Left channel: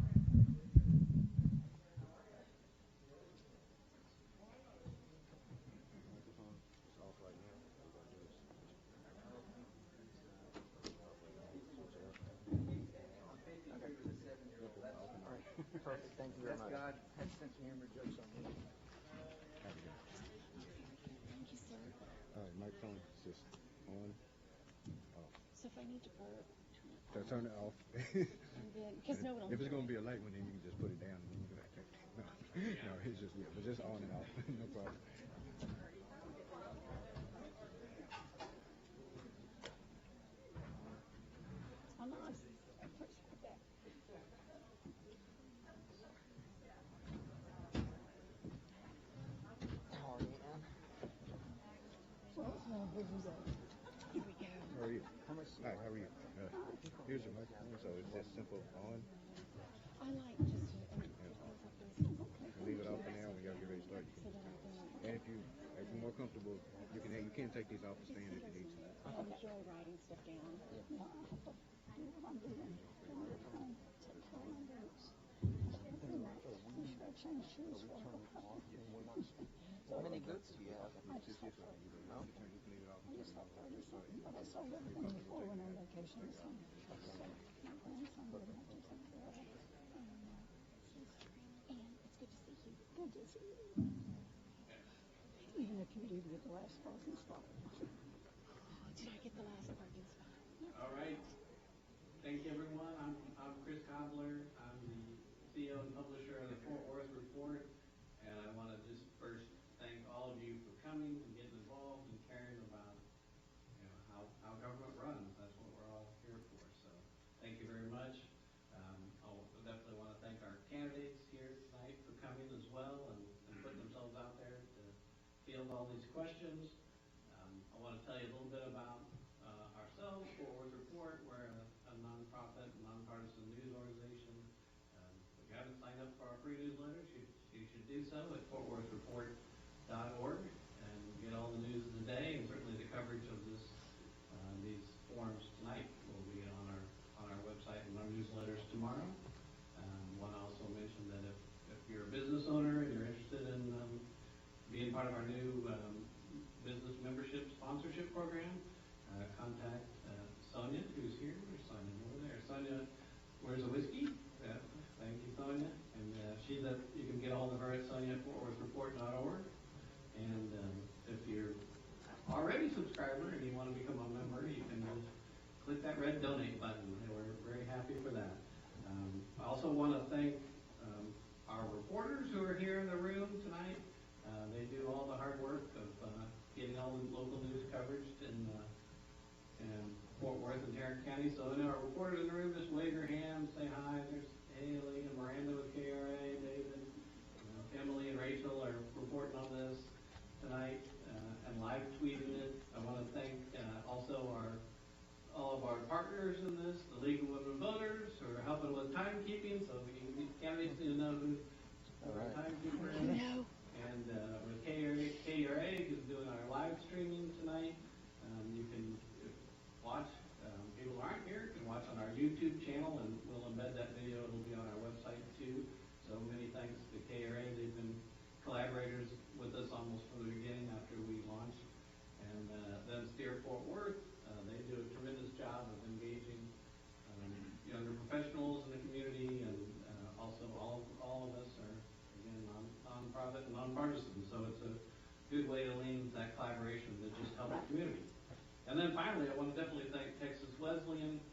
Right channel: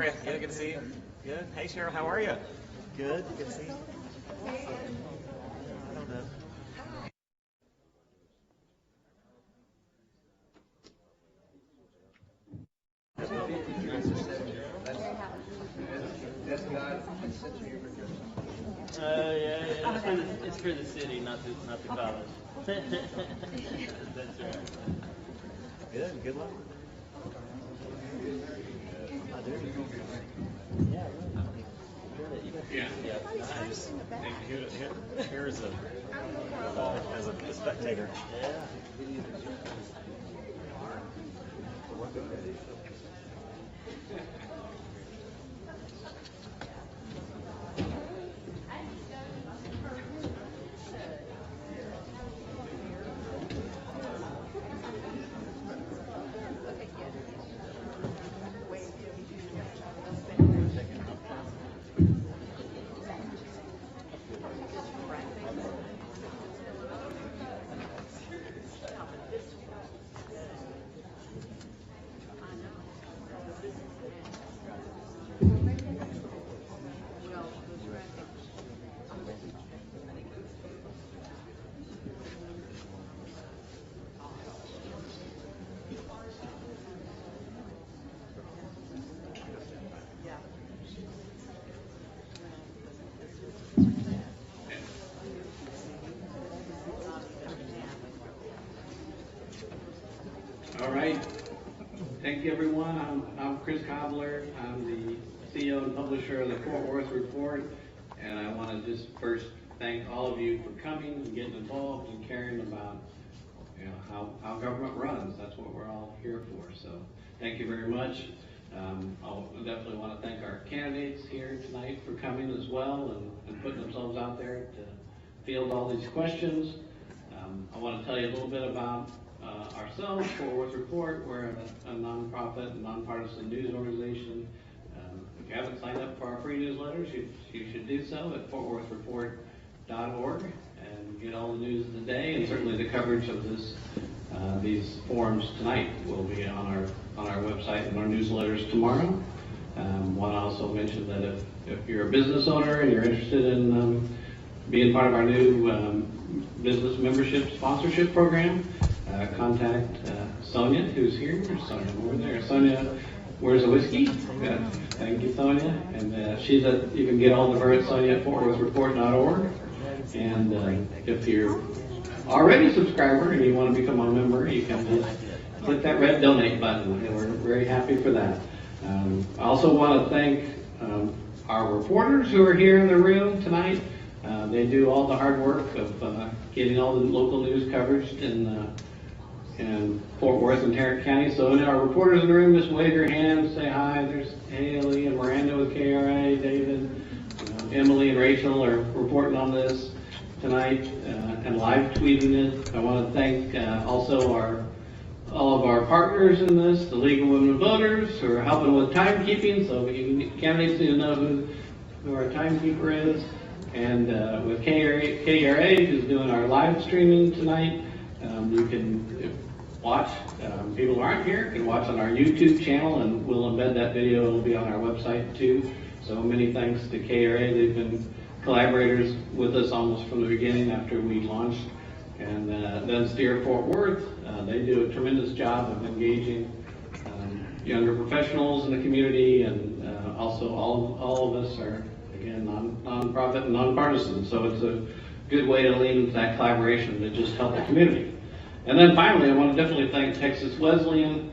Tarrant. Good to see you. Good. Hey, Cheryl, how are you? Good. Good to see you. I don't know. Yeah. It's for the city, not the college. That's right. Good. Good luck. Here is as a spectator. Yeah. All right. Thank you, everyone. I'm Chris Cobbler. I'm the CEO and publisher of the Fort Worth Report, and I want to just first thank all of you for coming and getting involved and caring about how government runs. That's what we're all here for. So thank you very much. I'll definitely want to thank our candidates here tonight for coming as well and putting themselves out there to field all these questions. I want to tell you a little bit about ourselves. Fort Worth Report, we're a nonprofit and nonpartisan news organization. If you haven't signed up for our free newsletters, you should do so at fortworthreport.org and get all the news of the day, and certainly the coverage of these forums tonight will be on our website and our newsletters tomorrow. Want to also mention that if you're a business owner and you're interested in being part of our new business membership sponsorship program, contact Sonia, who's here. There's Sonia over there. Sonia, where's the whiskey? Yeah. Thank you, Sonia. And you can get all of her at Sonia at fortworthreport.org. And if you're already a subscriber and you want to become a member, you can just click that red donate button, and we're very happy for that. I also want to thank our reporters who are here in the room tonight. They do all the hard work of getting all the local news coverage in Fort Worth and Tarrant County. So our reporters in the room, just wave your hands, say hi. There's Haley and Miranda with KERA, David, Emily and Rachel are reporting on this tonight and live tweeting it. I want to thank also all of our partners in this, the League of Women Voters, who are helping with timekeeping, so candidates need to know who our timekeeper is. And with KERA, who's doing our live streaming tonight. You can watch, people who aren't here can watch on our YouTube channel, and we'll embed that video. It'll be on our website too. So many thanks to KERA. They've been collaborators with us almost from the beginning after we launched. And then Steer Fort Worth, they do a tremendous job of engaging younger professionals in the community, and also all of us are, again, non-profit and nonpartisan. So it's a good way to lean into that collaboration to just help the community. And then finally, I want to definitely thank Texas Wesleyan.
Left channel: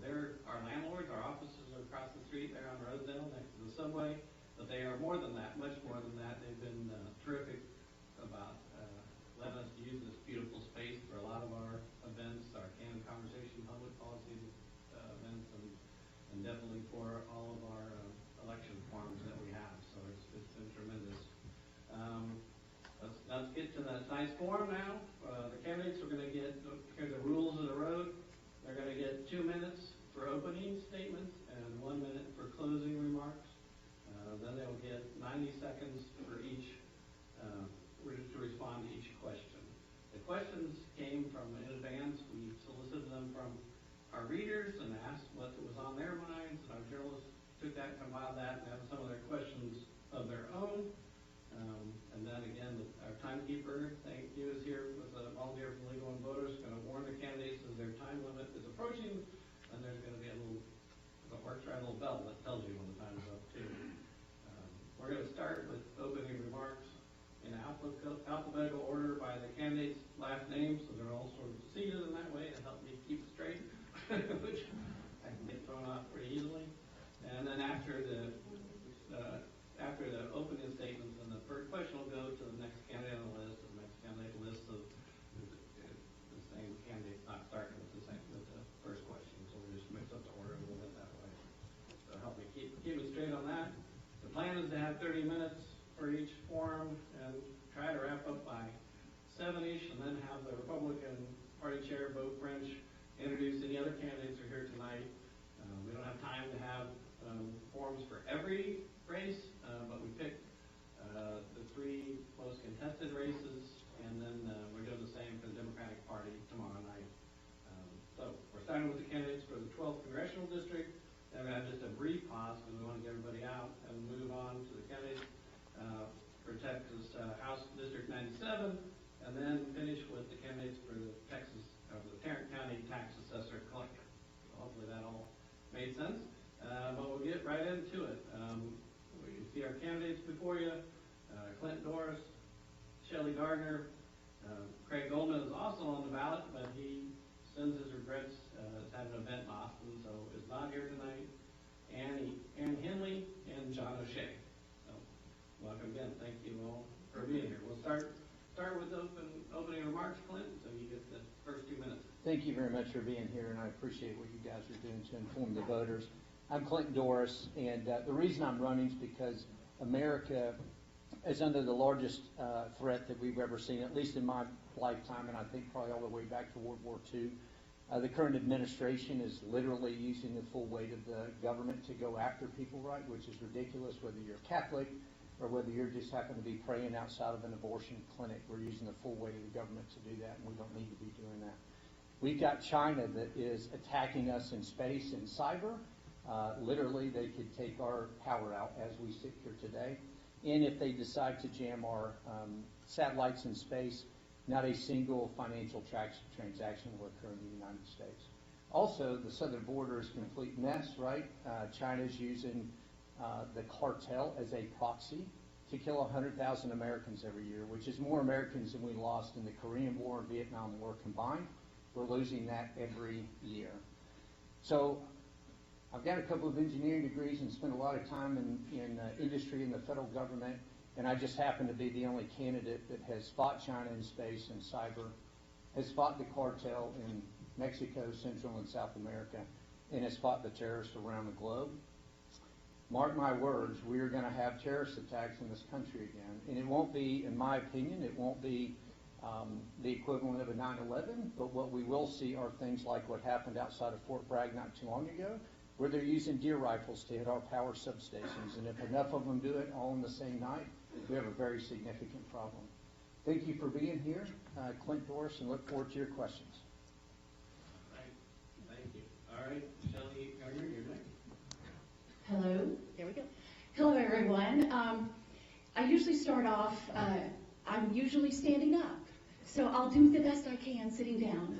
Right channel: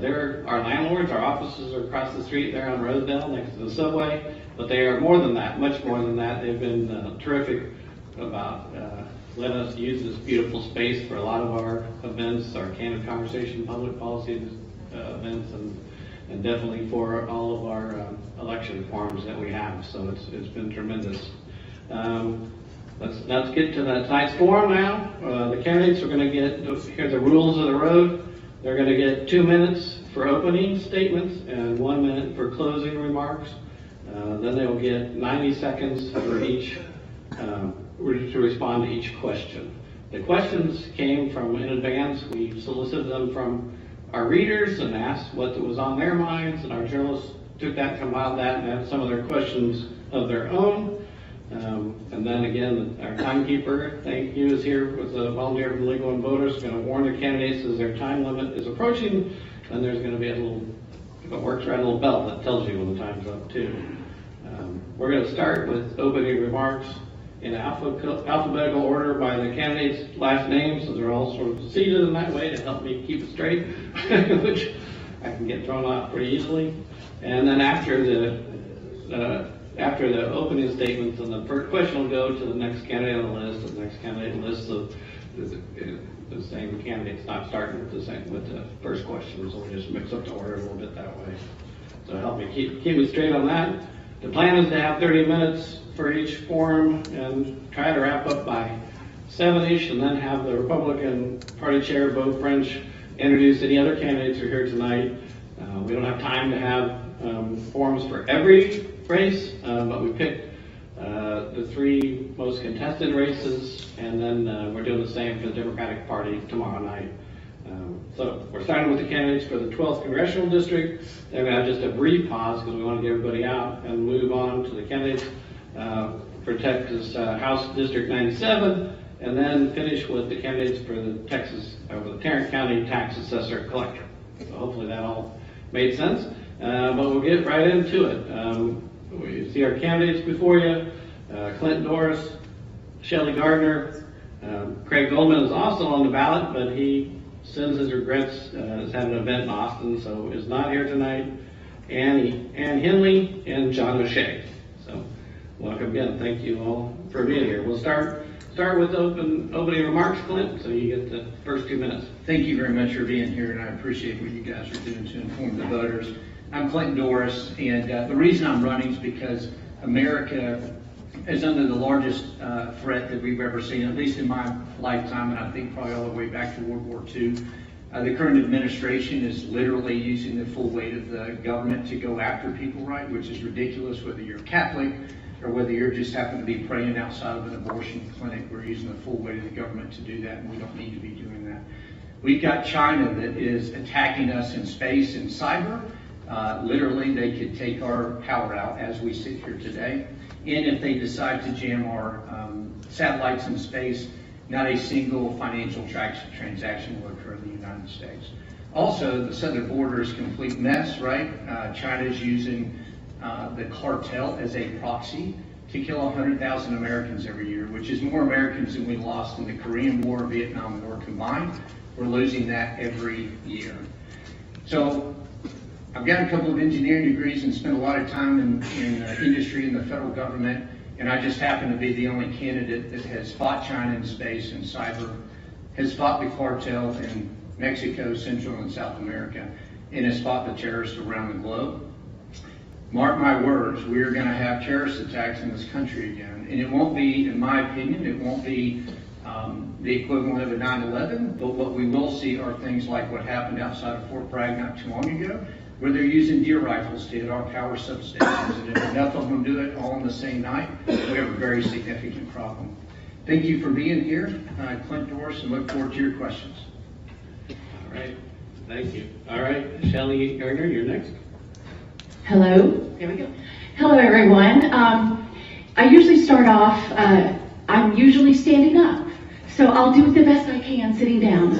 They're our landlords. Our offices are across the street there on Rosedale next to the subway. But they are more than that, much more than that. They've been terrific about letting us use this beautiful space for a lot of our events, our Candid Conversation public policy events, and definitely for all of our election forums that we have. So it's been tremendous. Let's get to tonight's forum now. The candidates are going to get, here are the rules of the road. They're going to get 2 minutes for opening statements and 1 minute for closing remarks. Then they will get 90 seconds for each, to respond to each question. The questions came from in advance. We solicited them from our readers and asked what was on their minds, and our journalists took that, compiled that, and have some of their questions of their own. And then again, our timekeeper, thank you, is here with a volunteer from Legal and Voters, going to warn the candidates as their time limit is approaching. And there's going to be a little, if it works right, a little bell that tells you when the time's up too. We're going to start with opening remarks in alphabetical order by the candidates' last names, so they're all sort of seated in that way to help me keep it straight, which I can get thrown off pretty easily. And then after the opening statements, and the first question will go to the next candidate on the list, and the next candidate on the list. So the same candidate's not starting with the first question, so we just mix up the order a little bit that way. So help me keep me straight on that. The plan is to have 30 minutes for each forum and try to wrap up by 7-ish, and then have the Republican Party Chair, Beau French, introduce any other candidates who are here tonight. We don't have time to have forums for every race, but we picked the 3 most contested races, and then we're doing the same for the Democratic Party tomorrow night. So we're starting with the candidates for the 12th Congressional District. Then we have just a brief pause because we want to get everybody out and move on to the candidates for Texas House District 97, and then finish with the candidates for the Tarrant County Tax Assessor Collector. So hopefully that all made sense, but we'll get right into it. We see our candidates before you: Clint Doris, Shelley Gardner. Craig Goldman is also on the ballot, but he sends his regrets, is having an event in Austin, so is not here tonight. Ann Henley and John O'Shea. So welcome again. Thank you all for being here. We'll start with opening remarks, Clint, so you get the first 2 minutes. Thank you very much for being here, and I appreciate what you guys are doing to inform the voters. I'm Clint Doris, and the reason I'm running is because America is under the largest threat that we've ever seen, at least in my lifetime, and I think probably all the way back to World War II. The current administration is literally using the full weight of the government to go after people, right, which is ridiculous, whether you're Catholic or whether you're just happen to be praying outside of an abortion clinic. We're using the full weight of the government to do that, and we don't need to be doing that. We've got China that is attacking us in space and cyber. Literally, they could take our power out as we sit here today. And if they decide to jam our satellites in space, not a single financial transaction will occur in the United States. Also, the southern border is a complete mess, right? China is using the cartel as a proxy to kill 100,000 Americans every year, which is more Americans than we lost in the Korean War and Vietnam War combined. We're losing that every year. So I've got a couple of engineering degrees and spent a lot of time in industry and the federal government, and I just happen to be the only candidate that has fought China in space and cyber, has fought the cartel in Mexico, Central and South America, and has fought the terrorists around the globe. Mark my words, we are going to have terrorist attacks in this country again, and it won't be, in my opinion, it won't be the equivalent of a 9/11, but what we will see are things like what happened outside of Fort Bragg not too long ago, where they're using deer rifles to hit our power substations, and if enough of them do it all in the same night, we have a very significant problem. Thank you for being here, Clint Doris, and look forward to your questions. All right, thank you. All right, Shelley Gardner, you're next. Hello. There we go. Hello, everyone. I usually start off, I'm usually standing up, so I'll do the best I can sitting down.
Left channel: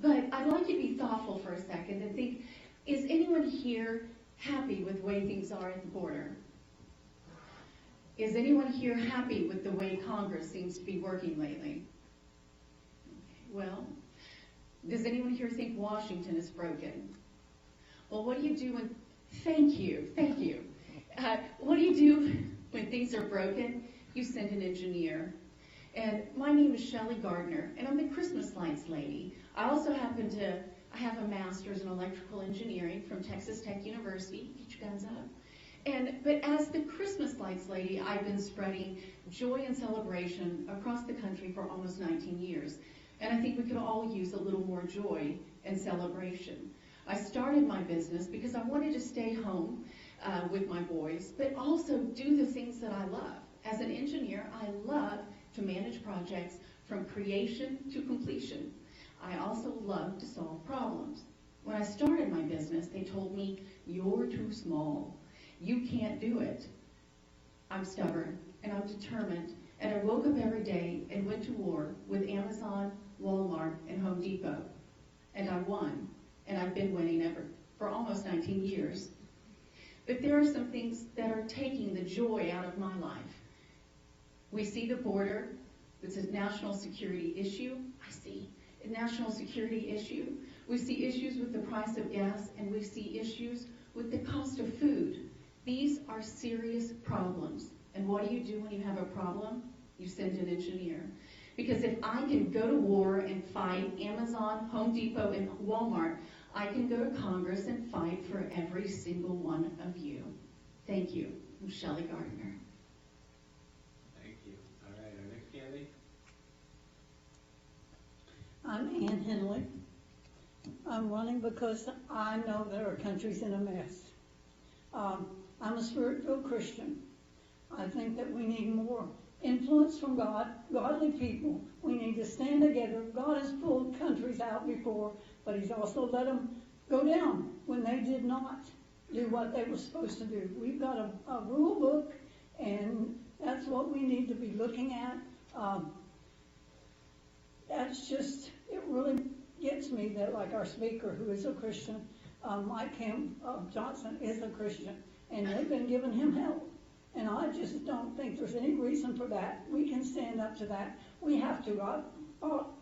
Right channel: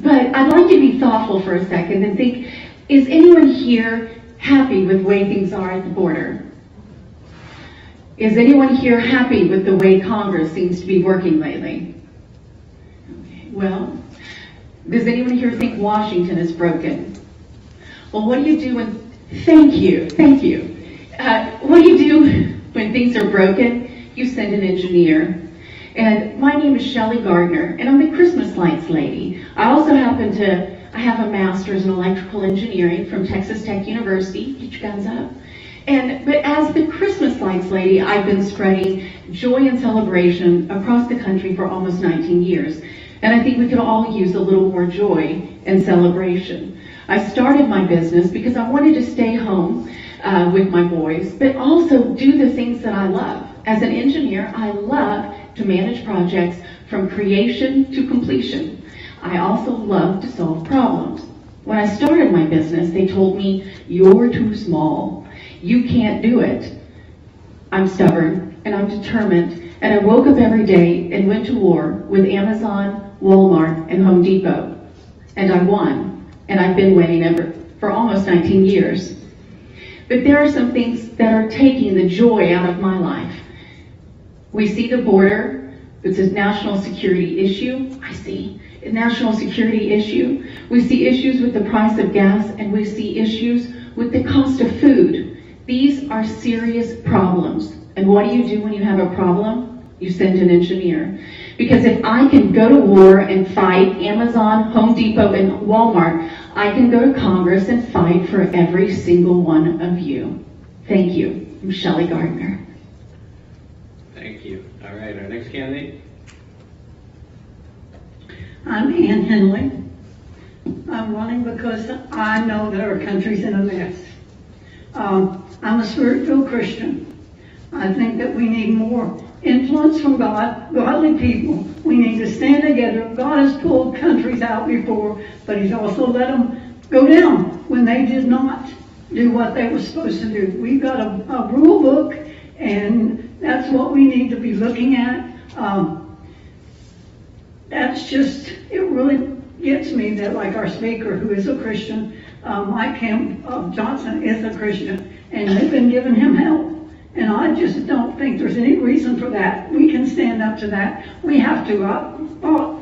But I'd like you to be thoughtful for a second and think, is anyone here happy with the way things are at the border? Is anyone here happy with the way Congress seems to be working lately? Okay, well, does anyone here think Washington is broken? Well, what do you do when, thank you. What do you do when things are broken? You send an engineer. And my name is Shelley Gardner, and I'm the Christmas lights lady. I also I have a master's in electrical engineering from Texas Tech University. Get your guns up. But as the Christmas lights lady, I've been spreading joy and celebration across the country for almost 19 years. And I think we could all use a little more joy and celebration. I started my business because I wanted to stay home with my boys, but also do the things that I love. As an engineer, I love to manage projects from creation to completion. I also love to solve problems. When I started my business, they told me, you're too small. You can't do it. I'm stubborn and I'm determined, and I woke up every day and went to war with Amazon, Walmart, and Home Depot. And I won, and I've been winning ever for almost 19 years. But there are some things that are taking the joy out of my life. We see the border. It's a national security issue. I see a national security issue. We see issues with the price of gas, and we see issues with the cost of food. These are serious problems. And what do you do when you have a problem? You send an engineer. Because if I can go to war and fight Amazon, Home Depot, and Walmart, I can go to Congress and fight for every single one of you. Thank you. I'm Shelley Gardner. Thank you. All right, our next candidate. I'm Ann Henley. I'm running because I know that our country's in a mess. I'm a spirit-filled Christian. I think that we need more influence from God, godly people. We need to stand together. God has pulled countries out before, but He's also let them go down when they did not do what they were supposed to do. We've got a rule book, and that's what we need to be looking at. That's just, it really gets me that, like our speaker, who is a Christian, Mike Johnson is a Christian, and they've been giving him help. And I just don't think there's any reason for that. We can stand up to that. We have to. I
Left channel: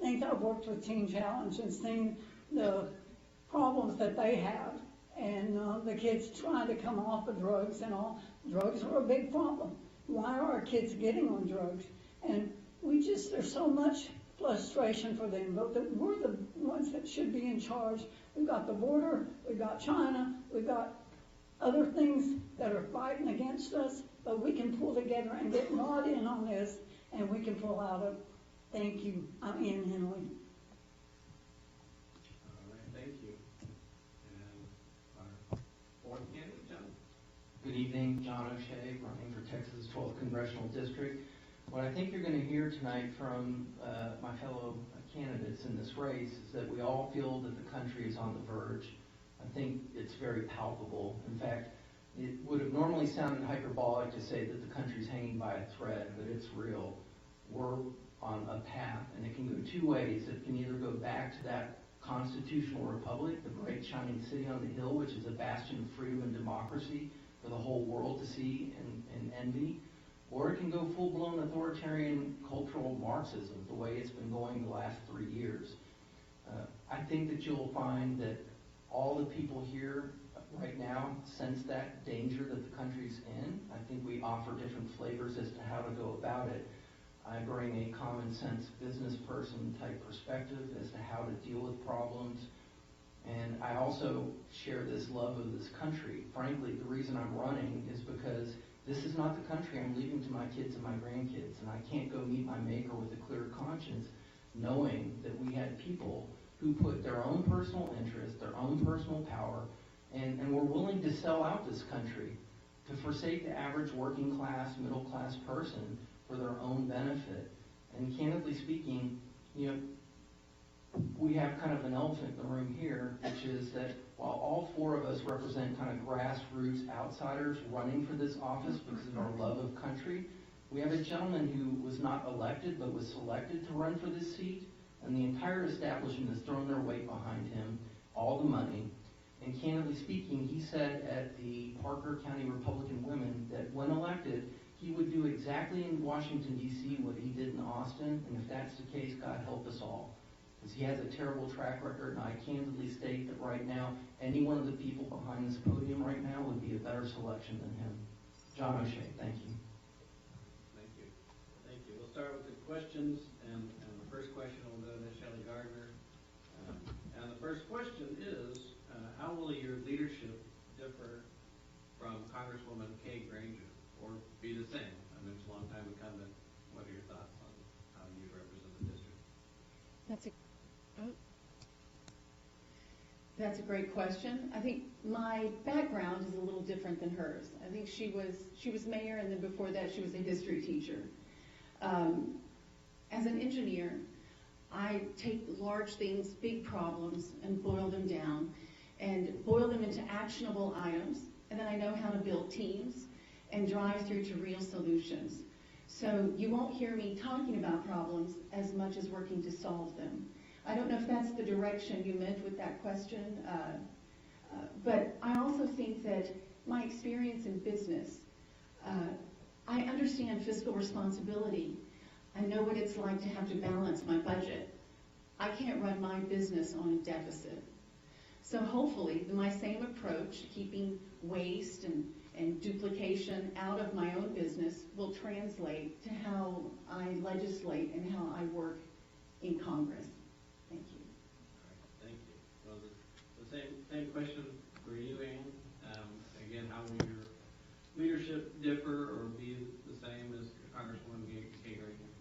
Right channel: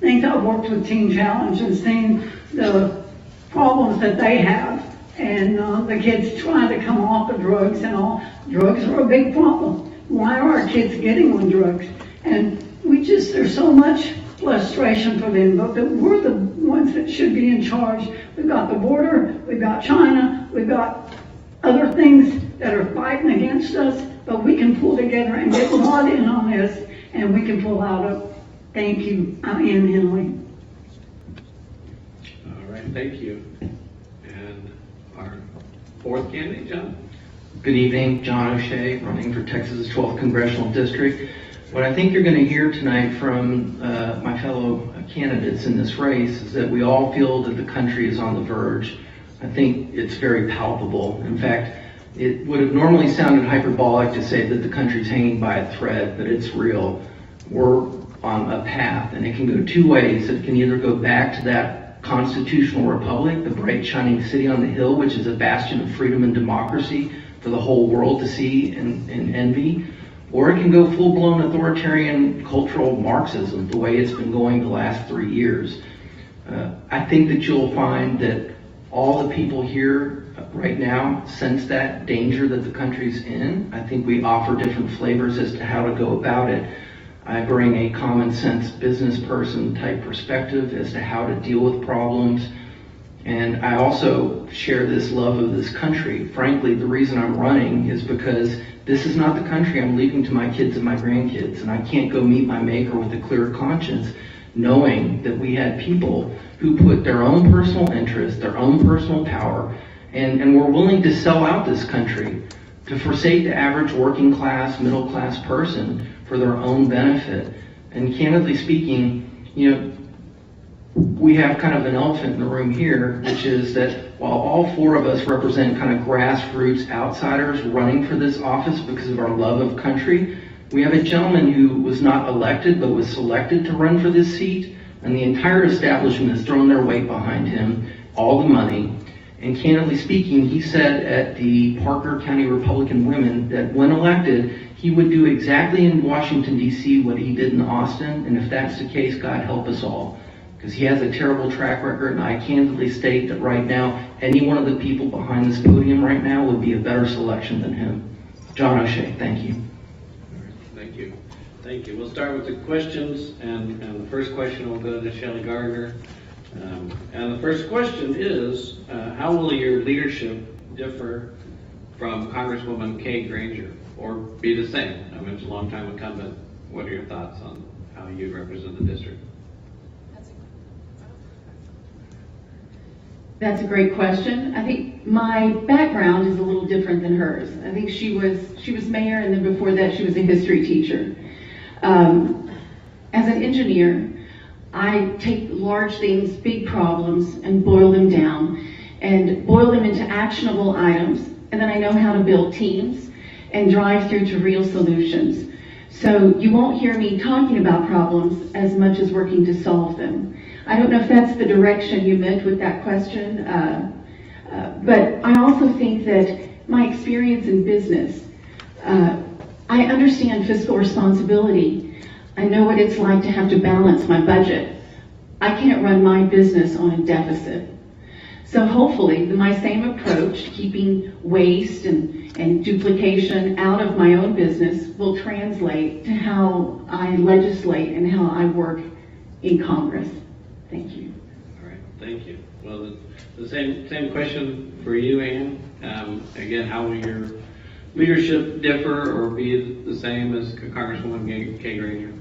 think I've worked with Teen Challenge and seen the problems that they have, and the kids trying to come off of drugs and all. Drugs are a big problem. Why are our kids getting on drugs? And there's so much frustration for them, but we're the ones that should be in charge. We've got the border, we've got China, we've got other things that are fighting against us, but we can pull together and get God in on this, and we can pull out of. Thank you. I'm Ann Henley. All right, thank you. And our fourth candidate, John. Good evening, John O'Shea, running for Texas' 12th Congressional District. What I think you're going to hear tonight from my fellow candidates in this race is that we all feel that the country is on the verge. I think it's very palpable. In fact, it would have normally sounded hyperbolic to say that the country's hanging by a thread, but it's real. We're on a path, and it can go two ways. It can either go back to that constitutional republic, the bright shining city on the hill, which is a bastion of freedom and democracy for the whole world to see and envy, or it can go full-blown authoritarian cultural Marxism, the way it's been going the last 3 years. I think that you'll find that all the people here right now sense that danger that the country's in. I think we offer different flavors as to how to go about it. I bring a common sense business person type perspective as to how to deal with problems. And I also share this love of this country. Frankly, the reason I'm running is because this is not the country I'm leaving to my kids and my grandkids. And I can't go meet my maker with a clear conscience knowing that we had people who put their own personal interest, their own personal power, and were willing to sell out this country, to forsake the average working class, middle class person for their own benefit. And candidly speaking, we have kind of an elephant in the room here, which is that while all four of us represent kind of grassroots outsiders running for this office because of our love of country, we have a gentleman who was not elected but was selected to run for this seat, and the entire establishment has thrown their weight behind him, all the money. And candidly speaking, he said at the Parker County Republican Women that when elected, he would do exactly in Washington, D.C. what he did in Austin, and if that's the case, God help us all. Because he has a terrible track record, and I candidly state that right now, any one of the people behind this podium right now would be a better selection than him. John O'Shea, thank you. Thank you. Thank you. We'll start with the questions, and the first question will go to Shelley Gardner. And the first question is, how will your leadership differ from Congresswoman Kay Granger, or be the same? I mean, it's a long-time incumbent. What are your thoughts on how you represent the district? That's a great question. I think my background is a little different than hers. I think she was mayor, and then before that she was a history teacher. As an engineer, I take large things, big problems, and boil them down, and boil them into actionable items, and then I know how to build teams and drive through to real solutions. So you won't hear me talking about problems as much as working to solve them. I don't know if that's the direction you meant with that question, but I also think that my experience in business, I understand fiscal responsibility. I know what it's like to have to balance my budget. I can't run my business on a deficit. So hopefully my same approach, keeping waste and duplication out of my own business, will translate to how I legislate and how I work in Congress. Thank you. All right, thank you. Well, the same question for you, Ann. Again, how will your leadership differ or be the same as Congresswoman Kay Granger?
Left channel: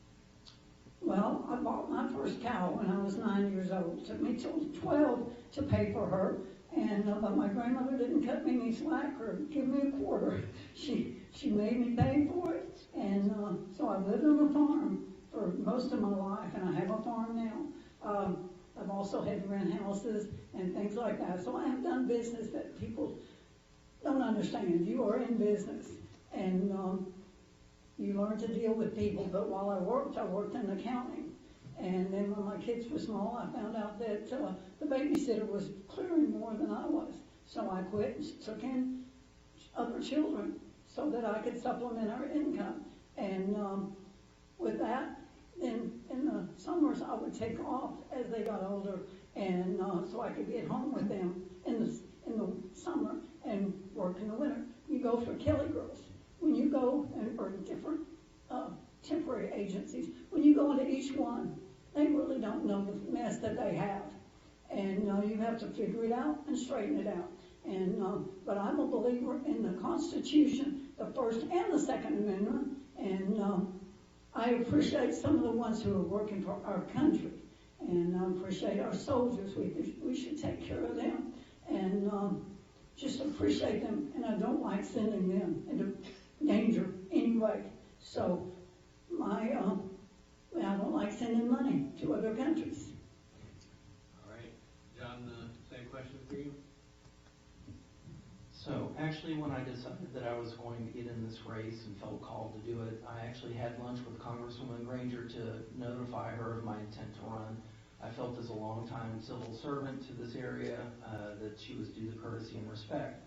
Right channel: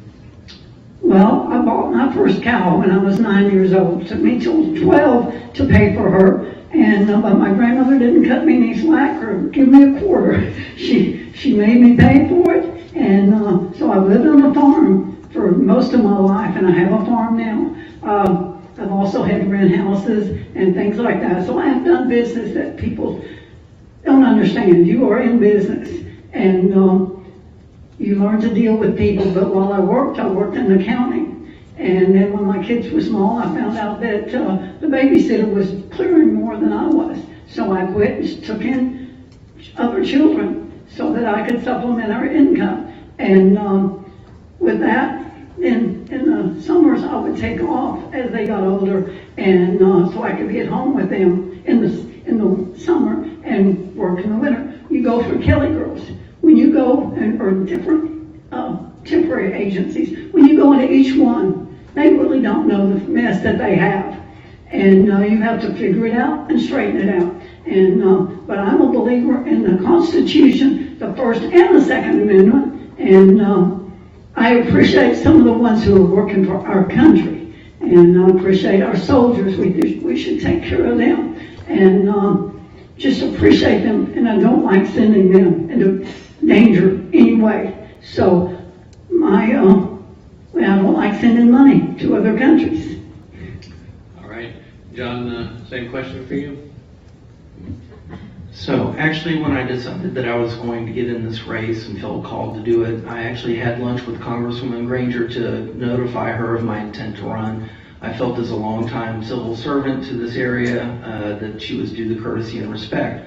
Well, I bought my first cow when I was 9 years old. It took me till 12 to pay for her, and but my grandmother didn't cut me any slack or give me a quarter. She made me pay for it, and so I've lived on a farm for most of my life, and I have a farm now. I've also had to rent houses and things like that. So I have done business that people don't understand. You are in business, and you learn to deal with people. But while I worked in accounting. And then when my kids were small, I found out that the babysitter was clearing more than I was. So I quit and took in other children so that I could supplement our income. And with that, in the summers, I would take off as they got older, and so I could be at home with them in the summer and work in the winter. You go for Kelly Girls. When you go, or different temporary agencies, when you go into each one, they really don't know the mess that they have. And you have to figure it out and straighten it out. And but I'm a believer in the Constitution, the First and the Second Amendment, and I appreciate some of the ones who are working for our country, and I appreciate our soldiers. We should take care of them, and just appreciate them, and I don't like sending them into danger anyway. So I don't like sending money to other countries. All right, John, same question for you. So actually, when I decided that I was going to get in this race and felt called to do it, I actually had lunch with Congresswoman Granger to notify her of my intent to run. I felt as a longtime civil servant to this area that she was due the courtesy and respect.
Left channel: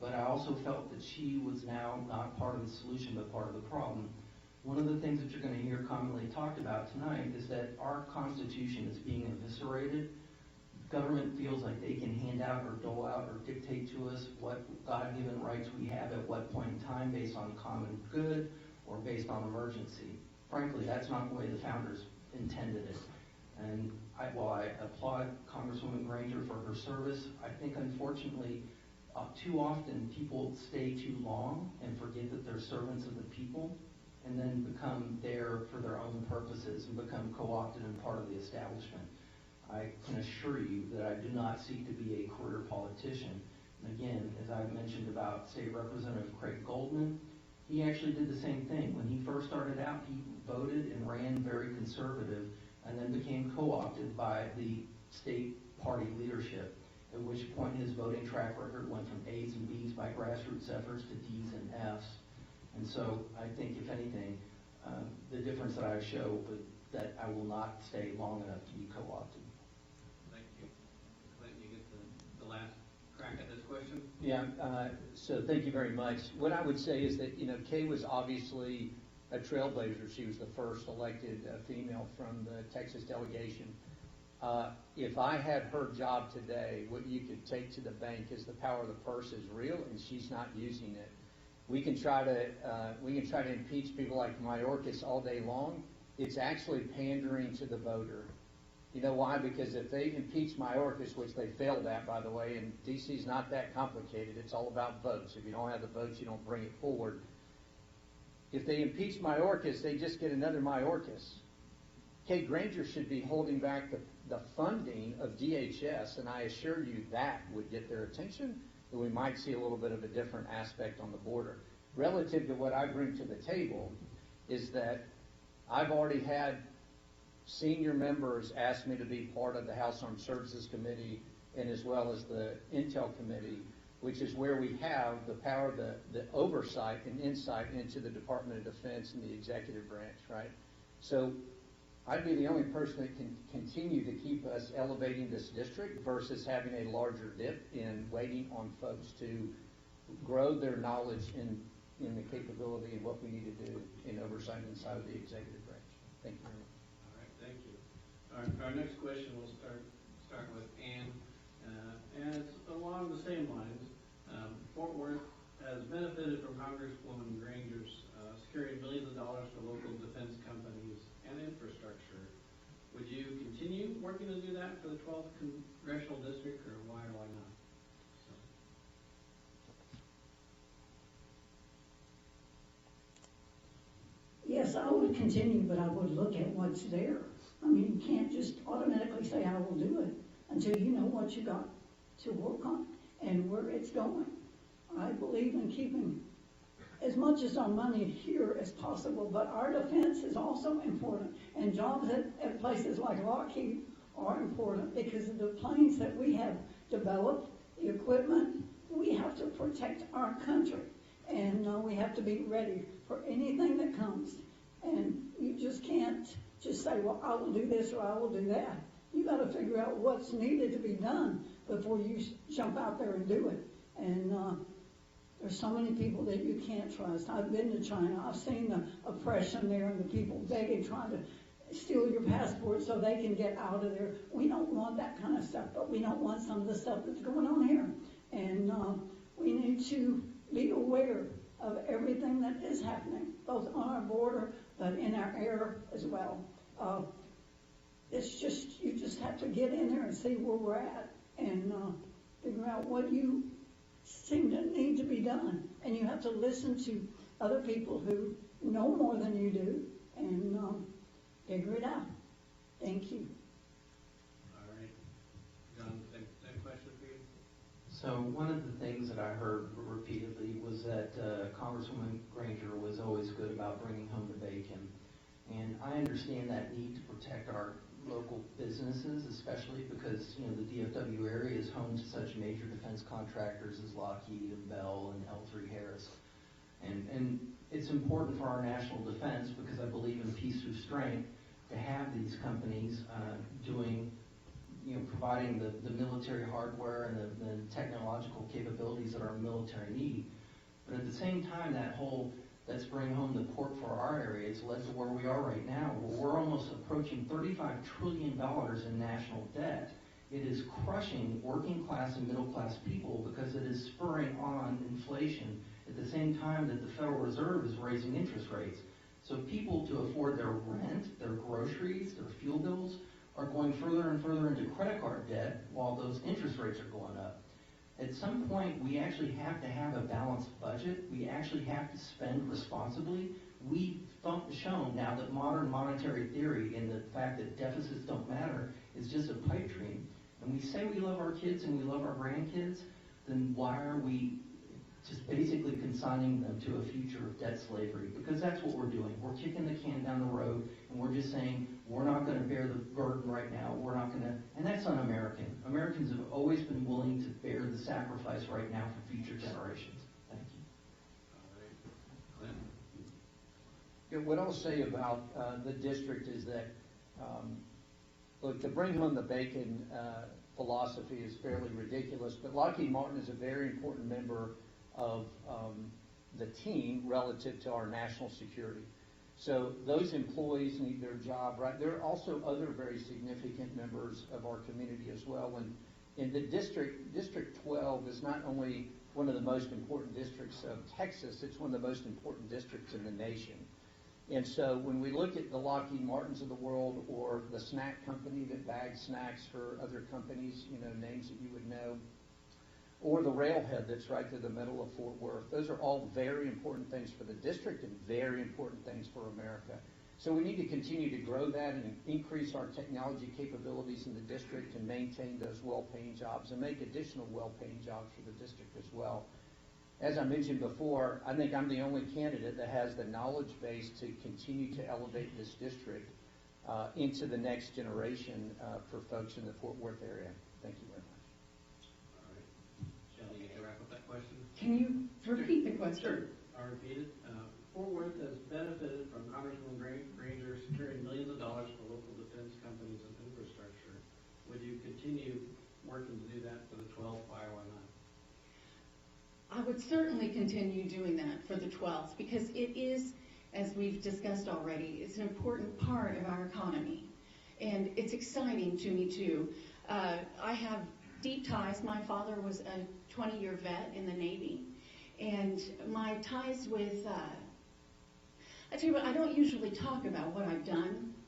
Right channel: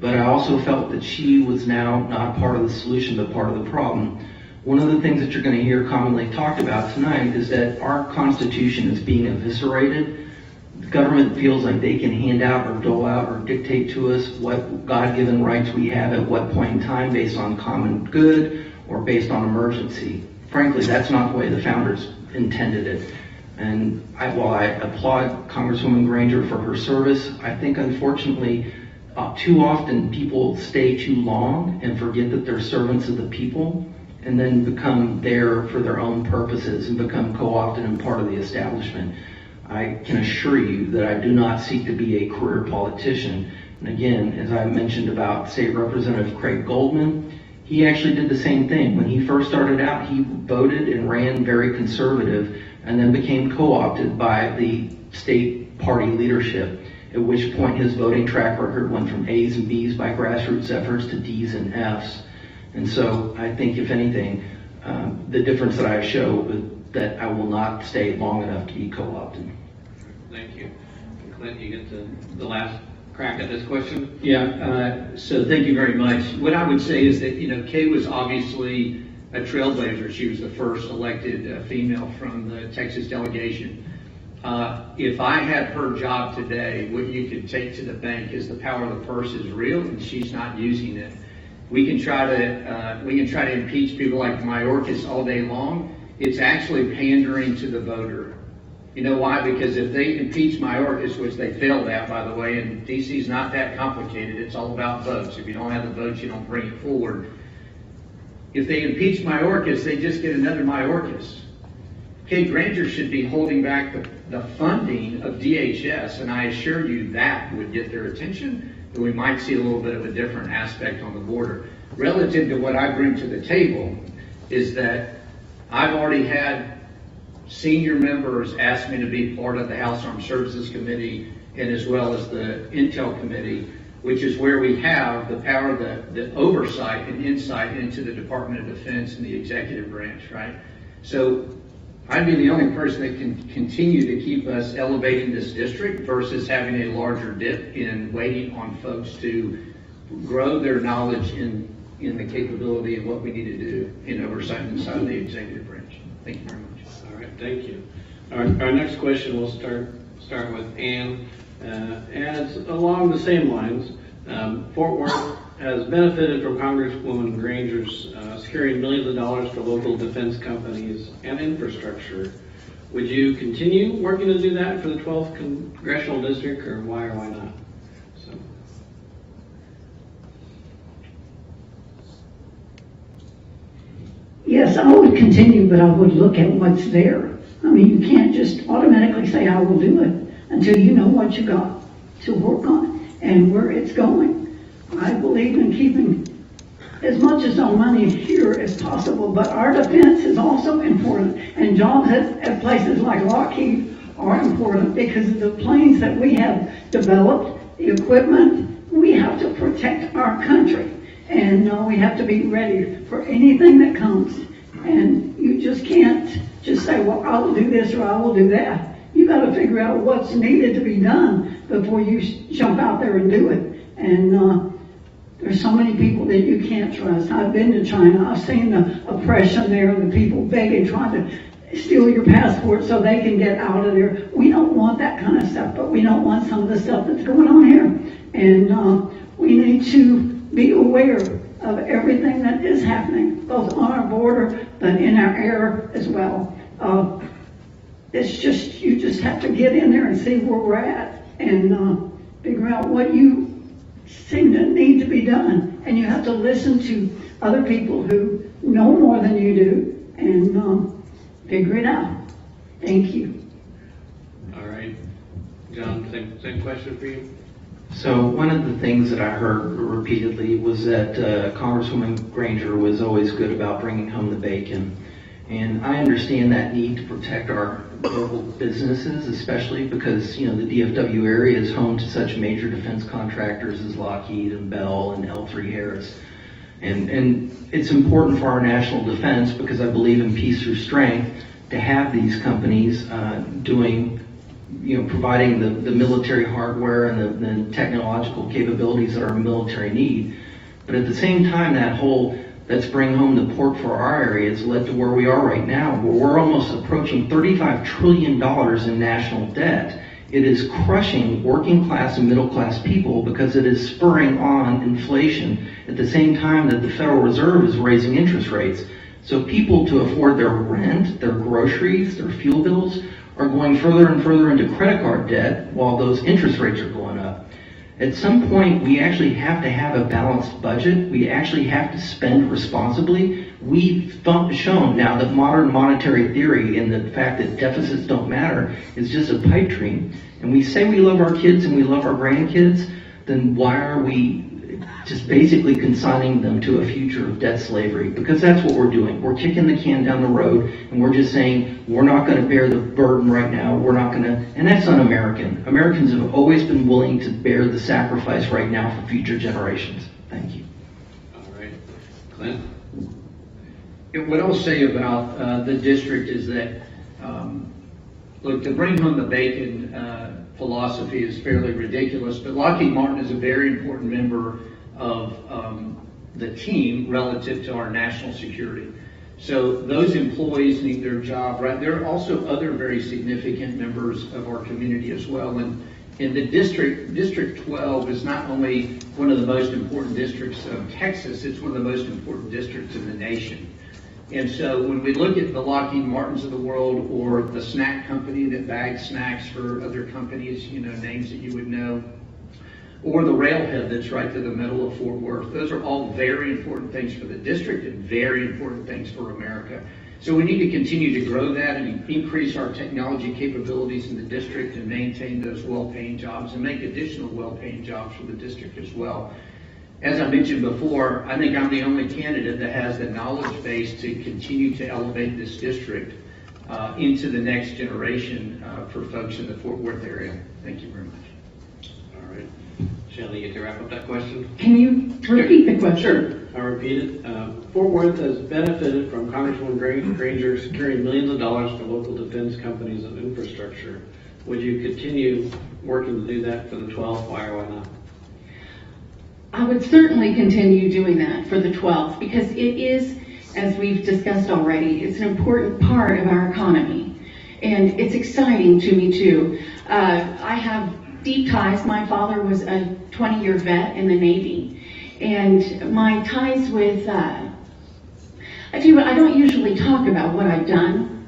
But I also felt that she was now not part of the solution, but part of the problem. One of the things that you're going to hear commonly talked about tonight is that our Constitution is being eviscerated. The government feels like they can hand out or dole out or dictate to us what God-given rights we have at what point in time based on common good or based on emergency. Frankly, that's not the way the founders intended it. And while I applaud Congresswoman Granger for her service, I think unfortunately too often people stay too long and forget that they're servants of the people, and then become there for their own purposes and become co-opted and part of the establishment. I can assure you that I do not seek to be a career politician. And again, as I mentioned about State Representative Craig Goldman, he actually did the same thing. When he first started out, he voted and ran very conservative and then became co-opted by the state party leadership, at which point his voting track record went from A's and B's by grassroots efforts to D's and F's. And so I think, if anything, the difference that I show is that I will not stay long enough to be co-opted. Thank you. Clint, you get the last crack at this question. Yeah, so thank you very much. What I would say is that, Kay was obviously a trailblazer. She was the first elected female from the Texas delegation. If I had her job today, what you could take to the bank is the power of the purse is real, and she's not using it. We can try to impeach people like Mayorkas all day long. It's actually pandering to the voter. You know why? Because if they impeach Mayorkas, which they failed at, by the way, and DC's not that complicated, it's all about votes. If you don't have the votes, you don't bring it forward. If they impeach Mayorkas, they just get another Mayorkas. Kay Granger should be holding back the funding of DHS, and I assure you that would get their attention, and we might see a little bit of a different aspect on the border. Relative to what I bring to the table is that I've already had senior members asked me to be part of the House Armed Services Committee and as well as the Intel Committee, which is where we have the power, the oversight and insight into the Department of Defense and the executive branch, right? So I'd be the only person that can continue to keep us elevating this district versus having a larger dip in waiting on folks to grow their knowledge in the capability of what we need to do in oversight inside of the executive branch. Thank you very much. All right, thank you. Our next question will start with Ann, and it's along the same lines. Fort Worth has benefited from Congresswoman Granger's securing millions of dollars for local defense companies and infrastructure. Would you continue working to do that for the 12th Congressional District, or why or why not? So. Yes, I would continue, but I would look at what's there. I mean, you can't just automatically say, I will do it until you know what you got to work on and where it's going. I believe in keeping as much as our money here as possible, but our defense is also important, and jobs at places like Lockheed are important because of the planes that we have developed, the equipment. We have to protect our country, and we have to be ready for anything that comes. And you just can't just say, well, I will do this or I will do that. You got to figure out what's needed to be done before you jump out there and do it. And there's so many people that you can't trust. I've been to China. I've seen the oppression there, the people begging, trying to steal your passport so they can get out of there. We don't want that kind of stuff, but we don't want some of the stuff that's going on here. And we need to be aware of everything that is happening, both on our border, but in our air as well. It's just, you just have to get in there and see where we're at and figure out what you seem to need to be done. And you have to listen to other people who know more than you do and figure it out. Thank you. All right. John, same question for you? So one of the things that I heard repeatedly was that Congresswoman Granger was always good about bringing home the bacon. And I understand that need to protect our local businesses, especially because, you know, the DFW area is home to such major defense contractors as Lockheed and Bell and L3 Harris. And it's important for our national defense, because I believe in peace through strength, to have these companies doing, you know, providing the military hardware and the technological capabilities that our military need. But at the same time, that whole let's bring home the pork for our area has led to where we are right now, where we're almost approaching $35 trillion in national debt. It is crushing working class and middle class people because it is spurring on inflation at the same time that the Federal Reserve is raising interest rates. So people, to afford their rent, their groceries, their fuel bills, are going further and further into credit card debt while those interest rates are going up. At some point, we actually have to have a balanced budget. We actually have to spend responsibly. We've shown now that modern monetary theory and the fact that deficits don't matter is just a pipe dream. And we say we love our kids and we love our grandkids, then why are we just basically consigning them to a future of debt slavery? Because that's what we're doing. We're kicking the can down the road, and we're just saying, we're not going to bear the burden right now. We're not going to, and that's un-American. Americans have always been willing to bear the sacrifice right now for future generations. Thank you. All right. Clint? What I'll say about the district is that, look, the bring home the bacon philosophy is fairly ridiculous, but Lockheed Martin is a very important member of the team relative to our national security. So those employees need their job, right? There are also other very significant members of our community as well. And in the District 12 is not only one of the most important districts of Texas, it's one of the most important districts in the nation. And so when we look at the Lockheed Martins of the world, or the snack company that bags snacks for other companies, you know, names that you would know, or the railhead that's right to the middle of Fort Worth, those are all very important things for the district and very important things for America. So we need to continue to grow that and increase our technology capabilities in the district and maintain those well-paying jobs and make additional well-paying jobs for the district as well. As I mentioned before, I think I'm the only candidate that has the knowledge base to continue to elevate this district. into the next generation for folks in the Fort Worth area. Thank you very much. All right. Shelley, you get to wrap up that question? Can you repeat the question? Sure. I'll repeat it. Fort Worth has benefited from Congresswoman Granger securing millions of dollars for local defense companies and infrastructure. Would you continue working to do that for the 12th? Why or why not? I would certainly continue doing that for the 12th because it is, as we've discussed already, it's an important part of our economy. And it's exciting to me too. I have deep ties. My father was a 20-year vet in the Navy. And my ties with, I don't usually talk about what I've done.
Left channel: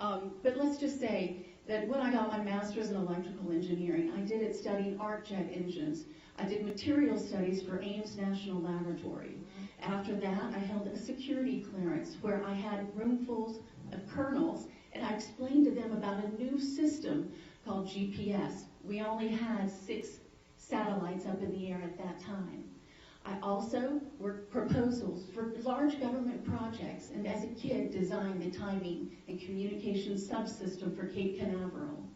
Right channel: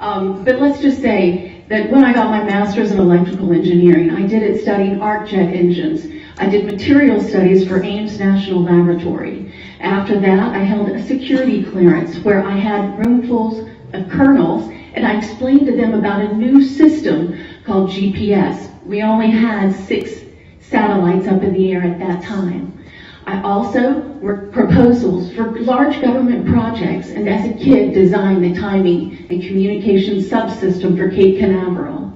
But let's just say that when I got my master's in electrical engineering, I did it studying arc jet engines. I did material studies for Ames National Laboratory. After that, I held a security clearance where I had roomfuls of colonels, and I explained to them about a new system called GPS. We only had 6 satellites up in the air at that time. I also worked proposals for large government projects, and as a kid designed the timing and communication subsystem for Cape Canaveral.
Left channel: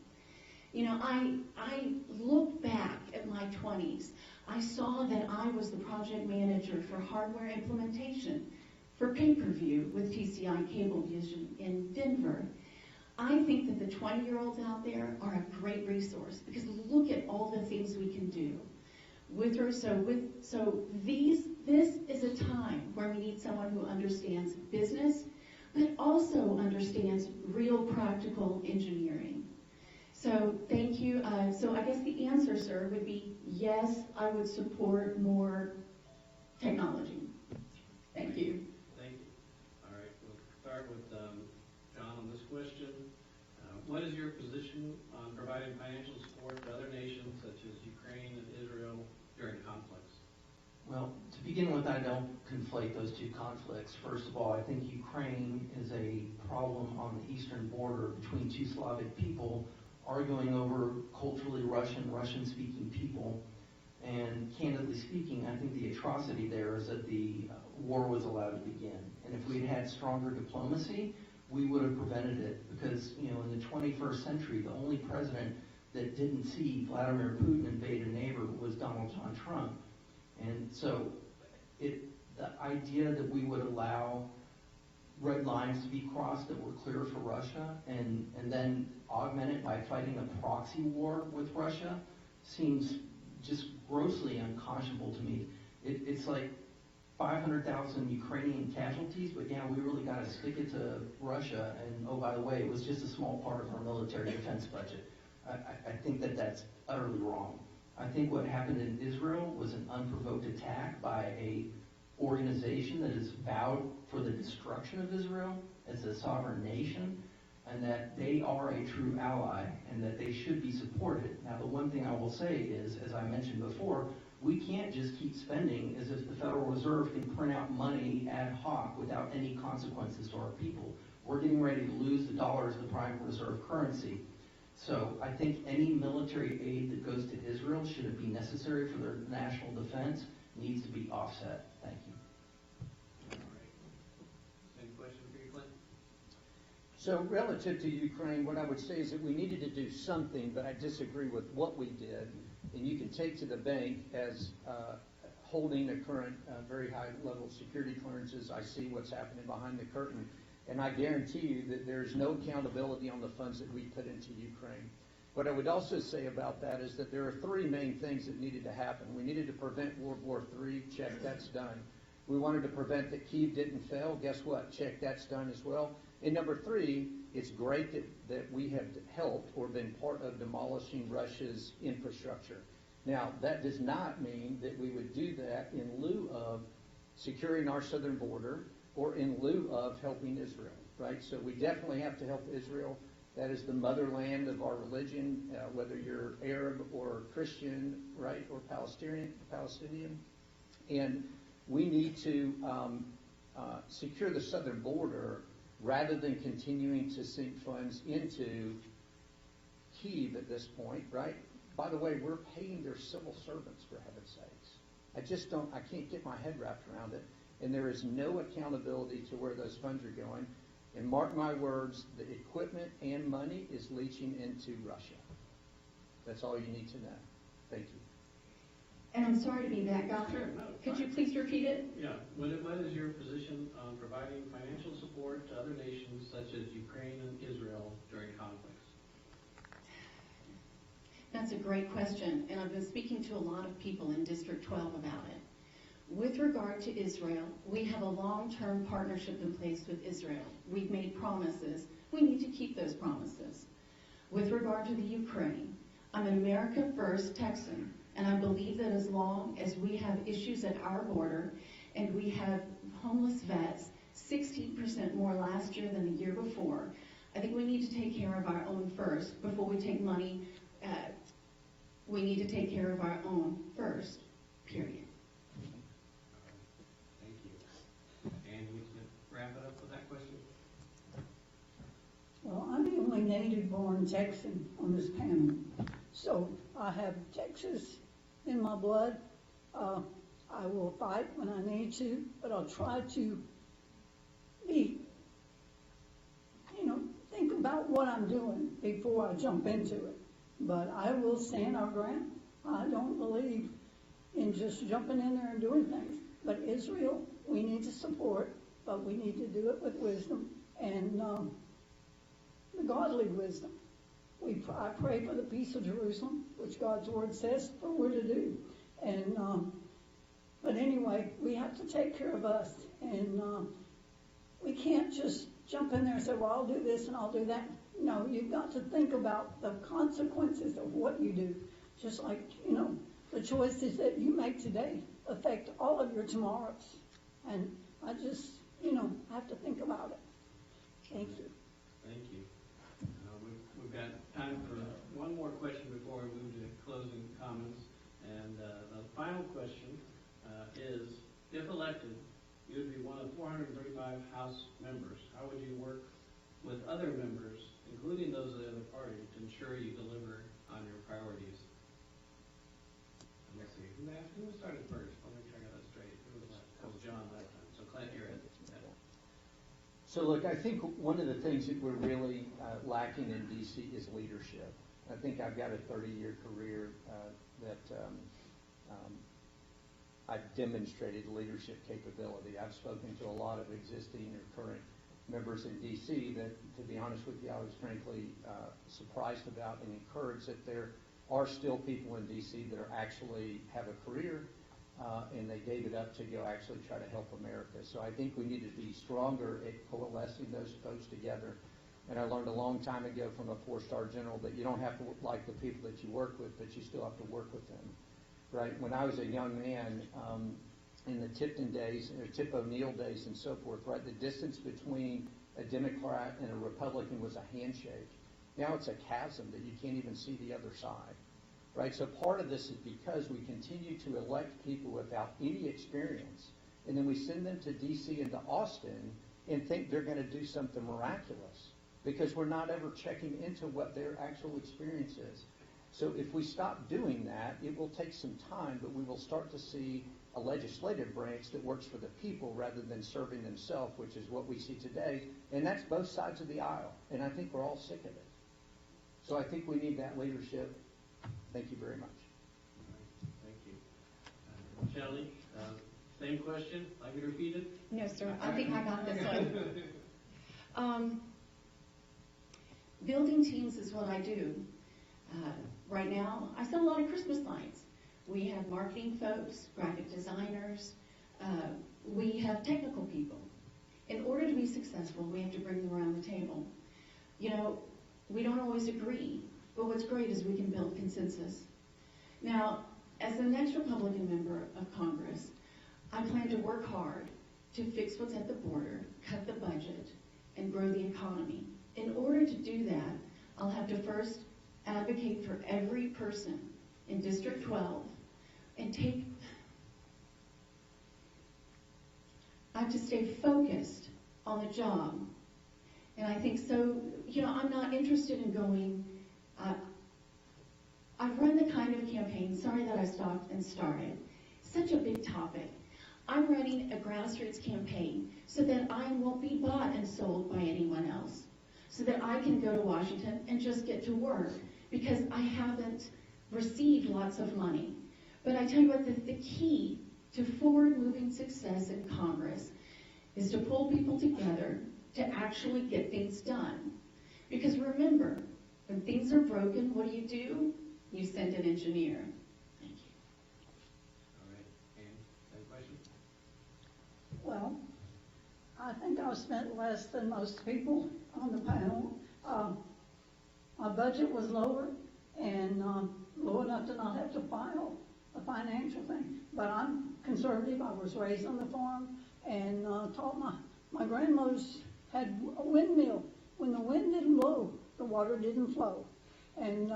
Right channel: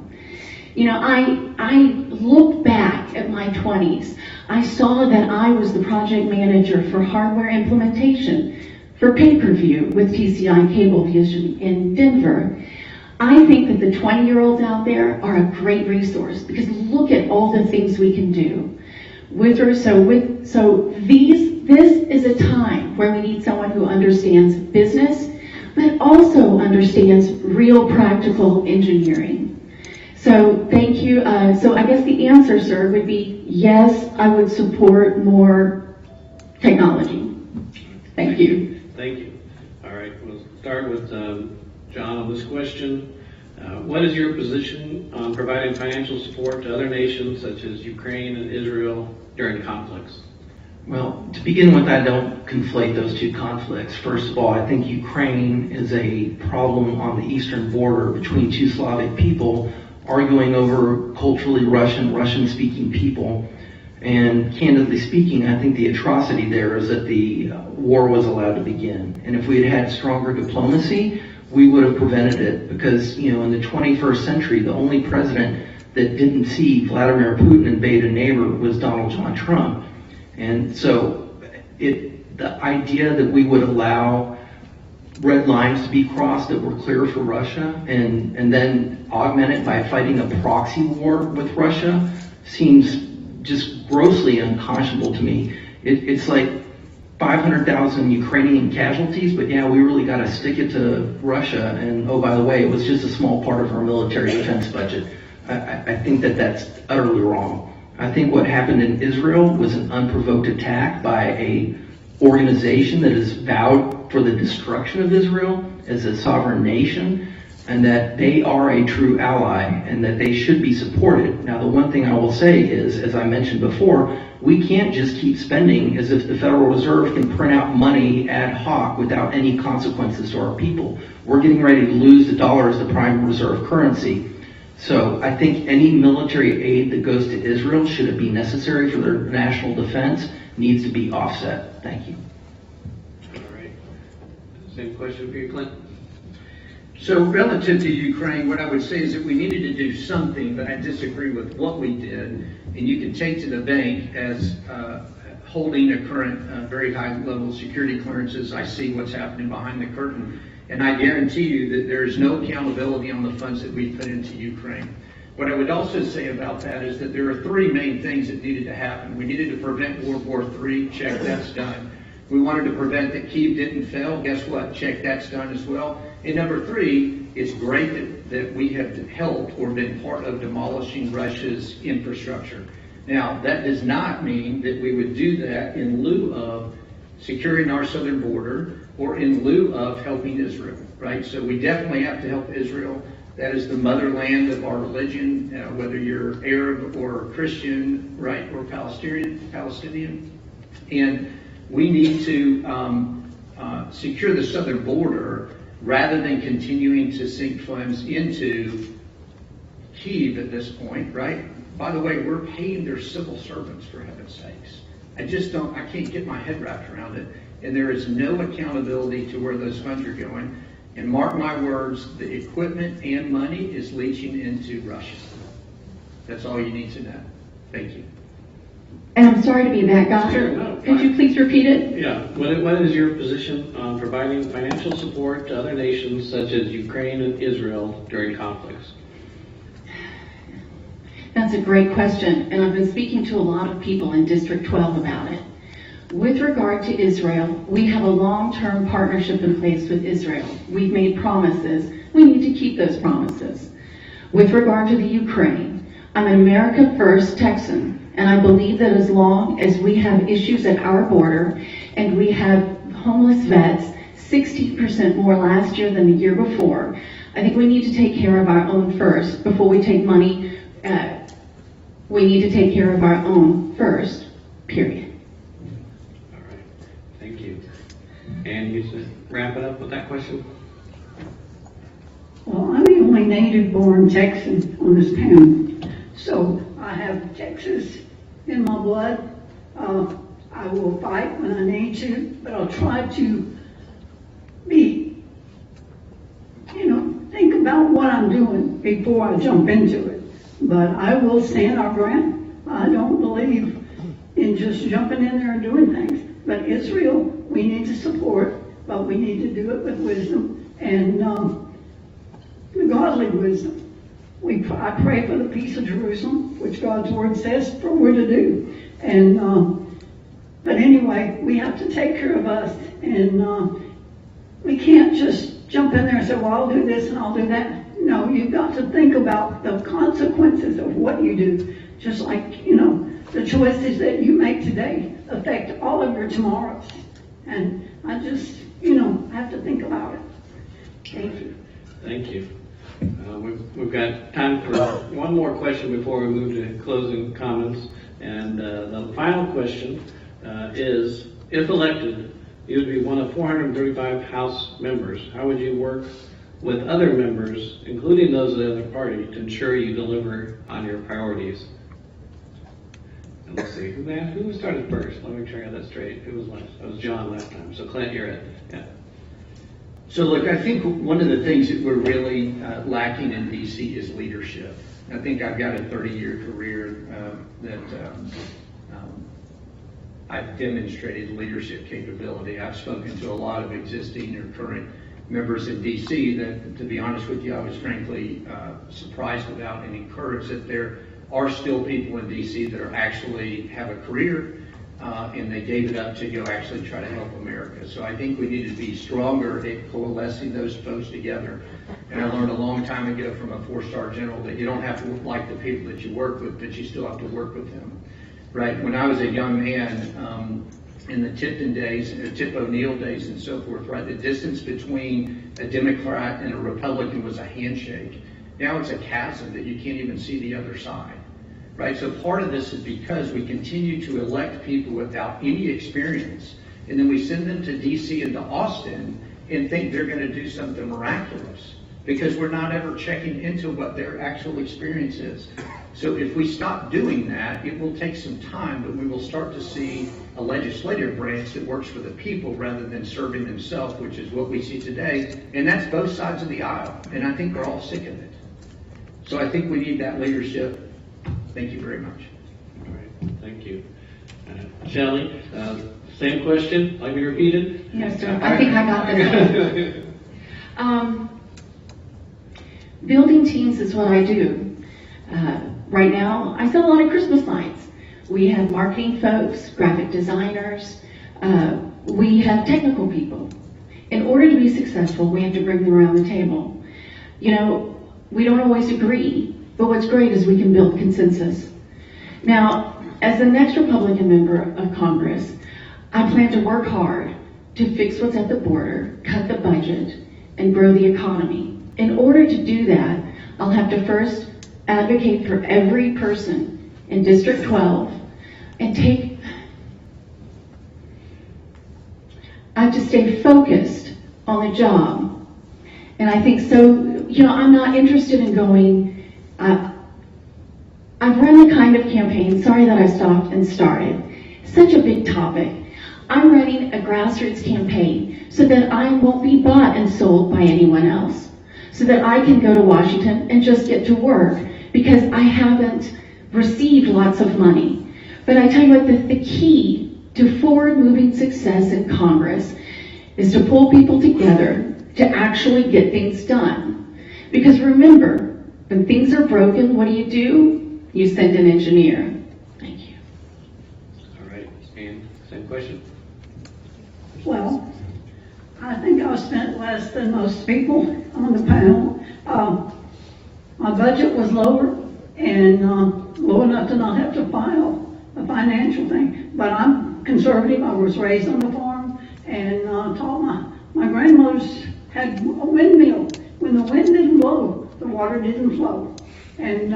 You know, I looked back at my 20s. I saw that I was the project manager for hardware implementation for pay-per-view with TCI Cablevision in Denver. I think that the 20-year-olds out there are a great resource because look at all the things we can do. This is a time where we need someone who understands business, but also understands real practical engineering. So thank you. So I guess the answer, sir, would be yes, I would support more technology. Thank you. Thank you. All right, we'll start with John on this question. What is your position on providing financial support to other nations such as Ukraine and Israel during conflicts? Well, to begin with, I don't conflate those two conflicts. First of all, I think Ukraine is a problem on the eastern border between two Slavic people arguing over culturally Russian-speaking people. And candidly speaking, I think the atrocity there is that the war was allowed to begin. And if we had had stronger diplomacy, we would have prevented it. Because, you know, in the 21st century, the only president that didn't see Vladimir Putin invade a neighbor was Donald John Trump. And so the idea that we would allow red lines to be crossed that were clear for Russia and then augment it by fighting a proxy war with Russia seems just grossly unconscionable to me. It's like 500,000 Ukrainian casualties, but yeah, we really got to stick it to Russia. And oh, by the way, it was just a small part of our military defense budget. I think that that's utterly wrong. I think what happened in Israel was an unprovoked attack by a organization that has vowed for the destruction of Israel as a sovereign nation, and that they are a true ally and that they should be supported. Now, the one thing I will say is, as I mentioned before, we can't just keep spending as if the Federal Reserve can print out money ad hoc without any consequences to our people. We're getting ready to lose the dollar as the prime reserve currency. So I think any military aid that goes to Israel, should it be necessary for their national defense, needs to be offset. Thank you. All right. Same question for you, Clint. So relative to Ukraine, what I would say is that we needed to do something, but I disagree with what we did. And you can take to the bank as holding a current very high level security clearances. I see what's happening behind the curtain. And I guarantee you that there is no accountability on the funds that we put into Ukraine. What I would also say about that is that there are 3 main things that needed to happen. We needed to prevent World War III. Check, that's done. We wanted to prevent that Kyiv didn't fail. Guess what? Check, that's done as well. And number 3, it's great that we have helped or been part of demolishing Russia's infrastructure. Now, that does not mean that we would do that in lieu of securing our southern border or in lieu of helping Israel, right? So we definitely have to help Israel. That is the motherland of our religion, whether you're Arab or Christian, right, or Palestinian. And we need to secure the southern border rather than continuing to sink funds into Kyiv at this point, right? By the way, we're paying their civil servants, for heaven's sakes. I can't get my head wrapped around it. And there is no accountability to where those funds are going. And mark my words, the equipment and money is leaching into Russia. That's all you need to know. Thank you. And I'm sorry to be that guy. Sure, no, Could you fine. please repeat it? Yeah, what is your position on providing financial support to other nations such as Ukraine and Israel during conflicts? That's a great question, and I've been speaking to a lot of people in District 12 about it. With regard to Israel, we have a long-term partnership in place with Israel. We've made promises. We need to keep those promises. With regard to the Ukraine, I'm an America First Texan, and I believe that as long as we have issues at our border and we have homeless vets, 60% more last year than the year before, I think we need to take care of our own first before we take money. We need to take care of our own first, period. All right, thank you. And you should wrap it up with that question? Well, I'm the only native-born Texan on this panel, so I have Texas in my blood. I will fight when I need to, but I'll try to think about what I'm doing before I jump into it. But I will stand our ground. I don't believe in just jumping in there and doing things. But Israel, we need to support, but we need to do it with wisdom and the godly wisdom. I pray for the peace of Jerusalem, which God's word says for we're to do. And but anyway, we have to take care of us, and we can't just jump in there and say, well, I'll do this and I'll do that. No, you've got to think about the consequences of what you do. Just like, the choices that you make today affect all of your tomorrows. And I just, have to think about it. Thank you. Thank you. We've got time for one more question before we move to closing comments. And the final question is, if elected, you would be one of 435 House members. How would you work with other members, including those of the other party, to ensure you deliver on your priorities? And let's see, who started first? Let me make sure I got that straight. Who was last? That was John last time. So Clint, you're it. Yeah. So look, I think one of the things that we're really lacking in DC is leadership. I think I've got a 30-year career that I've demonstrated leadership capability. I've spoken to a lot of existing or current members in DC that, to be honest with you, I was frankly surprised about and encouraged that there are still people in DC that are actually have a career and they gave it up to go actually try to help America. So I think we need to be stronger at coalescing those folks together. And I learned a long time ago from a 4-star general that you don't have to like the people that you work with, but you still have to work with them. Right? When I was a young man, in the Tipton days, Tip O'Neill days and so forth, right, the distance between a Democrat and a Republican was a handshake. Now it's a chasm that you can't even see the other side. Right? So part of this is because we continue to elect people without any experience, and then we send them to DC and to Austin and think they're going to do something miraculous because we're not ever checking into what their actual experience is. So if we stop doing that, it will take some time, but we will start to see a legislative branch that works for the people rather than serving themselves, which is what we see today, and that's both sides of the aisle, and I think we're all sick of it. So I think we need that leadership. Thank you very much. All right, thank you. Shelley, same question, like we repeated? Yes, sir. I think I got this one. Building teams is what I do. Right now, I sell a lot of Christmas lights. We have marketing folks, graphic designers. We have technical people. In order to be successful, we have to bring them around the table. We don't always agree, but what's great is we can build consensus. Now, as the next Republican member of Congress, I plan to work hard to fix what's at the border, cut the budget, and grow the economy. In order to do that, I'll have to first advocate for every person in District 12 and I have to stay focused on the job. And I think so, I'm not interested in going, I've run the kind of campaign, sorry that I stopped and started, such a big topic. I'm running a grassroots campaign so that I won't be bought and sold by anyone else, so that I can go to Washington and just get to work because I haven't received lots of money. But I tell you what, the key to forward-moving success in Congress is to pull people together to actually get things done. Because remember, when things are broken, what do? You send an engineer. Thank you. All right, and same question. Well, I think I spent less than most people on the panel. My budget was lower and low enough to not have to file a financial thing. But I'm conservative. I was raised on the farm and taught my grandmothers had a windmill. When the wind didn't blow, the water didn't flow. And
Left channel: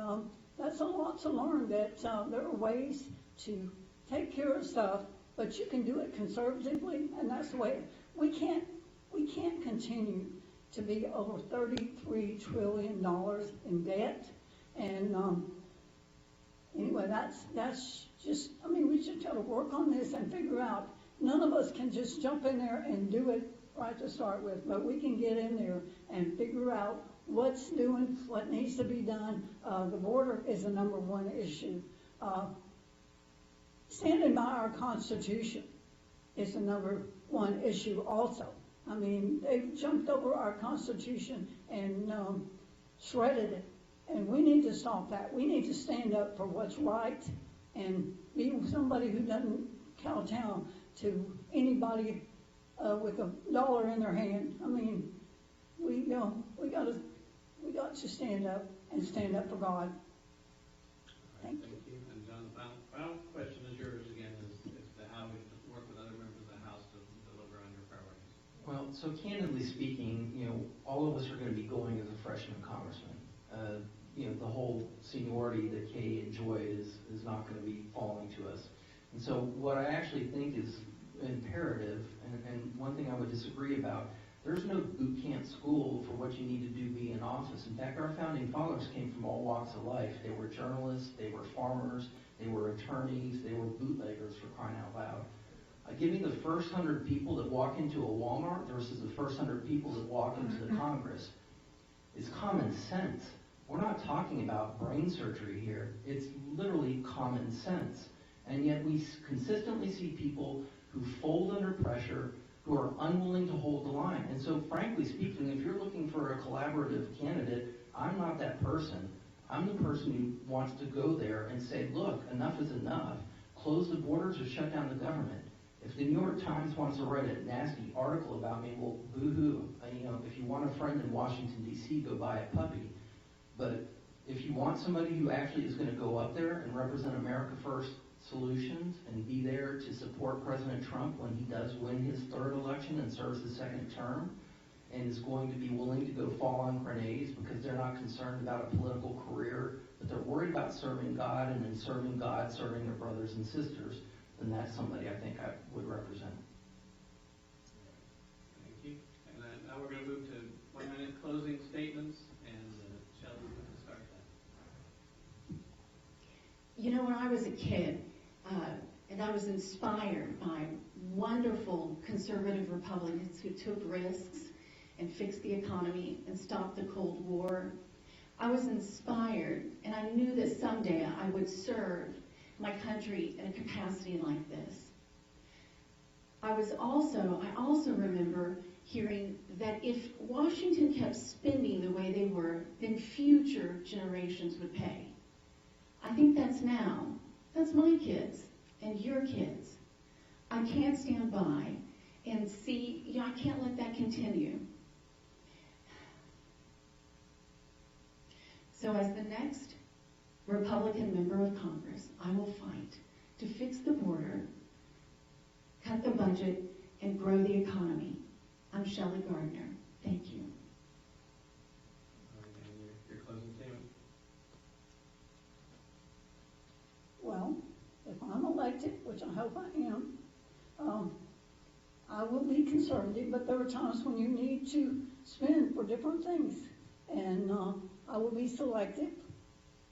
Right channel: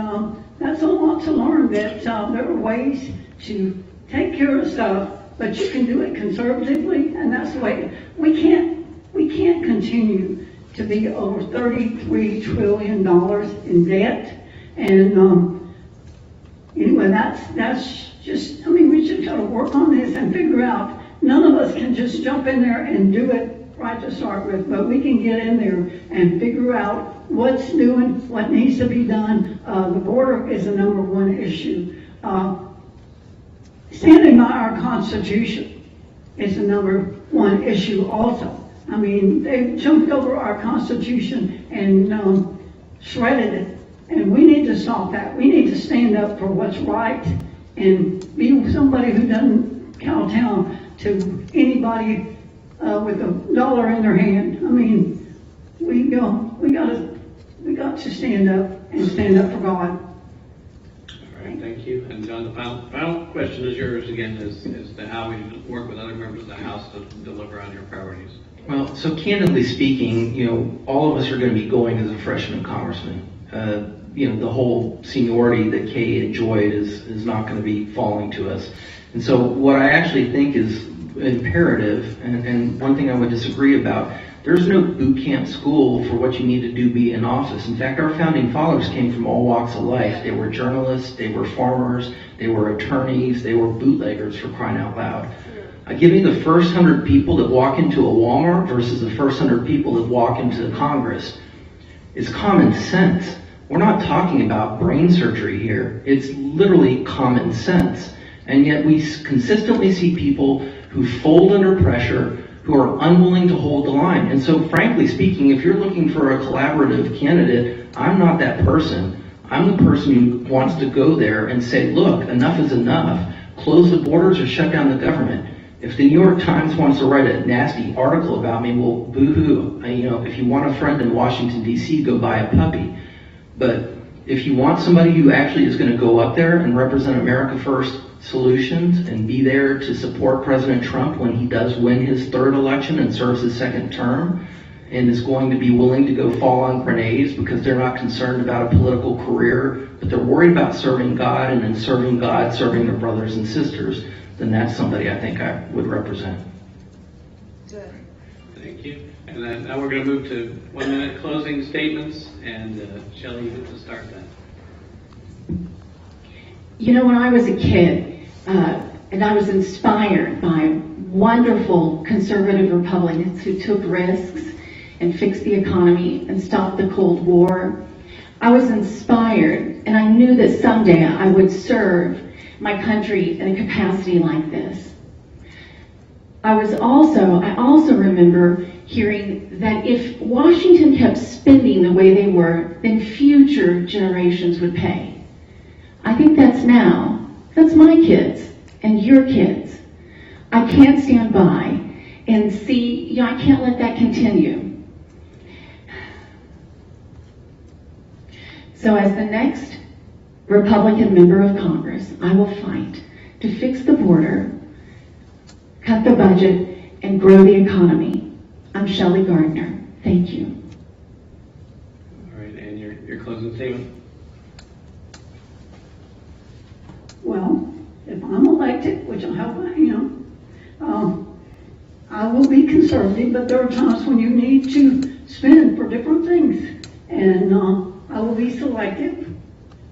that's a lot to learn, that there are ways to take care of stuff, but you can do it conservatively, and that's the way. We can't continue to be over $33 trillion in debt. And anyway, that's just, I mean, we should try to work on this and figure out, none of us can just jump in there and do it right to start with, but we can get in there and figure out what's doing, what needs to be done. The border is the number one issue. Standing by our Constitution is the number one issue also. I mean, they jumped over our Constitution and shredded it, and we need to stop that. We need to stand up for what's right and be somebody who doesn't kowtow to anybody with a dollar in their hand. I mean, we got to stand up and stand up for God. All right, thank you. And John, the final question is yours again, is to how we work with other members of the House to deliver on your priorities. Well, so candidly speaking, all of us are going to be going as a freshman congressman. The whole seniority that Kay enjoyed is not going to be falling to us. And so what I actually think is imperative, and one thing I would disagree about, there's no boot camp school for what you need to do be in office. In fact, our founding fathers came from all walks of life. They were journalists, they were farmers, they were attorneys, they were bootleggers, for crying out loud. Give me the first 100 people that walk into a Walmart versus the first 100 people that walk into Congress. It's common sense. We're not talking about brain surgery here. It's literally common sense. And yet we consistently see people who fold under pressure, who are unwilling to hold the line. And so frankly speaking, if you're looking for a collaborative candidate, I'm not that person. I'm the person who wants to go there and say, look, enough is enough. Close the borders or shut down the government. If the New York Times wants to write a nasty article about me, well, boo-hoo. If you want a friend in Washington, D.C., go buy a puppy. But if you want somebody who actually is going to go up there and represent America First solutions and be there to support President Trump when he does win his third election and serves his second term, and is going to be willing to go fall on grenades because they're not concerned about a political career, but they're worried about serving God, and in serving God, serving their brothers and sisters, then that's somebody I think I would represent. Good. Thank you. And then now we're going to move to 1-minute closing statements, and Shelley, you get to start that. When I was a kid, and I was inspired by wonderful conservative Republicans who took risks and fixed the economy and stopped the Cold War, I was inspired, and I knew that someday I would serve my country in a capacity like this. I also remember hearing that if Washington kept spending the way they were, then future generations would pay. I think that's now. That's my kids and your kids. I can't stand by and see, I can't let that continue. So as the next Republican member of Congress, I will fight to fix the border, cut the budget, and grow the economy. I'm Shelley Gardner. Thank you. All right, and your closing statement. Well, if I'm elected, which I hope I am, I will be conservative, but there are times when you need to spend for different things. And I will be selective.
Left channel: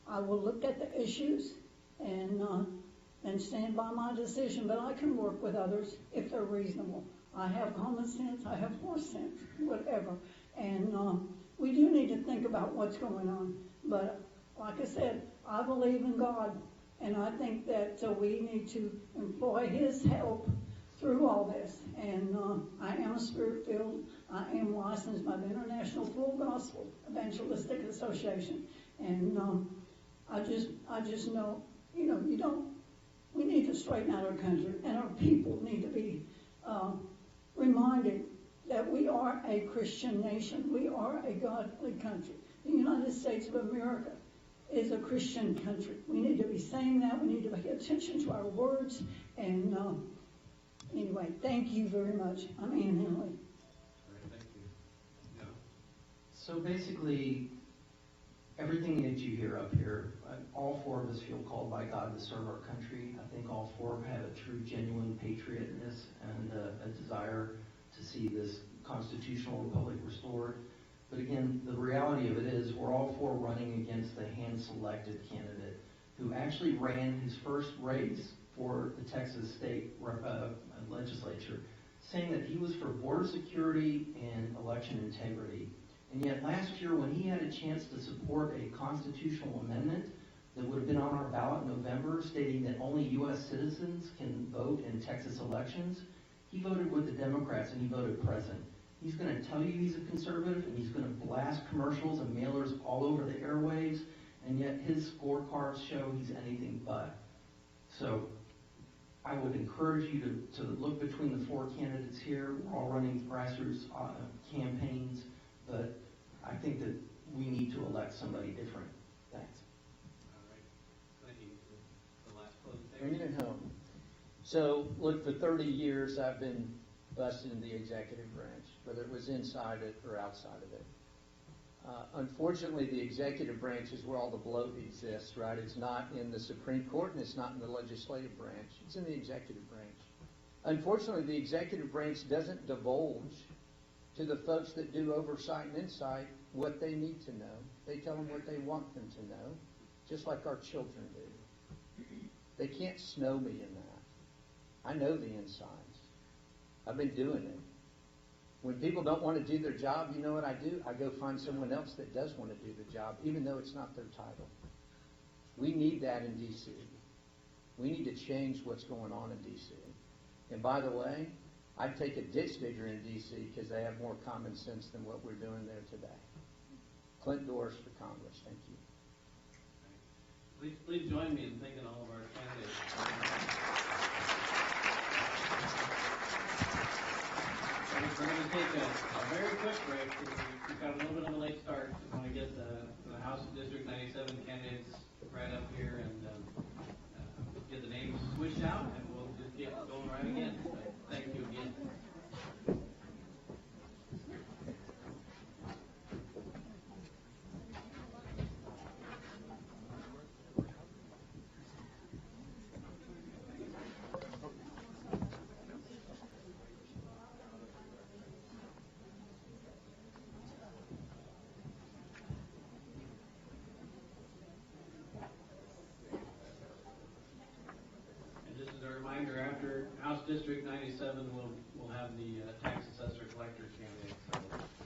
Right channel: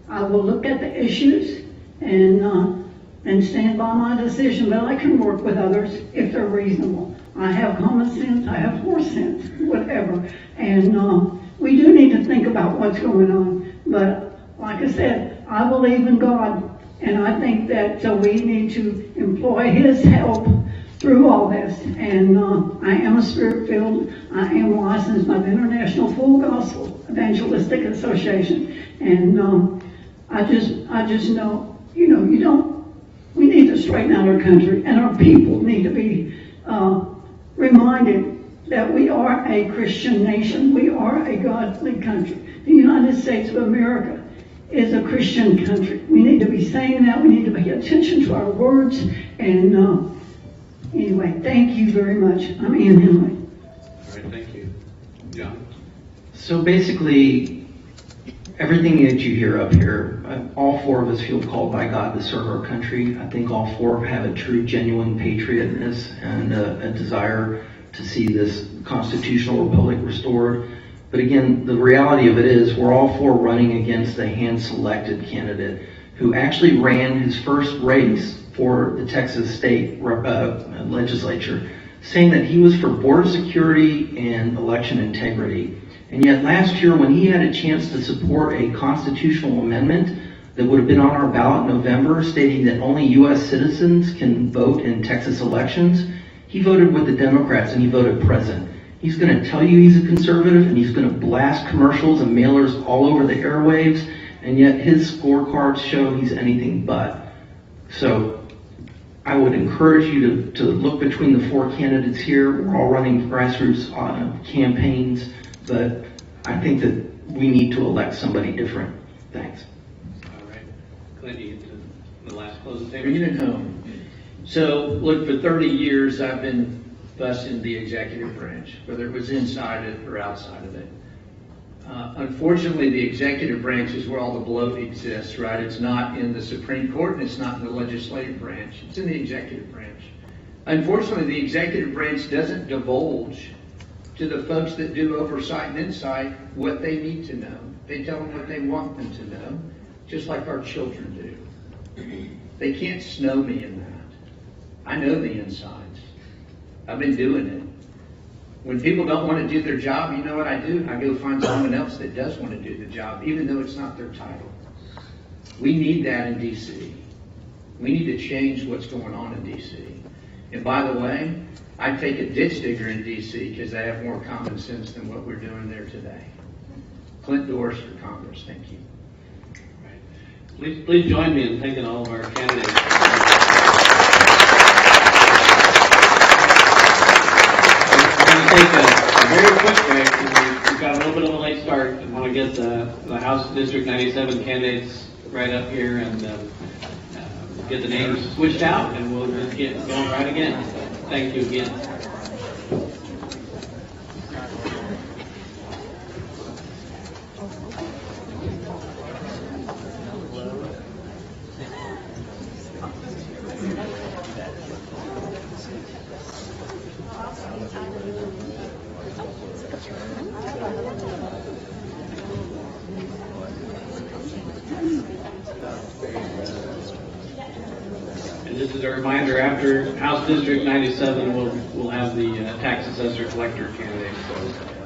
I will look at the issues and and stand by my decision, but I can work with others if they're reasonable. I have common sense, I have horse sense, whatever. And we do need to think about what's going on. But like I said, I believe in God, and I think that we need to employ His help through all this. And I am a spirit-filled, I am licensed by the International Full Gospel Evangelistic Association. And I just know, we need to straighten out our country, and our people need to be reminded that we are a Christian nation. We are a godly country. The United States of America is a Christian country. We need to be saying that. We need to pay attention to our words. And anyway, thank you very much. I'm Ann Henley. All right, thank you. John? So basically, everything that you hear up here, all four of us feel called by God to serve our country. I think all four have a true, genuine patriotness and a desire to see this constitutional republic restored. But again, the reality of it is we're all four running against a hand-selected candidate who actually ran his first race for the Texas state legislature, saying that he was for border security and election integrity. And yet last year, when he had a chance to support a constitutional amendment that would have been on our ballot in November, stating that only U.S. citizens can vote in Texas elections, he voted with the Democrats and he voted present. He's going to tell you he's a conservative, and he's going to blast commercials and mailers all over the airwaves, and yet his scorecards show he's anything but. So I would encourage you to look between the four candidates here. We're all running grassroots campaigns, but I think that we need to elect somebody different. Thanks. All right. Clint, you get to the last closing statement. Bringing it home. So, look, for 30 years I've been busting the executive branch, whether it was inside it or outside of it. Unfortunately, the executive branch is where all the bloat exists, right? It's not in the Supreme Court, and it's not in the legislative branch. It's in the executive branch. Unfortunately, the executive branch doesn't divulge to the folks that do oversight and insight what they need to know. They tell them what they want them to know, just like our children do. They can't snow me in that. I know the insides. I've been doing it. When people don't want to do their job, you know what I do? I go find someone else that does want to do the job, even though it's not their title. We need that in D.C. We need to change what's going on in D.C. And by the way, I take a ditch digger in D.C. because they have more common sense than what we're doing there today. Clint Doris for Congress. Thank you. Please join me in thanking all of our candidates. Take a very quick break. We've got a little bit of a late start. I want to get the House District 97 candidates right up here and get the names switched out, and we'll just get going right again. Thank you again. And just as a reminder, after House District 97, we'll have the tax assessor collector candidate. So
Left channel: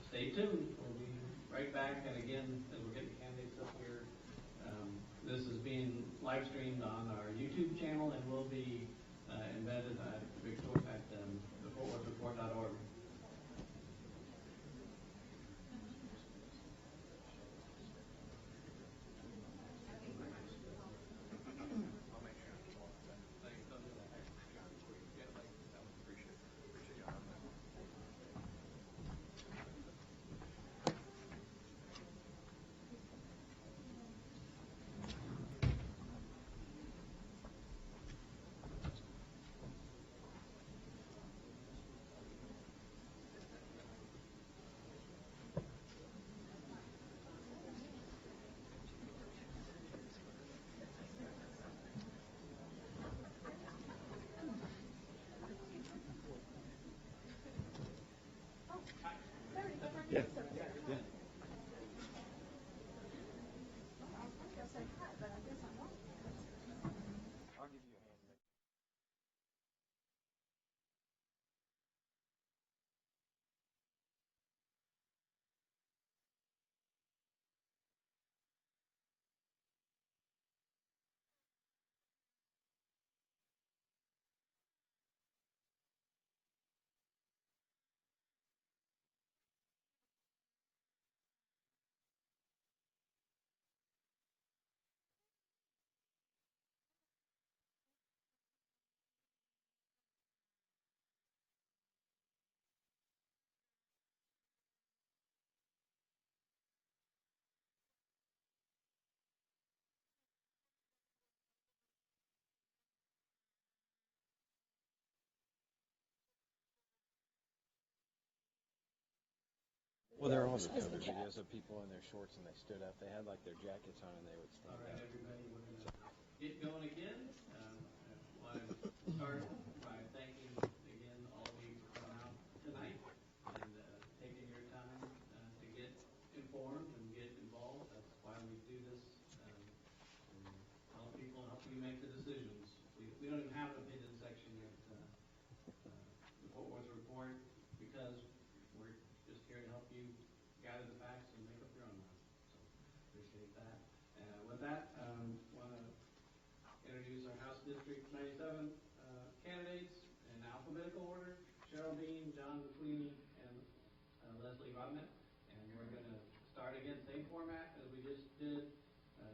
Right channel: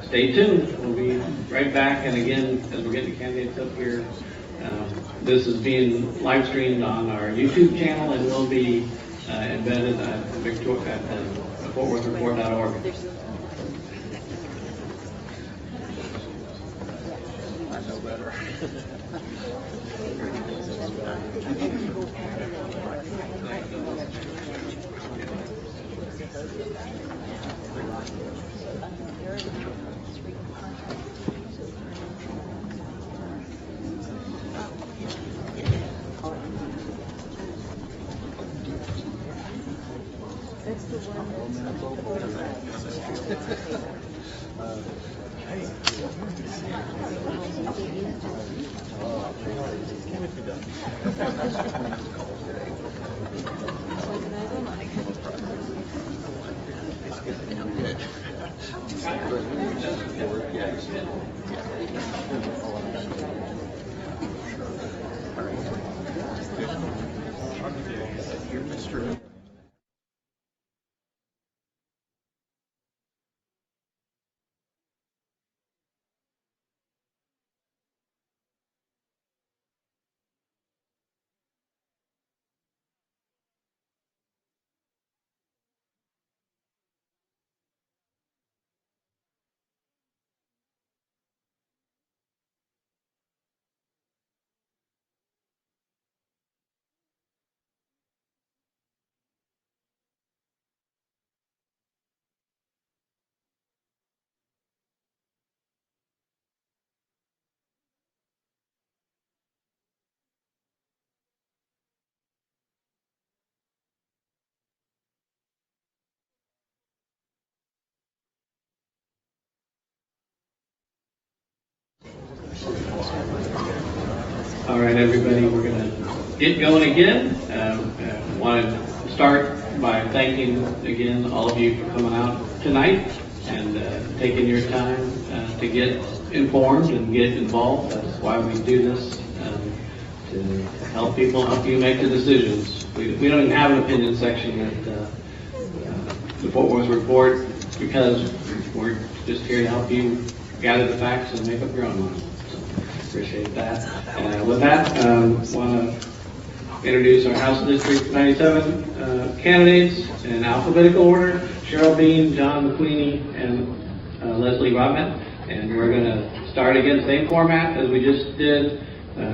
stay tuned. We'll be right back. And again, as we're getting the candidates up here, this is being live streamed on our YouTube channel and will be embedded at FortWorthReport.org. I know better. Well, there are also other videos of people in there. All right, everybody, we're going to get going again. Want to start by thanking again all of you for coming out tonight and taking your time to get informed and get involved. That's why we do this, to help people, help you make the decisions. We don't even have an opinion section at the Fort Worth Report because we're just here to help you gather the facts and make up your own mind. So, appreciate that. With that, want to introduce our House District 97 candidates in alphabetical order: Cheryl Bean, John McQueenie, and Leslie Robin. And we're going to start again, same format as we just did.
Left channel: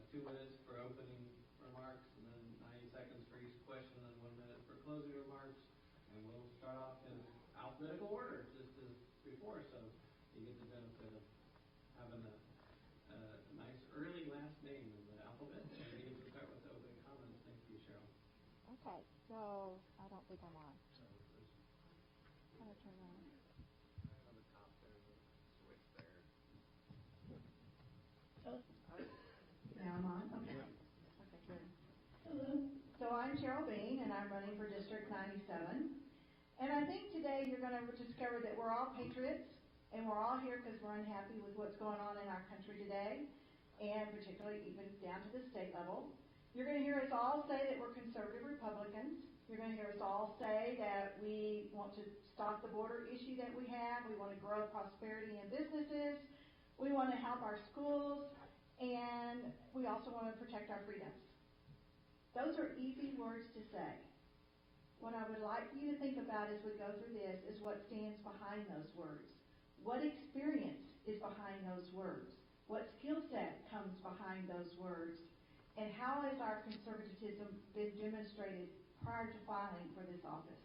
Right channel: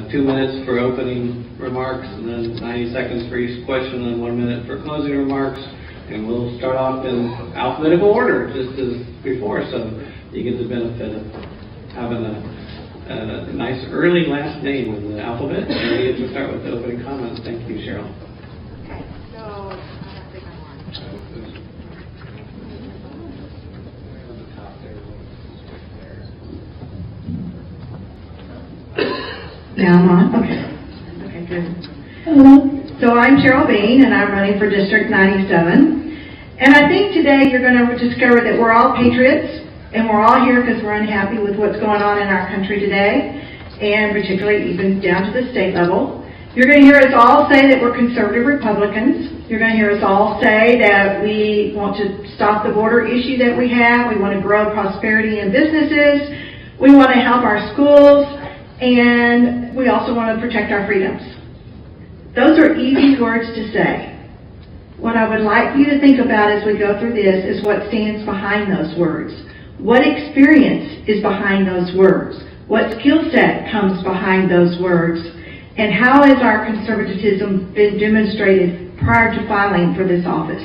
2 minutes for opening remarks, and then 90 seconds for each question, and 1 minute for closing remarks. And we'll start off in alphabetical order, just as before, so you get the benefit of having a nice early last name in the alphabet. And we get to start with the opening comments. Thank you, Cheryl. Okay, so I think I'm on. Now I'm on? Okay. Okay, good. Hello. So I'm Cheryl Bean, and I'm running for District 97. And I think today you're going to discover that we're all patriots, and we're all here because we're unhappy with what's going on in our country today, and particularly even down to the state level. You're going to hear us all say that we're conservative Republicans. You're going to hear us all say that we want to stop the border issue that we have. We want to grow prosperity in businesses. We want to help our schools. And we also want to protect our freedoms. Those are easy words to say. What I would like you to think about as we go through this is what stands behind those words. What experience is behind those words? What skill set comes behind those words? And how has our conservatism been demonstrated prior to filing for this office?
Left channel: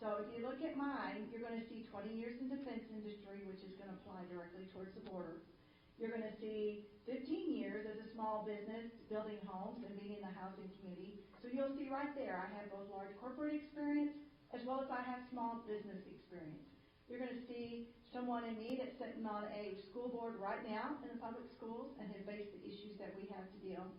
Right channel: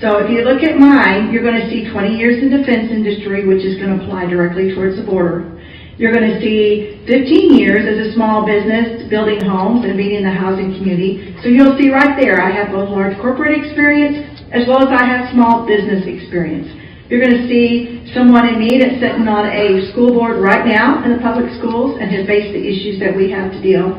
So if you look at mine, you're going to see 20 years in defense industry, which is going to apply directly towards the border. You're going to see 15 years as a small business building homes and being in the housing community. So you'll see right there, I have both large corporate experience as well as I have small business experience. You're going to see someone in me that's sitting on a school board right now in the public schools and has faced the issues that we have to deal.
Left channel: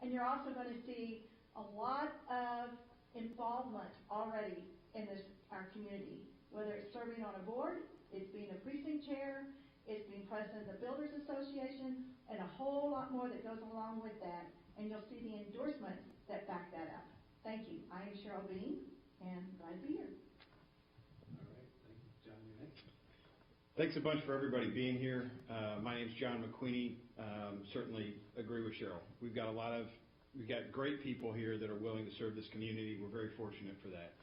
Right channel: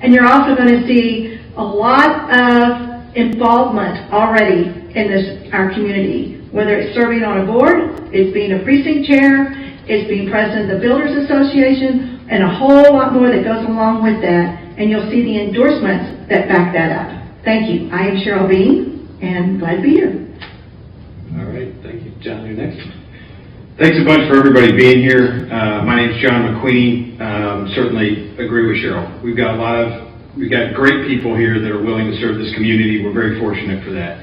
And you're also going to see a lot of involvement already in our community, whether it's serving on a board, it's being a precinct chair, it's being president of the Builders Association, and a whole lot more that goes along with that. And you'll see the endorsements that back that up. Thank you. I am Cheryl Bean, and glad to be here. All right, thank you. John, you're next. Thanks a bunch for everybody being here. My name's John McQueenie. Certainly agree with Cheryl. We've got great people here that are willing to serve this community. We're very fortunate for that.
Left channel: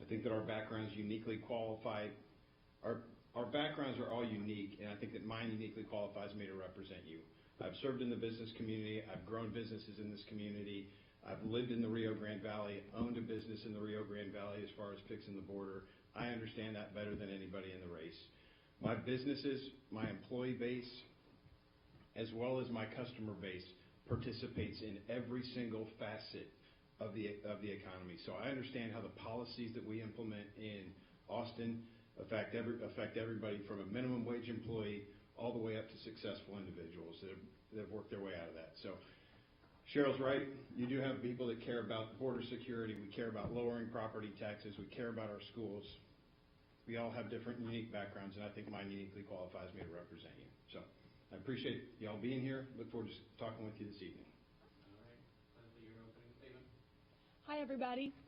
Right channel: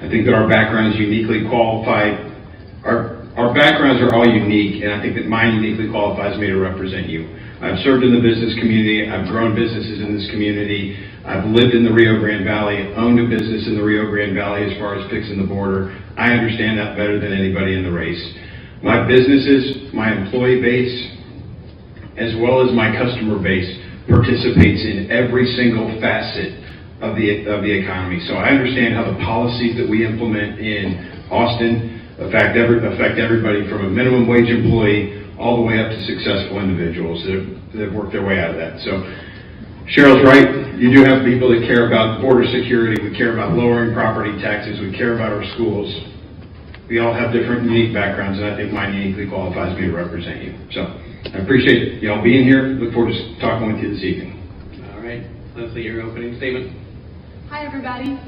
I think that our background is uniquely qualified. Our backgrounds are all unique, and I think that mine uniquely qualifies me to represent you. I've served in the business community. I've grown businesses in this community. I've lived in the Rio Grande Valley, owned a business in the Rio Grande Valley as far as fixing the border. I understand that better than anybody in the race. My businesses, my employee base, as well as my customer base, participates in every single facet of the economy. So I understand how the policies that we implement in Austin affect everybody from a minimum wage employee all the way up to successful individuals that have worked their way out of that. So Cheryl's right. You do have people that care about border security. We care about lowering property taxes. We care about our schools. We all have different unique backgrounds, and I think mine uniquely qualifies me to represent you. So I appreciate y'all being here. Look forward to talking with you this evening. All right, Leslie, your opening statement. Hi, everybody.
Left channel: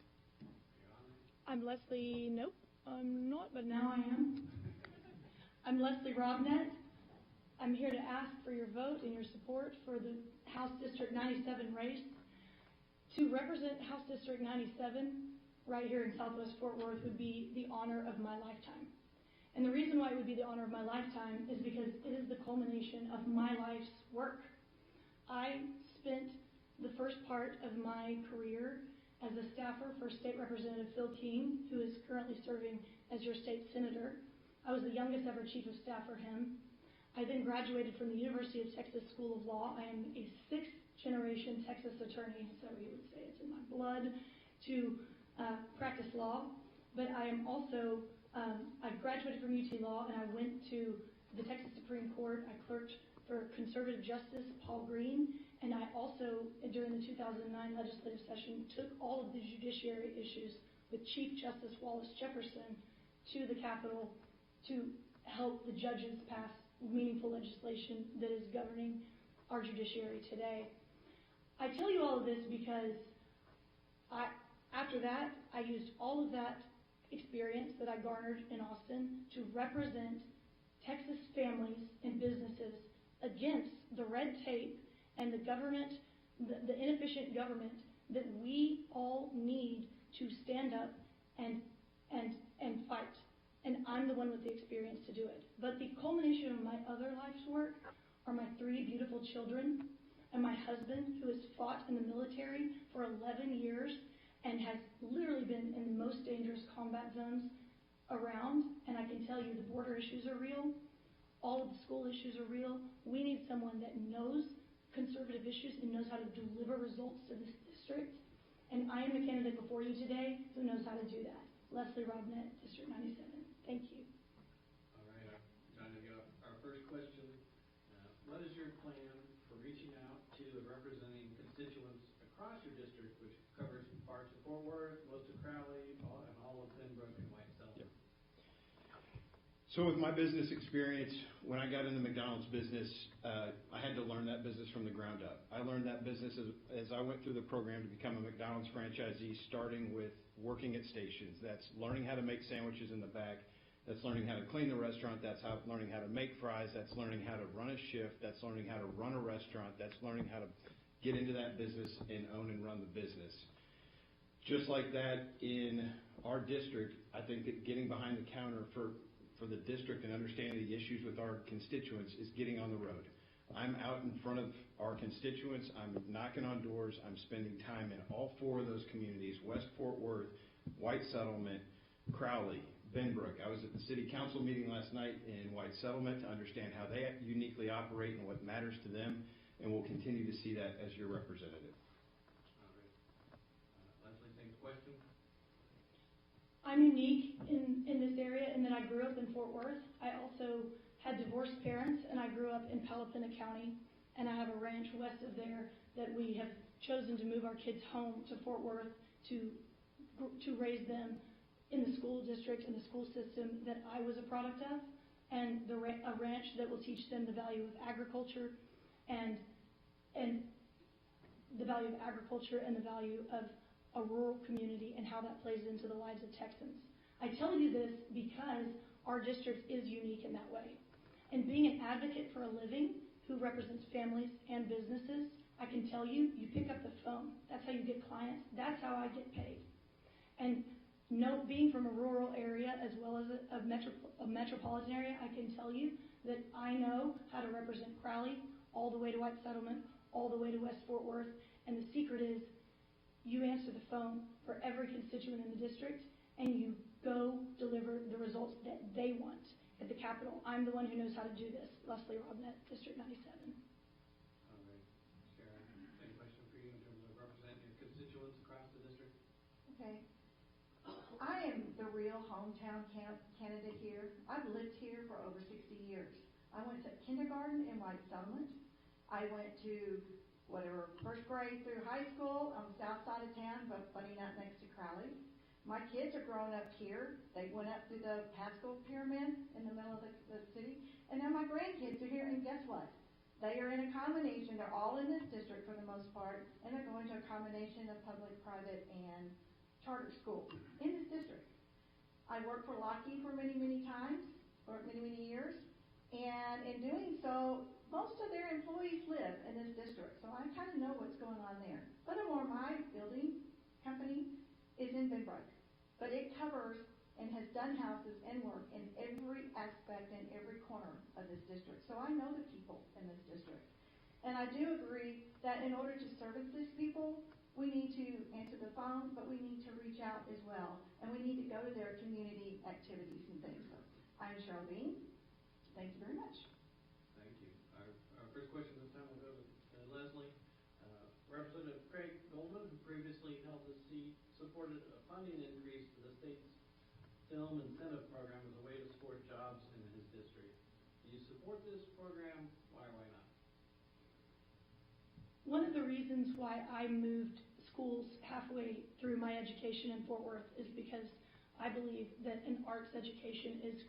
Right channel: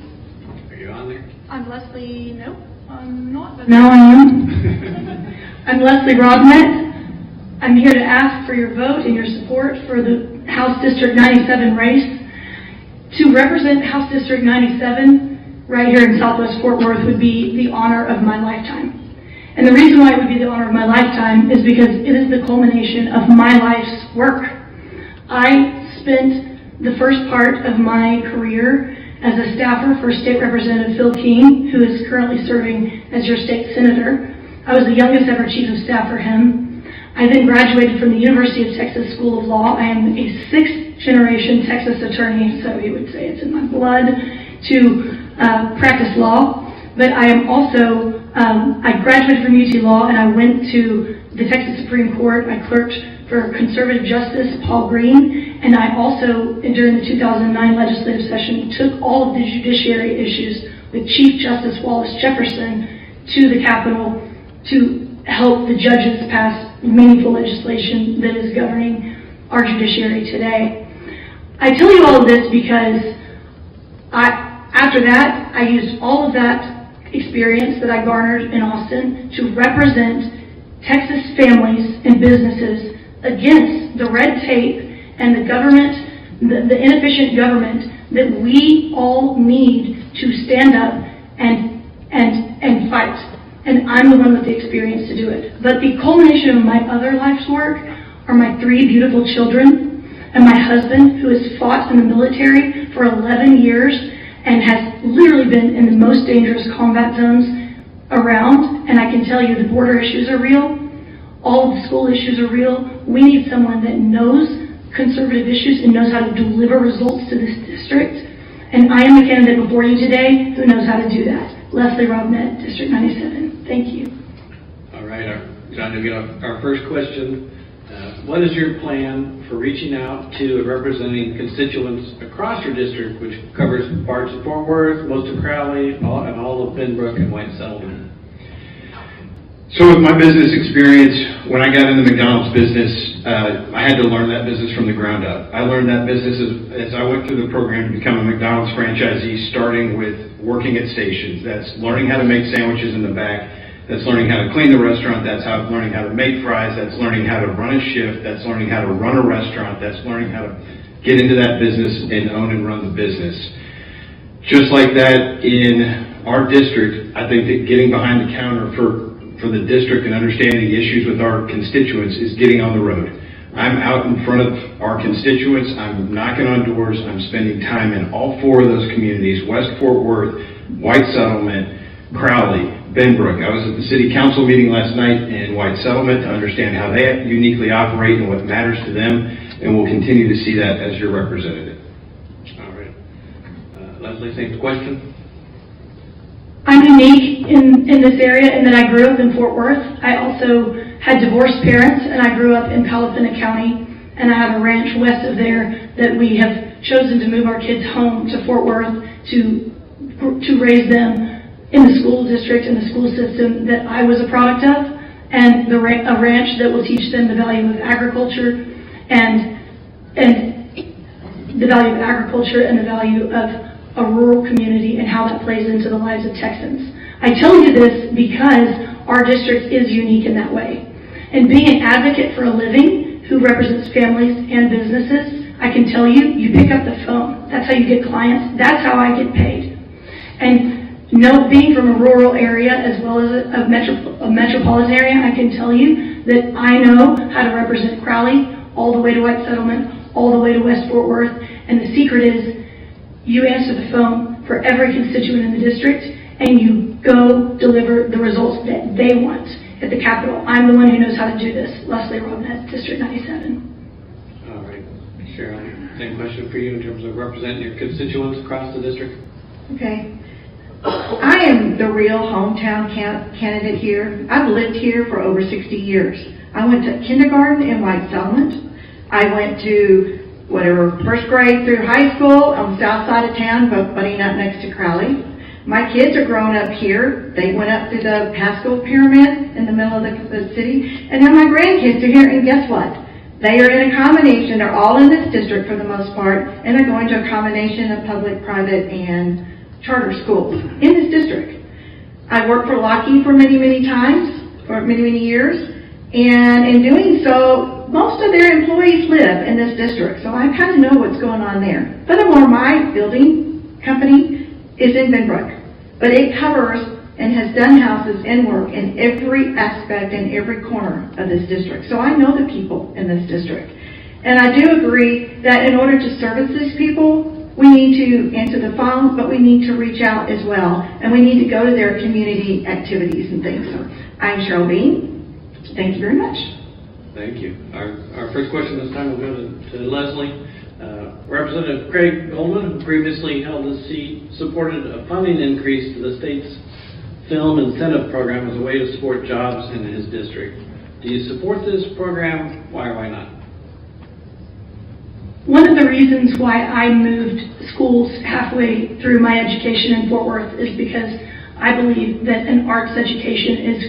Are you on there? I'm Leslie. No, I'm not. But Now I am. I'm Leslie Robinette. I'm here to ask for your vote and your support for the House District 97 race. To represent House District 97 right here in Southwest Fort Worth would be the honor of my lifetime. And the reason why it would be the honor of my lifetime is because it is the culmination of my life's work. I spent the first part of my career as a staffer for State Representative Phil King, who is currently serving as your state senator. I was the youngest ever chief of staff for him. I then graduated from the University of Texas School of Law. I am a sixth-generation Texas attorney, so you would say it's in my blood to practice law. but I am also, I graduated from UT Law and I went to the Texas Supreme Court. I clerked for conservative justice Paul Green, and I also, during the 2009 legislative session, took all of the judiciary issues with Chief Justice Wallace Jefferson to the Capitol to help the judges pass meaningful legislation that is governing our judiciary today. I tell you all of this because after that, I used all of that experience that I garnered in Austin to represent Texas families and businesses against the red tape and the government, the inefficient government that we all need to stand up and fight. And I'm the one with the experience to do it. But the culmination of my other life's work are my 3 beautiful children and my husband, who has fought in the military for 11 years and has literally been in the most dangerous combat zones around. And I can tell you the border issues are real. All of the school issues are real. We need someone that knows conservative issues and knows how to deliver results to this district. And I am the candidate before you today who knows how to do that. Leslie Robinette, District 97. Thank you. All right, John, to get our first question. What is your plan for reaching out to and representing constituents across your district, which covers parts of Fort Worth, most of Crowley, and all of Benbrook and White Settlement? So with my business experience, when I got in the McDonald's business, I had to learn that business from the ground up. I learned that business as I went through the program to become a McDonald's franchisee, starting with working at stations. That's learning how to make sandwiches in the back. That's learning how to clean the restaurant. That's learning how to make fries. That's learning how to run a shift. That's learning how to run a restaurant. That's learning how to get into that business and own and run the business. Just like that in our district, I think that getting behind the counter for the district and understanding the issues with our constituents is getting on the road. I'm out in front of our constituents. I'm knocking on doors. I'm spending time in all 4 of those communities: West Fort Worth, White Settlement, Crowley, Benbrook. I was at the city council meeting last night in White Settlement to understand how they uniquely operate and what matters to them, and we'll continue to see that as your representative. All right. Leslie, same question. I'm unique in this area in that I grew up in Fort Worth. I also had divorced parents, and I grew up in Palatinate County, and I have a ranch west of there that we have chosen to move our kids home to Fort Worth to raise them in the school district and the school system that I was a product of, and a ranch that will teach them the value of agriculture and the value of agriculture and the value of a rural community and how that plays into the lives of Texans. I tell you this because our district is unique in that way. And being an advocate for a living who represents families and businesses, I can tell you, you pick up the phone. That's how you get clients. That's how I get paid. And being from a rural area as well as a metropolitan area, I can tell you that I know how to represent Crowley all the way to White Settlement, all the way to West Fort Worth. And the secret is you answer the phone for every constituent in the district and you go deliver the results that they want at the Capitol. I'm the one who knows how to do this. Leslie Robinette, District 97. All right. Cheryl, same question for you in terms of representing your constituents across the district. Okay. I am the real hometown candidate here. I've lived here for over 60 years. I went to kindergarten in White Settlement. I went to first grade through high school on the south side of town, butting up next to Crowley. My kids are growing up here. They went up to the Pascal Pyramid in the middle of the city. And then my grandkids are here, and guess what? They are in a combination. They're all in this district for the most part, and they're going to a combination of public, private, and charter schools in this district. I worked for Lockheed for many, many times, for many, many years, and in doing so, most of their employees live in this district, so I kind of know what's going on there. Furthermore, my building company is in Benbrook, but it covers and has done houses and work in every aspect and every corner of this district. So I know the people in this district. And I do agree that in order to service these people, we need to answer the phones, but we need to reach out as well, and we need to go to their community activities and things. So I'm Cheryl Bean. Thank you very much. Thank you. Our first question this time will go to Leslie. Representative Craig Goldman, who previously held this seat, supported a funding increase to the state's film incentive program as a way to support jobs in his district. Do you support this program? Why or why not? One of the reasons why I moved schools halfway through my education in Fort Worth is because I believe that an arts education is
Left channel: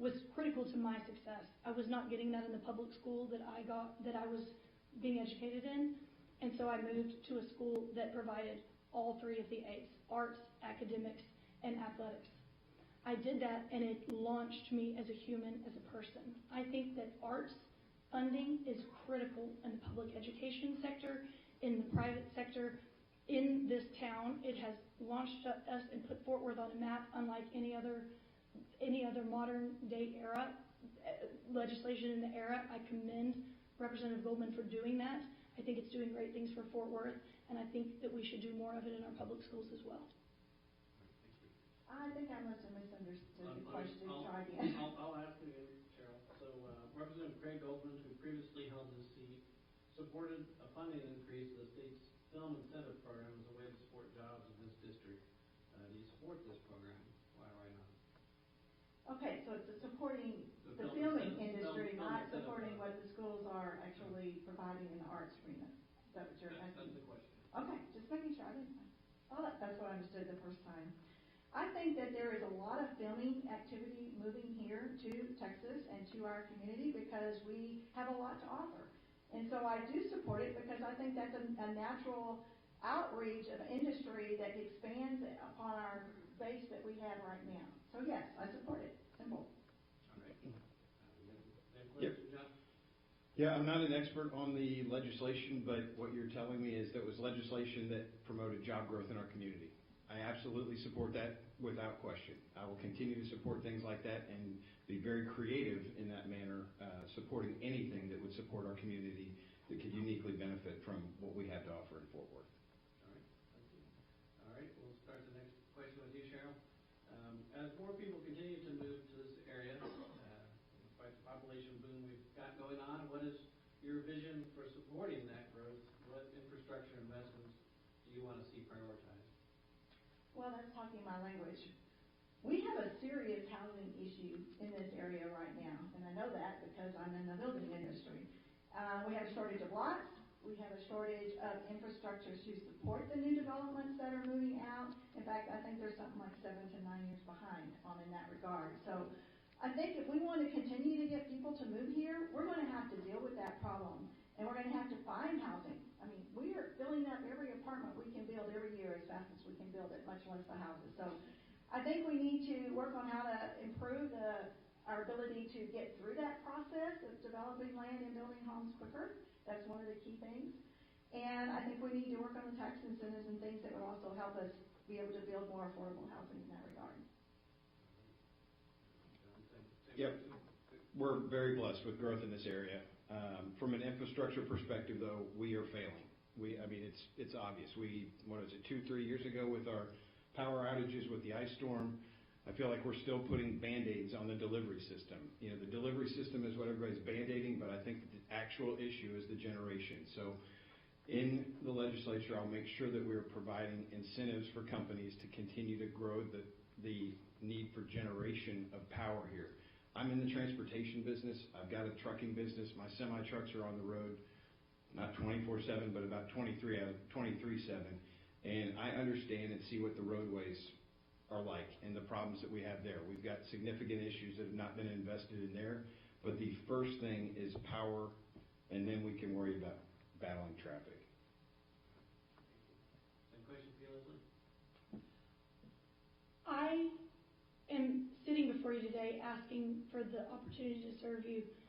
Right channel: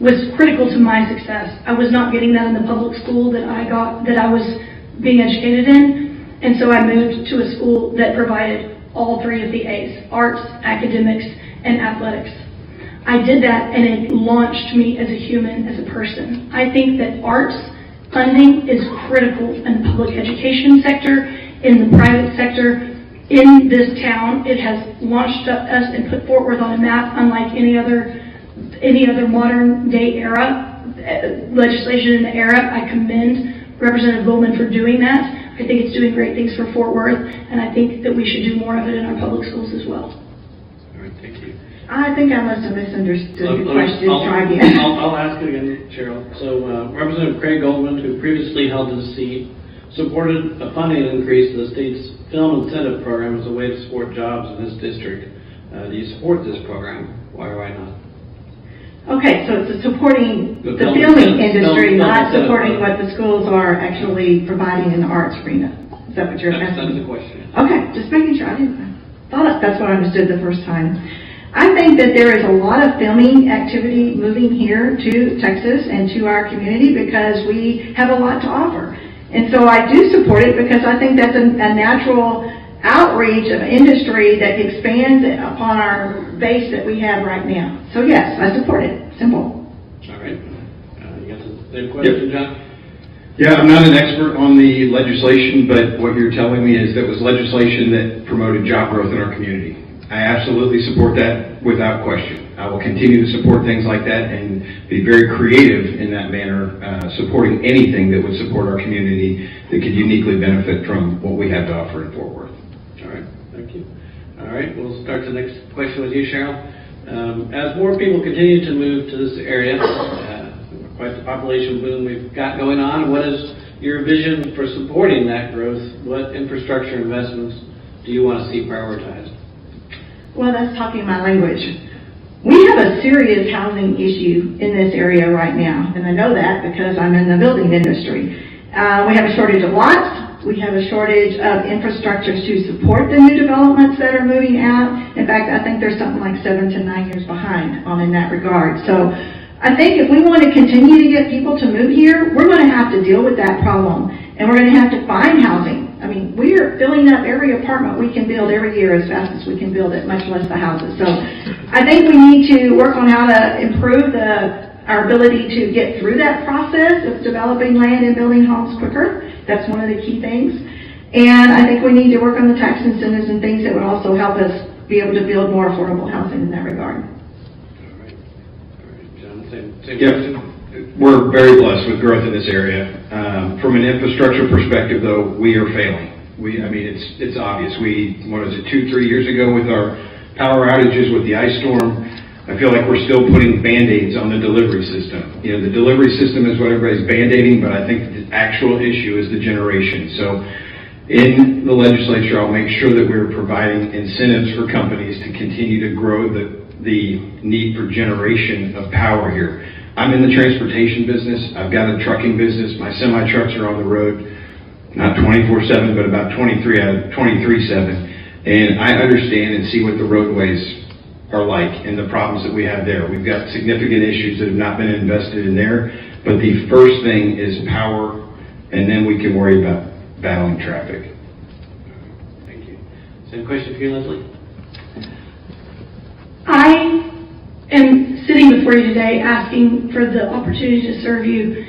was critical to my success. I was not getting that in the public school that I was being educated in, and so I moved to a school that provided all three of the A's: arts, academics, and athletics. I did that, and it launched me as a human, as a person. I think that arts funding is critical in the public education sector, in the private sector. In this town, it has launched us and put Fort Worth on a map unlike any other modern day era legislation in the era. I commend Representative Goldman for doing that. I think it's doing great things for Fort Worth, and I think that we should do more of it in our public schools as well. All right, thank you. I think I must have misunderstood the question. Try again. I'll ask it again, Cheryl. So Representative Craig Goldman, who previously held this seat, supported a funding increase to the state's film incentive program as a way to support jobs in his district. Do you support this program? Why or why not? Okay, so it's supporting the filming industry, not supporting what the schools are actually providing in the arts arena. Is that what you're asking? That's the question. Okay, just making sure. I thought that's what I understood the first time. I think that there is a lot of filming activity moving here to Texas and to our community because we have a lot to offer. And so I do support it because I think that's a natural outreach of industry that expands upon our base that we have right now. So yes, I support it. Simple. All right. You got the same question, John? Yeah, I'm not an expert on the legislation, but what you're telling me is that was legislation that promoted job growth in our community. I absolutely support that without question. I will continue to support things like that and be very creative in that manner, supporting anything that would support our community that could uniquely benefit from what we have to offer in Fort Worth. All right, thank you. All right, we'll start the next question with you, Cheryl. As more people continue to move to this area, quite the population boom we've got going on, what is your vision for supporting that growth? What infrastructure investments do you want to see prioritized? Well, that's talking my language. We have a serious housing issue in this area right now, and I know that because I'm in the building industry. We have a shortage of lots. We have a shortage of infrastructure to support the new developments that are moving out. In fact, I think there's something like 7 to 9 years behind in that regard. So I think if we want to continue to get people to move here, we're going to have to deal with that problem, and we're going to have to find housing. I mean, we are filling up every apartment we can build every year as fast as we can build it, much less the houses. So I think we need to work on how to improve our ability to get through that process of developing land and building homes quicker. That's one of the key things. And I think we need to work on the tax incentives and things that would also help us be able to build more affordable housing in that regard. All right, John, same question. We're very blessed with growth in this area. From an infrastructure perspective, though, we are failing. It's obvious. 2-3 years ago with our power outages with the ice storm, I feel like we're still putting Band-Aids on the delivery system. You know, the delivery system is what everybody's Band-Aiding, but I think the actual issue is the generation. So in the legislature, I'll make sure that we're providing incentives for companies to continue to grow the need for generation of power here. I'm in the transportation business. I've got a trucking business. My semi-trucks are on the road, not 24/7, but about 23/7. And I understand and see what the roadways are like and the problems that we have there. We've got significant issues that have not been invested in there. But the first thing is power, and then we can worry about battling traffic. Thank you. Same question for you, Leslie. I am sitting before you today asking for the opportunity to serve you,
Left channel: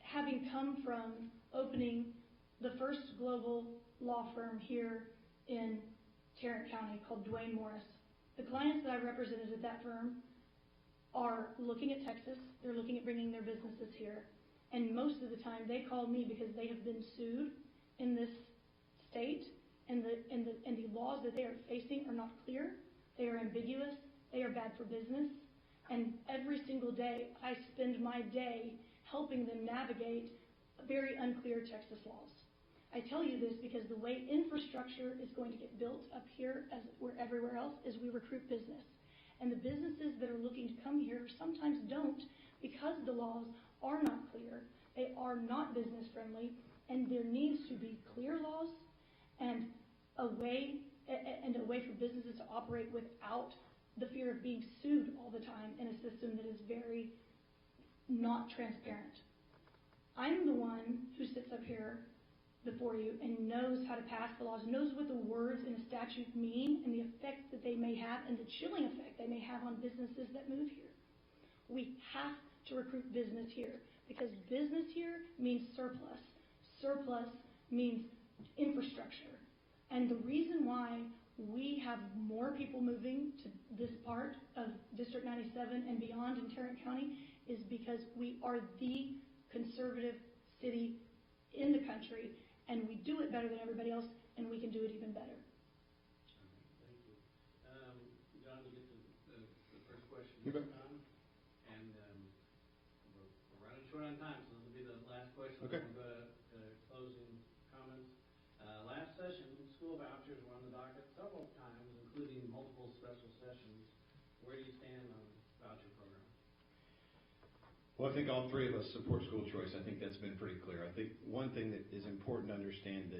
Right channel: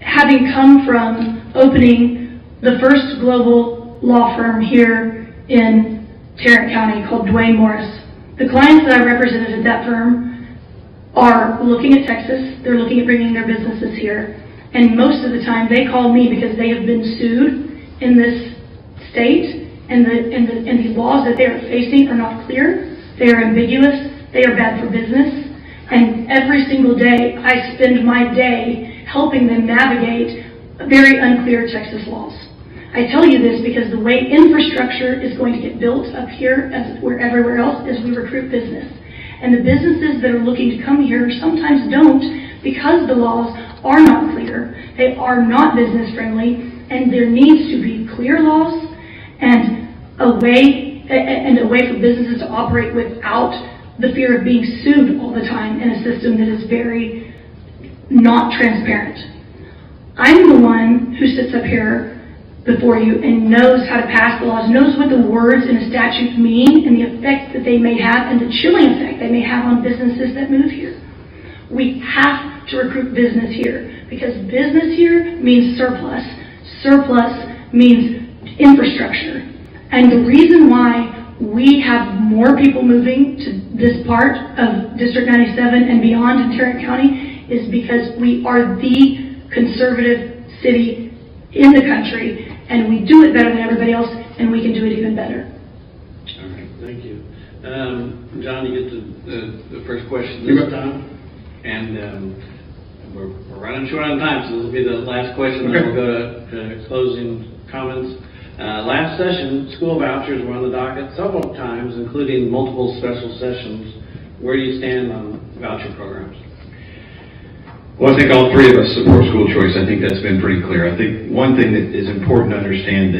having come from opening the first global law firm here in Tarrant County called Dwayne Morris. The clients that I represented at that firm are looking at Texas, they're looking at bringing their businesses here, and most of the time they call me because they have been sued in this state, and the laws that they are facing are not clear, they are ambiguous, they are bad for business, and every single day I spend my day helping them navigate very unclear Texas laws. I tell you this because the way infrastructure is going to get built up here as where everywhere else is we recruit business. And the businesses that are looking to come here sometimes don't because the laws are not clear. They are not business friendly, and there needs to be clear laws and a way for businesses to operate without the fear of being sued all the time in a system that is very not transparent. I'm the one who sits up here before you and knows how to pass the laws, knows what the words in a statute mean and the effect that they may have and the chilling effect they may have on businesses that move here. We have to recruit business here because business here means surplus. Surplus means infrastructure. And the reason why we have more people moving to this part of District 97 and beyond in Tarrant County is because we are the conservative city in the country, and we do it better than everybody else, and we can do it even better. All right, thank you. John, you get the first question this time. And we're running short on time, so this will be the last question, then we'll go to closing comments. Last session, school vouchers were on the docket several times, including multiple special sessions. Where do you stand on voucher programs? Well, I think all three of us support school choice. I think that's been pretty clear. I think one thing that is important to understand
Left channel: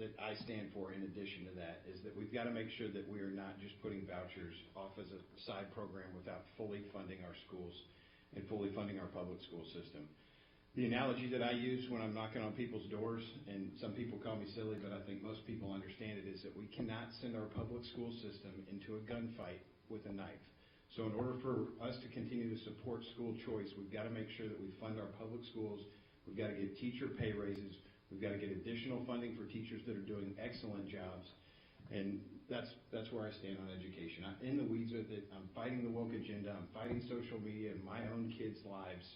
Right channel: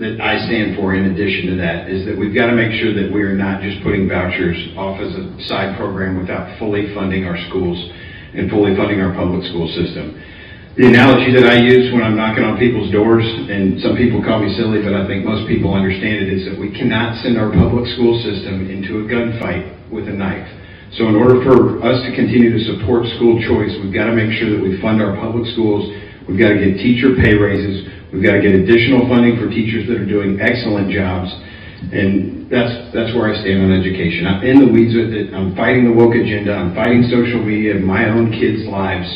that I stand for in addition to that is that we've got to make sure that we're not just putting vouchers off as a side program without fully funding our schools and fully funding our public school system. The analogy that I use when I'm knocking on people's doors, and some people call me silly, but I think most people understand it, is that we cannot send our public school system into a gunfight with a knife. So in order for us to continue to support school choice, we've got to make sure that we fund our public schools. We've got to get teacher pay raises. We've got to get additional funding for teachers that are doing excellent jobs. And that's where I stand on education. I'm in the weeds with it. I'm fighting the woke agenda. I'm fighting social media, my own kids' lives.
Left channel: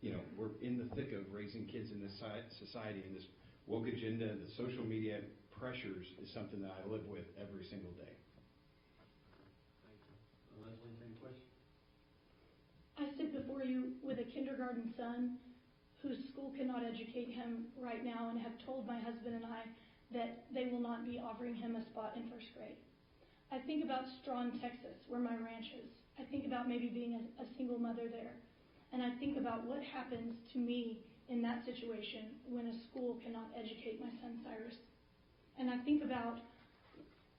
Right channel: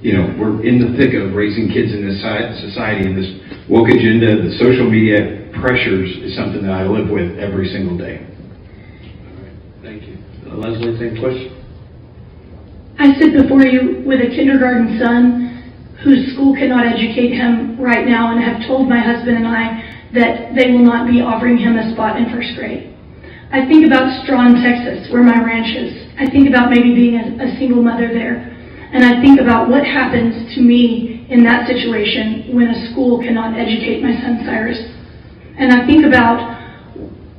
You know, we're in the thick of raising kids in this society, and this woke agenda, the social media pressures is something that I live with every single day. All right, thank you. Leslie, same question. I sit before you with a kindergarten son whose school cannot educate him right now, and have told my husband and I that they will not be offering him a spot in first grade. I think about Strawn, Texas, where my ranch is. I think about maybe being a single mother there. And I think about what happens to me in that situation when a school cannot educate my son Cyrus. And I think about,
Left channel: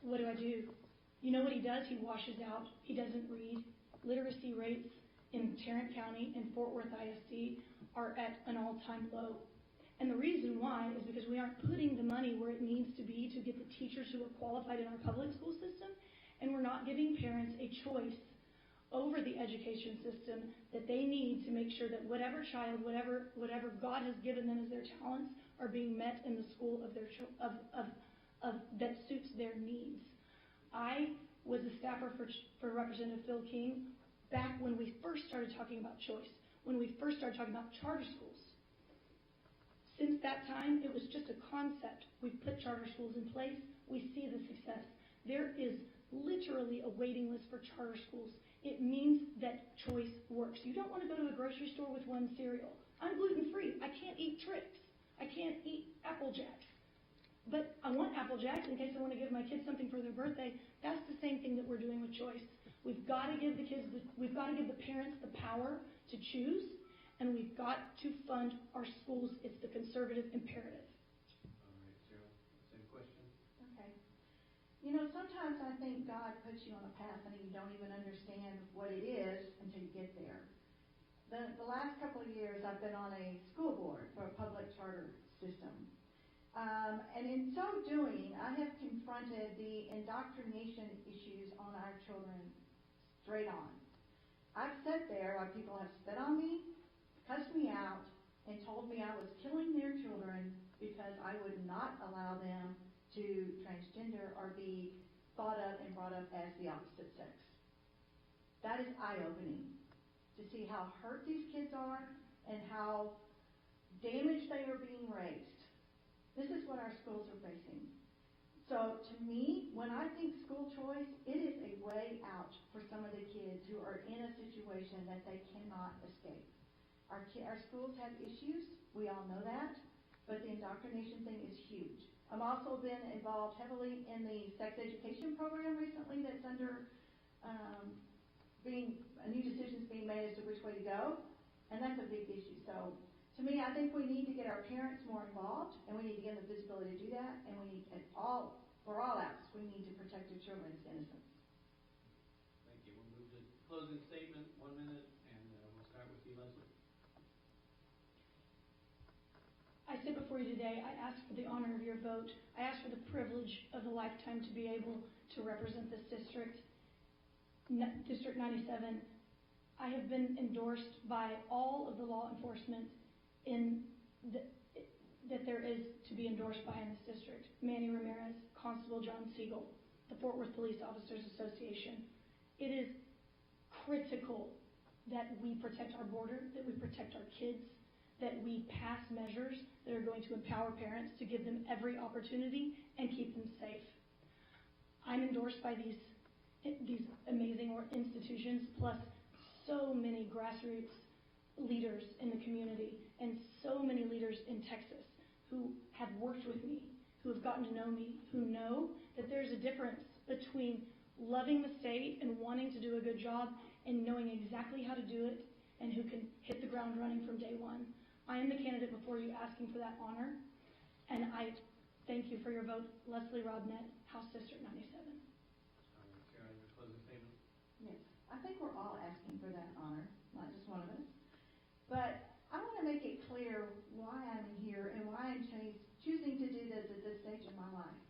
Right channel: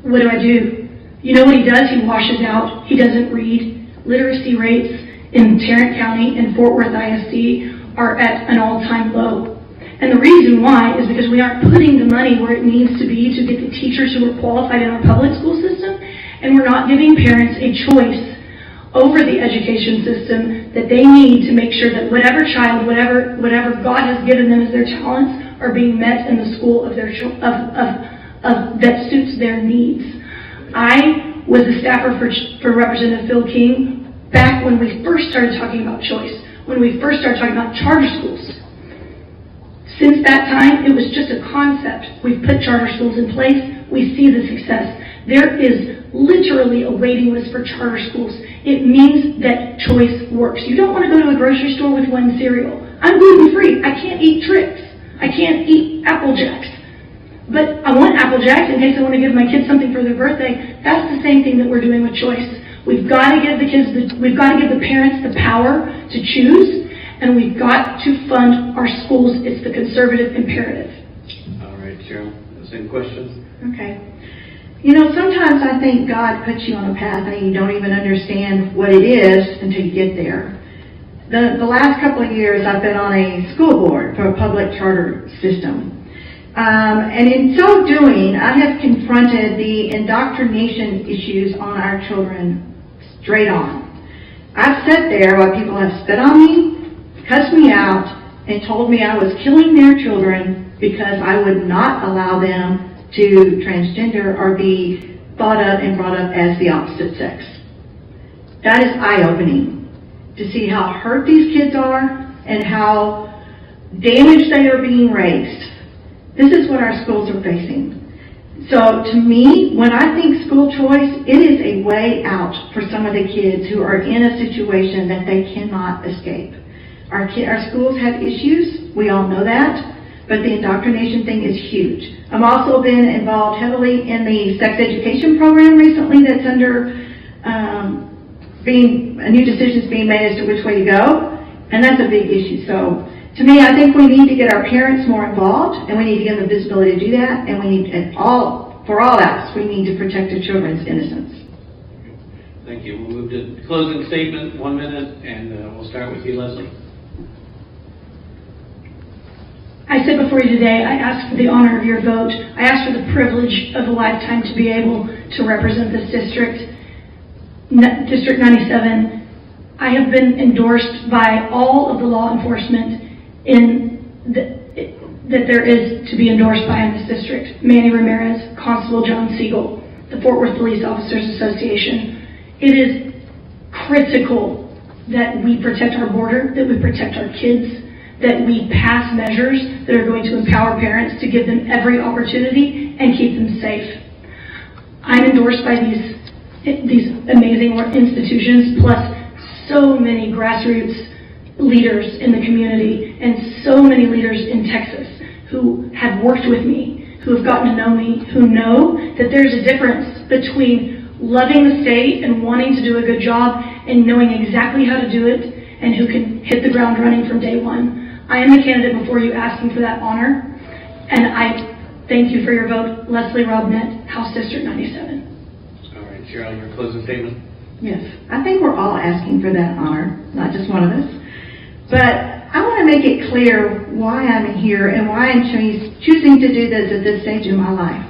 what do I do? You know what he does? He washes out. He doesn't read. Literacy rates in Tarrant County and Fort Worth ISD are at an all-time low. And the reason why is because we aren't putting the money where it needs to be to get the teachers who are qualified in our public school system, and we're not giving parents a choice over the education system that they need to make sure that whatever child, whatever God has given them as their talents, are being met in the school of their that suits their needs. I was a staffer for Representative Phil King back when we first started talking about choice, when we first started talking about charter schools. Since that time, it was just a concept. We've put charter schools in place. We see the success. There is literally a waiting list for charter schools. It means that choice works. You don't want to go to a grocery store with one cereal. I'm gluten-free. I can't eat Trix. I can't eat Apple Jacks. But I want Apple Jacks in case I want to give my kids something for their birthday. That's the same thing that we're doing with choice. We've got to give the kids, we've got to give the parents the power to choose, and we've got to fund our schools. It's the conservative imperative. All right, Cheryl, same question. Okay. You know, sometimes I think God puts you on a path and you don't even understand what it is until you get there. The last couple of years I've been on a school board for a public charter system. And in so doing, I have confronted the indoctrination issues on our children straight on. I've sat there while people have spit on me, cussed me out, and told me I was killing their children because I would not allow them to transgender or be thought of and brought up as the opposite sex. That is eye-opening to see how hurt these kids are and how damaged they are being raised. This is what our schools are facing. So to me, when I think school choice, it is a way out for some of the kids who are in a situation that they cannot escape. Our schools have issues. We all know that. but the indoctrination thing is huge. I've also been involved heavily in the sex education program recently that's under a new decisions being made as to which way to go, and that's a big issue. So to me, I think we need to get our parents more involved, and we need to give them the visibility to do that, and we need, for all else, we need to protect the children's innocence. Thank you. We'll move to closing statement, 1 minute, and we'll start with you, Leslie. I said before you today, I ask for the honor of your vote. I ask for the privilege of a lifetime to be able to represent this district, District 97. I have been endorsed by all of the law enforcement that there is to be endorsed by in this district. Manny Ramirez, Constable John Siegel, the Fort Worth Police Officers Association. It is critical that we protect our border, that we protect our kids, that we pass measures that are going to empower parents to give them every opportunity and keep them safe. I'm endorsed by these amazing institutions, plus so many grassroots leaders in the community and so many leaders in Texas who have worked with me, who have gotten to know me, who know that there's a difference between loving the state and wanting to do a good job and knowing exactly how to do it and who can hit the ground running from day one. I am the candidate before you asking for that honor, and I thank you for your vote. Leslie Robnett, House District 97. All right, Cheryl, your closing statement. Yes, I think we're all asking for that honor, not just one of us. But I want to make it clear why I'm here and why I'm choosing to do this at this stage in my life.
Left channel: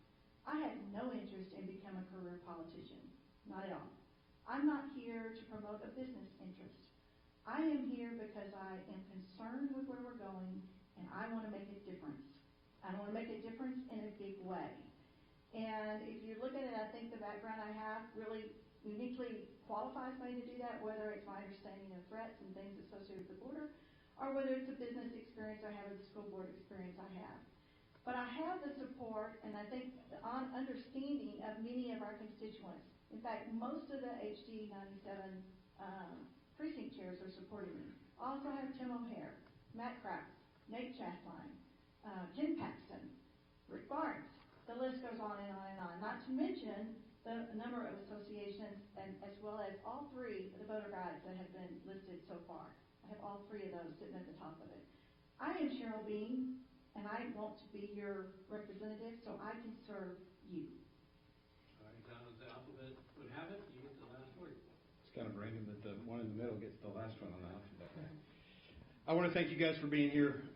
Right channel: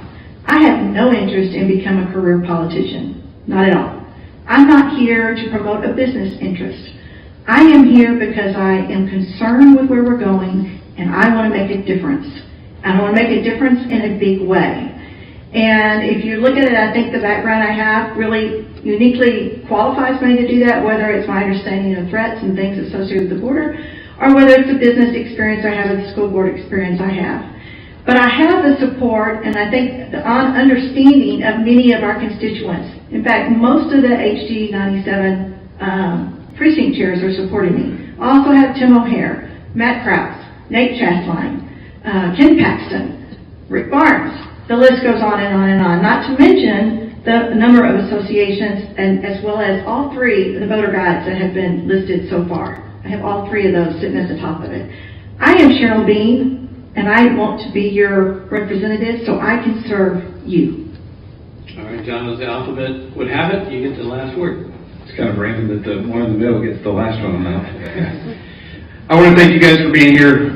I have no interest in becoming a career politician, not at all. I'm not here to promote a business interest. I am here because I am concerned with where we're going, and I want to make a difference. I want to make a difference in a big way. And if you look at it, I think the background I have really uniquely qualifies me to do that, whether it's my understanding of threats and things associated with the border, or whether it's the business experience I have or the school board experience I have. But I have the support, and I think the understanding of many of our constituents. In fact, most of the HD 97 precinct chairs are supporting me. I also have Tim O'Hare, Matt Krause, Nate Chasline, Ken Paxton, Rick Barnes. The list goes on and on and on. Not to mention the number of associations, and as well as all three of the voter guides that have been listed so far. I have all three of those sitting at the top of it. I am Cheryl Bean, and I want to be your representative so I can serve you. All right, John, as the alphabet would have it, you get the last word. It's kind of random that the one in the middle gets the last one now. I want to thank you guys for being here.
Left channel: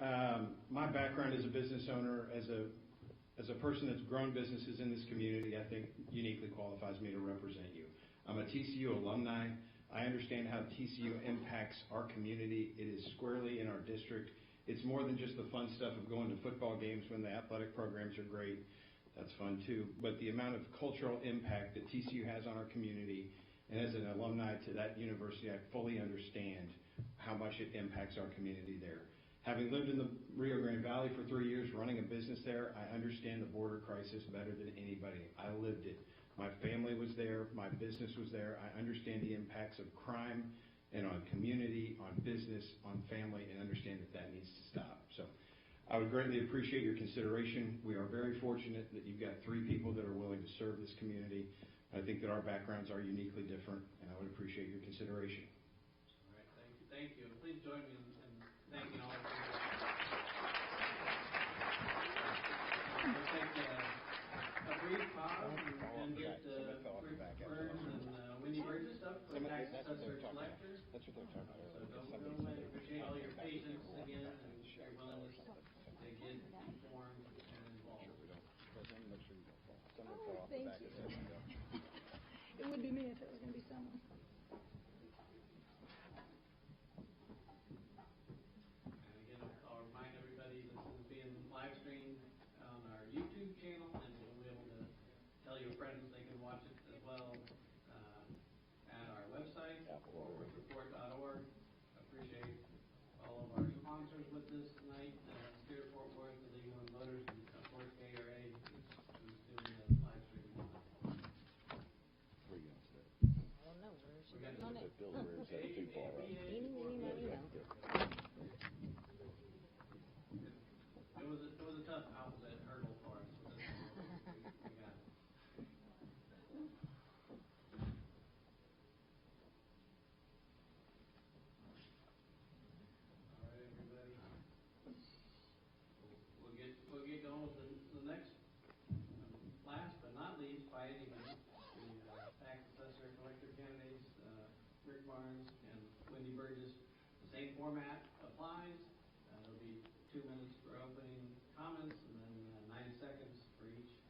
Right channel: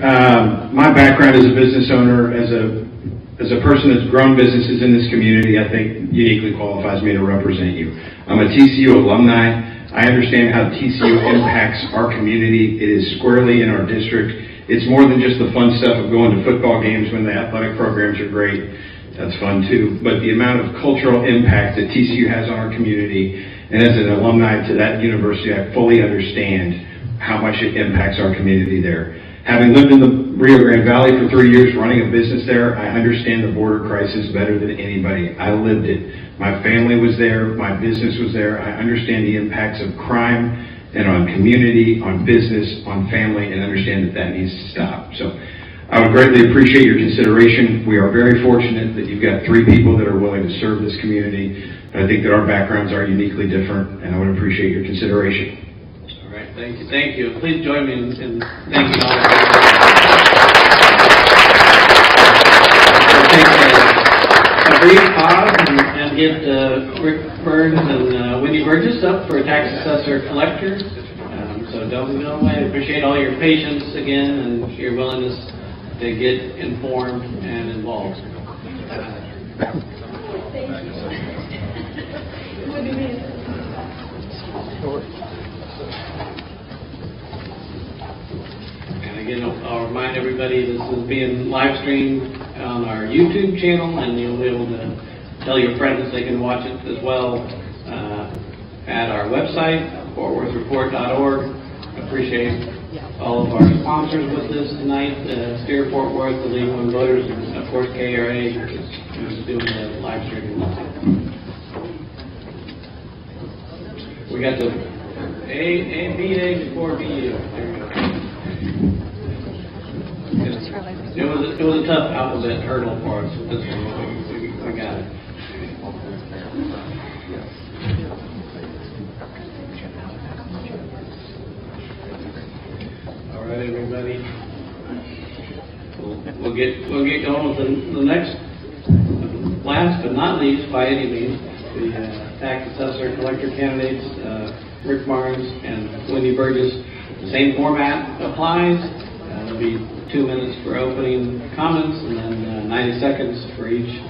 My background as a business owner, as a person that's grown businesses in this community, I think uniquely qualifies me to represent you. I'm a TCU alumni. I understand how TCU impacts our community. It is squarely in our district. It's more than just the fun stuff of going to football games when the athletic programs are great. That's fun too. But the amount of cultural impact that TCU has on our community, and as an alumni to that university, I fully understand how much it impacts our community there. Having lived in the Rio Grande Valley for 3 years running a business there, I understand the border crisis better than anybody. I lived it. My family was there. My business was there. I understand the impacts of crime and on community, on business, on family, and understand that that needs to stop. So I would greatly appreciate your consideration. We are very fortunate that you've got 3 people that are willing to serve this community. I think that our backgrounds are uniquely different, and I would appreciate your consideration. All right, thank you. Thank you. Please join me in thanking all of you. Take a brief pause and get Rick Burns and Wendy Burgess up for tax assessor collector. So don't go away. I appreciate all your patience again and your willingness to get informed and involved. And again, I'll remind everybody this is being live streamed on our YouTube channel, and you'll be able to tell your friends they can watch it as well at our website, fortworthreport.org. Appreciate all of our sponsors with us tonight, Steer Fort Worth, the League of Women Voters, and of course KERA, who's doing the live streaming. We got the A before BU. There we go. It was a tough alphabet hurdle for us, but this one, we got it. All right, everybody. We'll get going with the next, last but not least by any means, the tax assessor collector candidates, Rick Barnes and Wendy Burgess. The same format applies. There'll be 2 minutes for opening comments, and then 90 seconds for each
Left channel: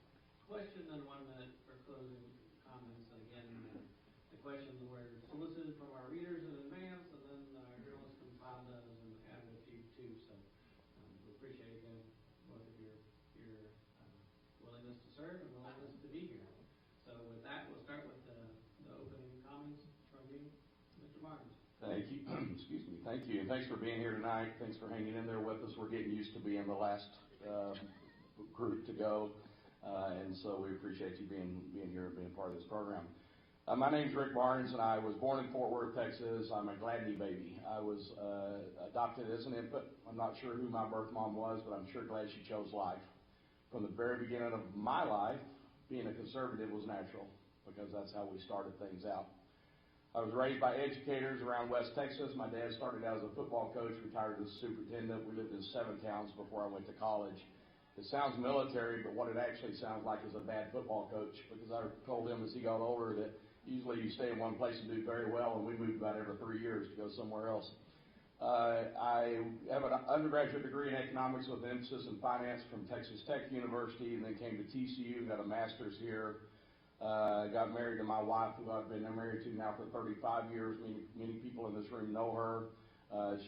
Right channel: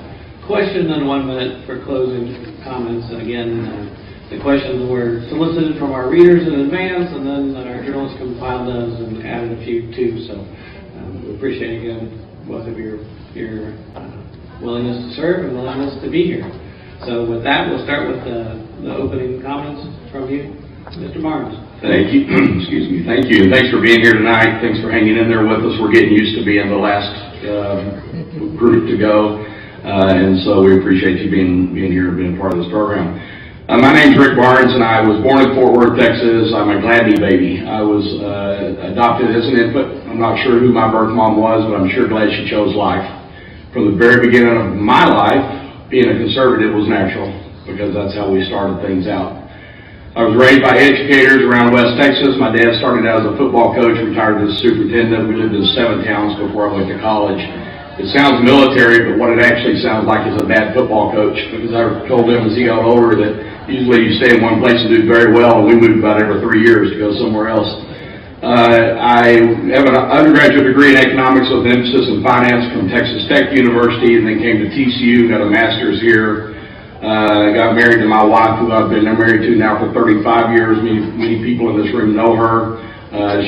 question, and 1 minute for closing comments. And again, the questions were solicited from our readers in advance, and then our journalists compiled those and added a few too. So we appreciate again both of your willingness to serve and willingness to be here. So with that, we'll start with the opening comments from you, Mr. Barnes. Thank you. Excuse me. Thank you. And thanks for being here tonight. Thanks for hanging in there with us. We're getting used to being the last group to go. And so we appreciate you being here and being part of this program. My name's Rick Barnes, and I was born in Fort Worth, Texas. I'm a Gladney baby. I was adopted as an infant. I'm not sure who my birth mom was, but I'm sure glad she chose life. From the very beginning of my life, being a conservative was natural, because that's how we started things out. I was raised by educators around West Texas. My dad started out as a football coach, retired as a superintendent. We lived in 7 towns before I went to college. It sounds military, but what it actually sounds like is a bad football coach, because I told him as he got older that usually you stay in one place and do very well, and we moved about every 3 years to go somewhere else. I have an undergraduate degree in economics with an emphasis in finance from Texas Tech University, and then came to TCU, got a master's here. I got married to my wife, who I've been married to now for 35 years. Many people in this room know her.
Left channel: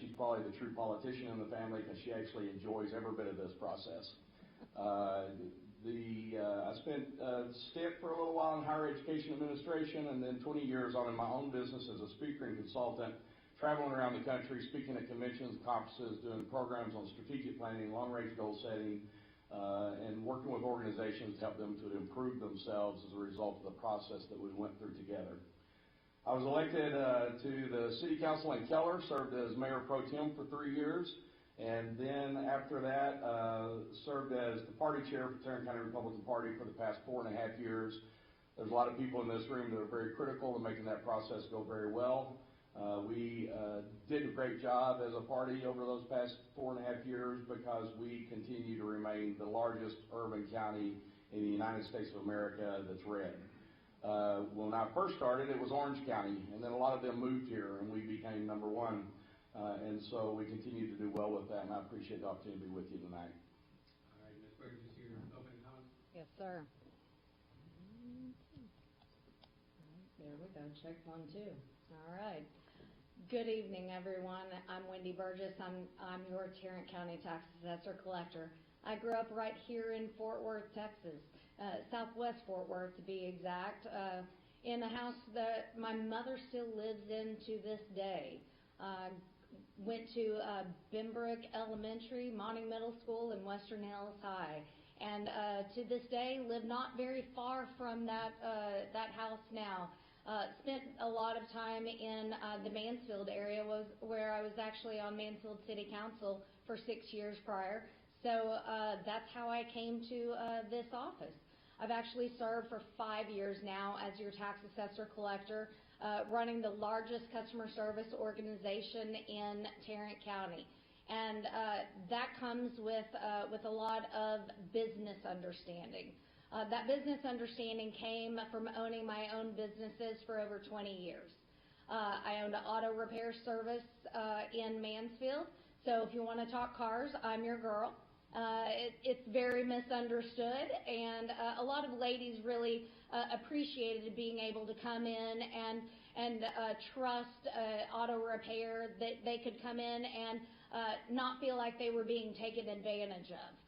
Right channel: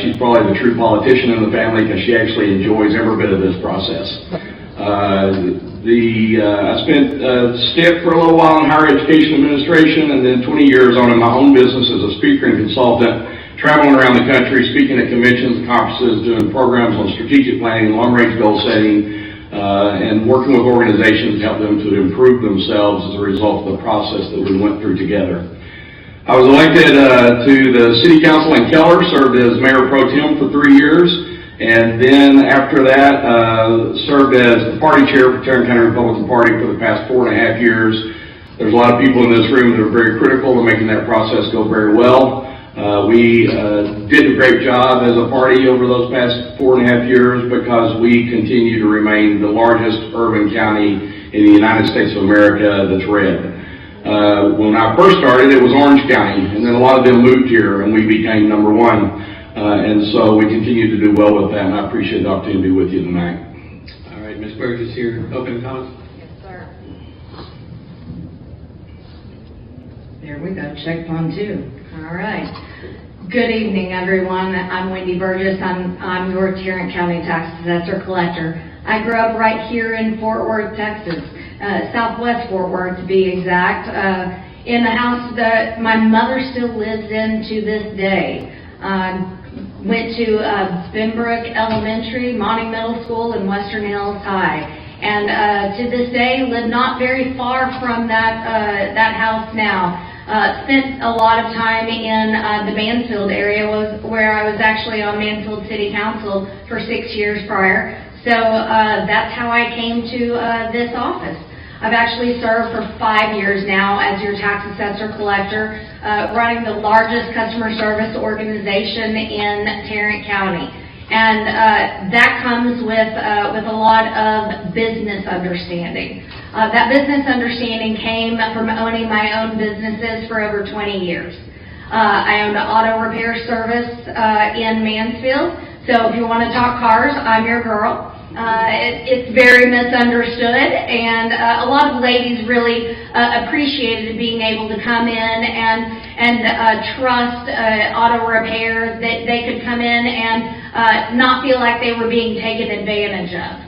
She's probably the true politician in the family, because she actually enjoys every bit of this process. I spent a stint for a little while in higher education administration, and then 20 years on in my own business as a speaker and consultant, traveling around the country, speaking at conventions and conferences, doing programs on strategic planning, long-range goal setting, and working with organizations to help them to improve themselves as a result of the process that we went through together. I was elected to the City Council in Keller, served as Mayor Pro Tem for 3 years, and then after that served as the party chair for Tarrant County Republican Party for the past 4.5 years. There's a lot of people in this room that are very critical of making that process go very well. We did a great job as a party over those past 4.5 years, because we continue to remain the largest urban county in the United States of America that's red. When I first started, it was Orange County, and then a lot of them moved here, and we became #1. And so we continue to do well with that, and I appreciate the opportunity to be with you tonight. All right, Ms. Burgess here, opening comments. Yes, sir. There we go, check 1, 2. All right. Good evening, everyone. I'm Wendy Burgess. I'm your Tarrant County Tax Assessor Collector. I grew up right here in Fort Worth, Texas, Southwest Fort Worth to be exact, in the house that my mother still lives in to this day. Went to Spinbrook Elementary, Monty Middle School, and Western Hills High. And to this day, live not very far from that house now. Spent a lot of time in the Mansfield area, where I was actually on Mansfield City Council for 6 years prior. So that's how I came to this office. I've actually served for 5 years now as your tax assessor collector, running the largest customer service organization in Tarrant County. And that comes with a lot of business understanding. That business understanding came from owning my own businesses for over 20 years. I owned an auto repair service in Mansfield, so if you want to talk cars, I'm your girl. It's very misunderstood, and a lot of ladies really appreciated being able to come in and trust auto repair, that they could come in and not feel like they were being taken advantage of.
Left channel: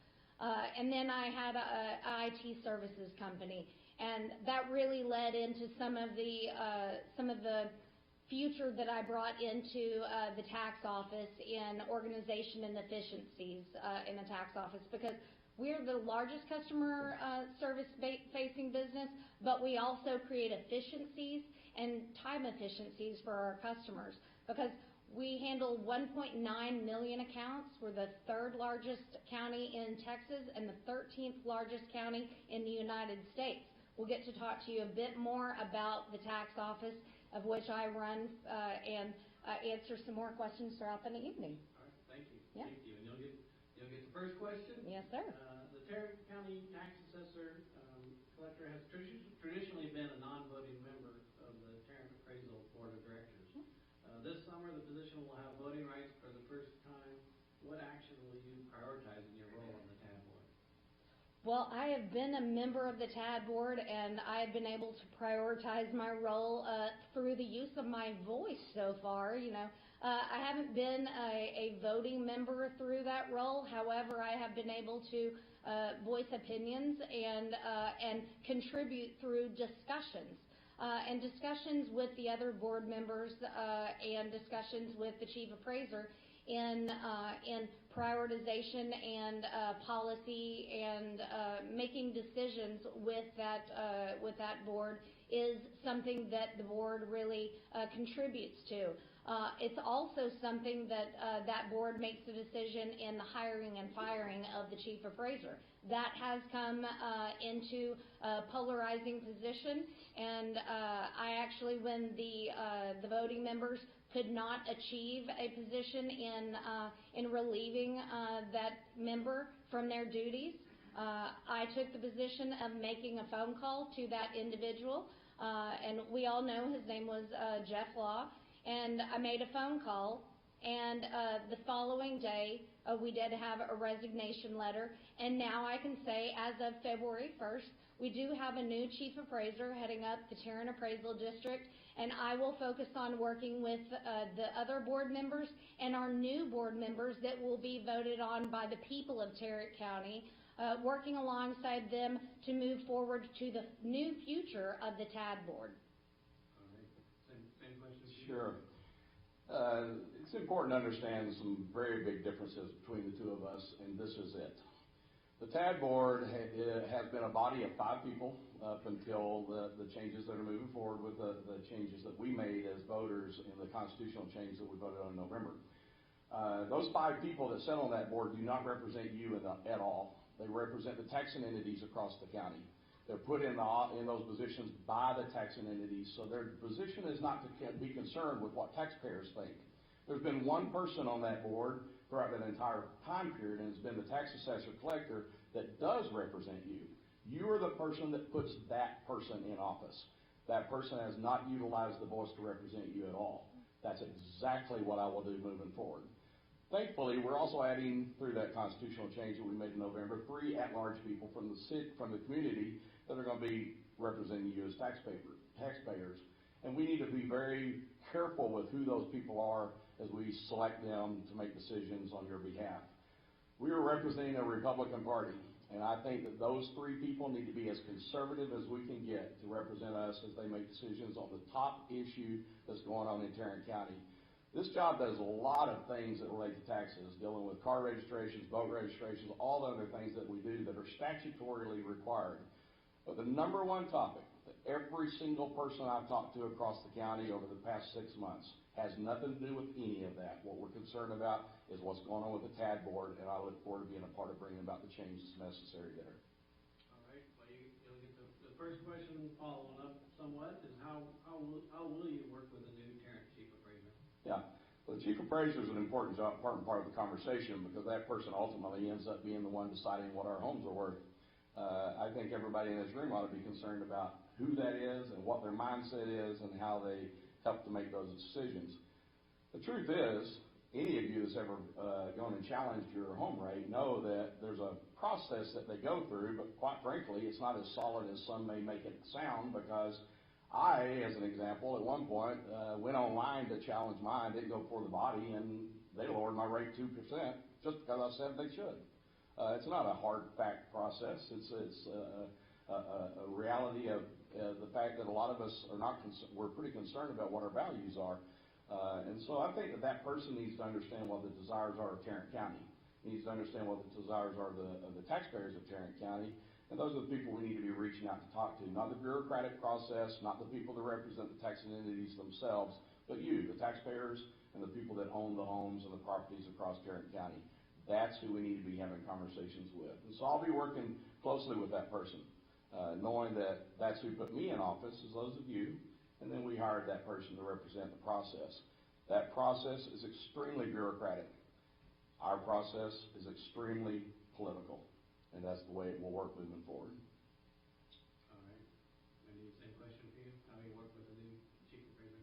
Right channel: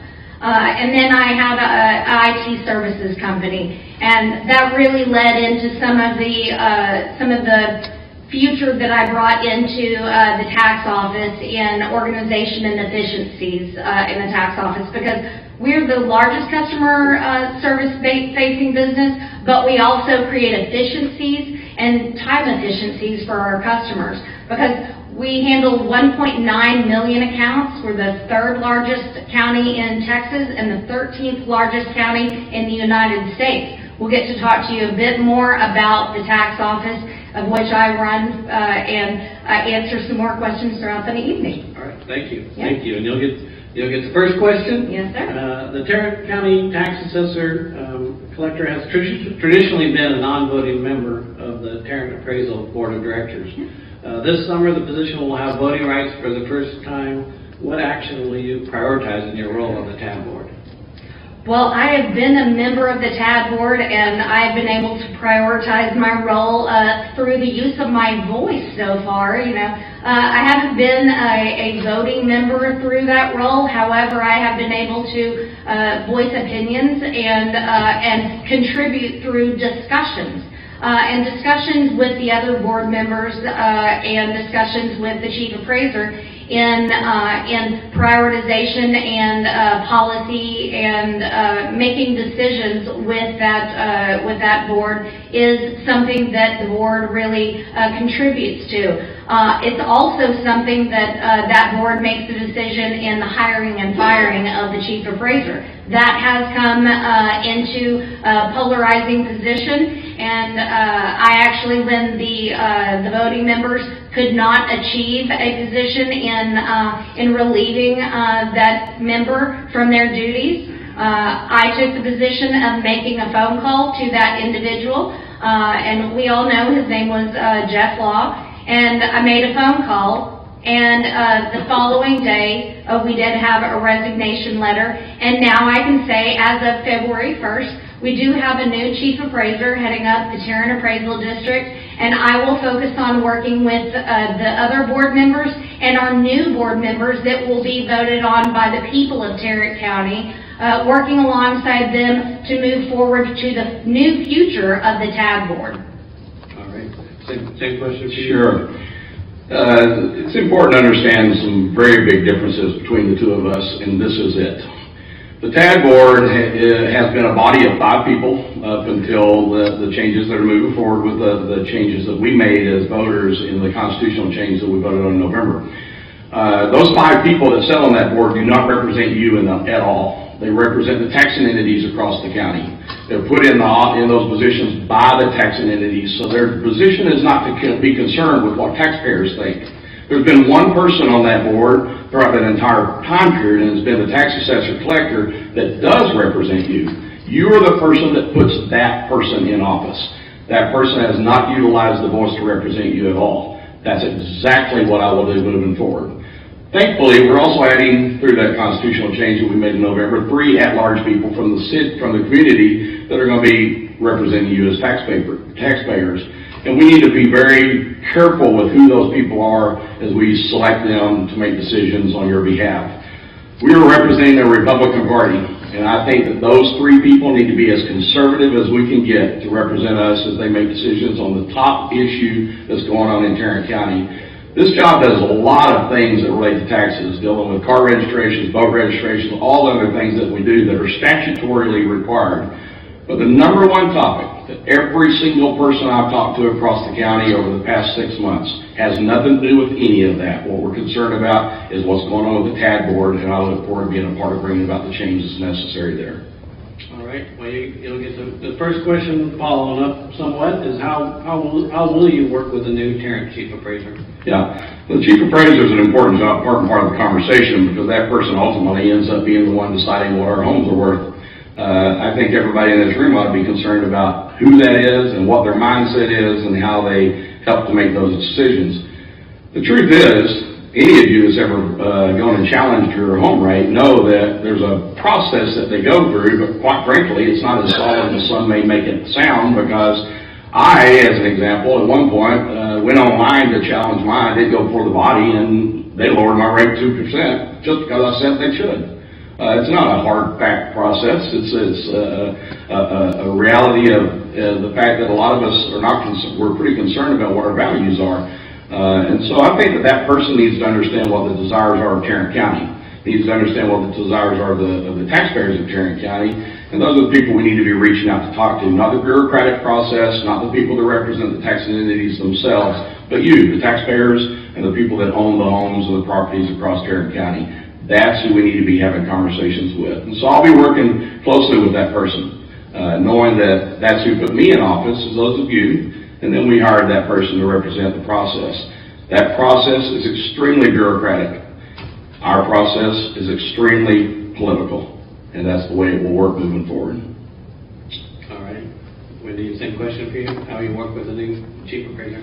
And then I had an IT services company, and that really led into some of the future that I brought into the tax office in organization and efficiencies in the tax office, because we're the largest customer service facing business, but we also create efficiencies and time efficiencies for our customers, because we handle 1.9 million accounts. We're the 3rd largest county in Texas and the 13th largest county in the United States. We'll get to talk to you a bit more about the tax office, of which I run, and answer some more questions throughout the evening. All right, thank you. Yeah. Thank you. And you'll get the first question. Yes, sir. The Tarrant County Tax Assessor Collector has traditionally been a non-voting member of the Tarrant Appraisal Board of Directors. This summer, the position will have voting rights for the first time. What action will you prioritize in your role on the TAB board? Well, I have been a member of the TAB board, and I've been able to prioritize my role through the use of my voice so far. I haven't been a voting member through that role. However, I have been able to voice opinions and contribute through discussions. And discussions with the other board members and discussions with the chief appraiser in prioritization and policy and making decisions with that board is something that the board really contributes to. It's also something that that board makes the decision in the hiring and firing of the chief appraiser. That has come into a polarizing position, and I actually, when the voting members could not achieve a position in relieving that member from their duties, I took the position of making a phone call to that individual, and we all know his name was Jeff Law, and I made a phone call. And the following day, we did have a resignation letter, and now I can say, as of February 1st, we do have a new chief appraiser heading up the Tarrant Appraisal District, and I will focus on working with the other board members and our new board members that will be voted on by the people of Tarrant County, working alongside them to move forward to the new future of the TAB board. All right. Same question for you. Sure. It's important to understand some very big differences between the two of us, and this is it. The TAB board has been a body of 5 people up until the changes that are moving forward with the changes that we made as voters in the constitutional change that we voted on in November. Those 5 people that sit on that board do not represent you at all. They represent the taxing entities across the county. They're put in those positions by the taxing entities, so their position is not to be concerned with what taxpayers think. There's been one person on that board throughout that entire time period, and it's been the tax assessor collector that does represent you. You are the person that puts that person in office. That person has not utilized the voice to represent you at all. That's exactly what I will do moving forward. Thankfully, we're also adding, through that constitutional change that we made in November, 3 at-large people from the community that are going to be representing you as taxpayers. And we need to be very careful with who those people are as we select them to make decisions on your behalf. We are representing the Republican Party, and I think that those 3 people need to be as conservative as we can get to represent us as they make decisions on the top issue that's going on in Tarrant County. This job does a lot of things that relate to taxes, dealing with car registrations, boat registrations, all other things that we do that are statutorily required. But the number one topic that every single person I've talked to across the county over the past 6 months has nothing to do with any of that. What we're concerned about is what's going on with the TAB board, and I look forward to being a part of bringing about the changes necessary there. All right. Well, you'll get the first question following up somewhat is how will you work with the new Tarrant chief appraiser? Yeah, the chief appraiser is an important part of the conversation because that person ultimately ends up being the one deciding what our homes are worth. I think everybody in this room ought to be concerned about who that is and what their mindset is and how they help to make those decisions. The truth is, any of you that's ever gone and challenged your home rate know that there's a process that they go through, but quite frankly, it's not as solid as some may make it sound, because I, as an example, at one point went online to challenge mine. I did go before the body, and they lowered my rate 2% just because I said they should. It's not a hard fact process. It's a reality of the fact that a lot of us are not. We're pretty concerned about what our values are. And so I think that person needs to understand what the desires are of Tarrant County. needs to understand what the desires are of the taxpayers of Tarrant County, and those are the people we need to be reaching out to talk to, not the bureaucratic process, not the people that represent the taxing entities themselves, but you, the taxpayers, and the people that own the homes and the properties across Tarrant County. That's who we need to be having conversations with. And so I'll be working closely with that person, knowing that that's who put me in office, is those of you, and then we hired that person to represent the process. That process is extremely bureaucratic. Our process is extremely political, and that's the way it will work moving forward. All right. Wendy, same question for you. How you work with the new chief appraiser?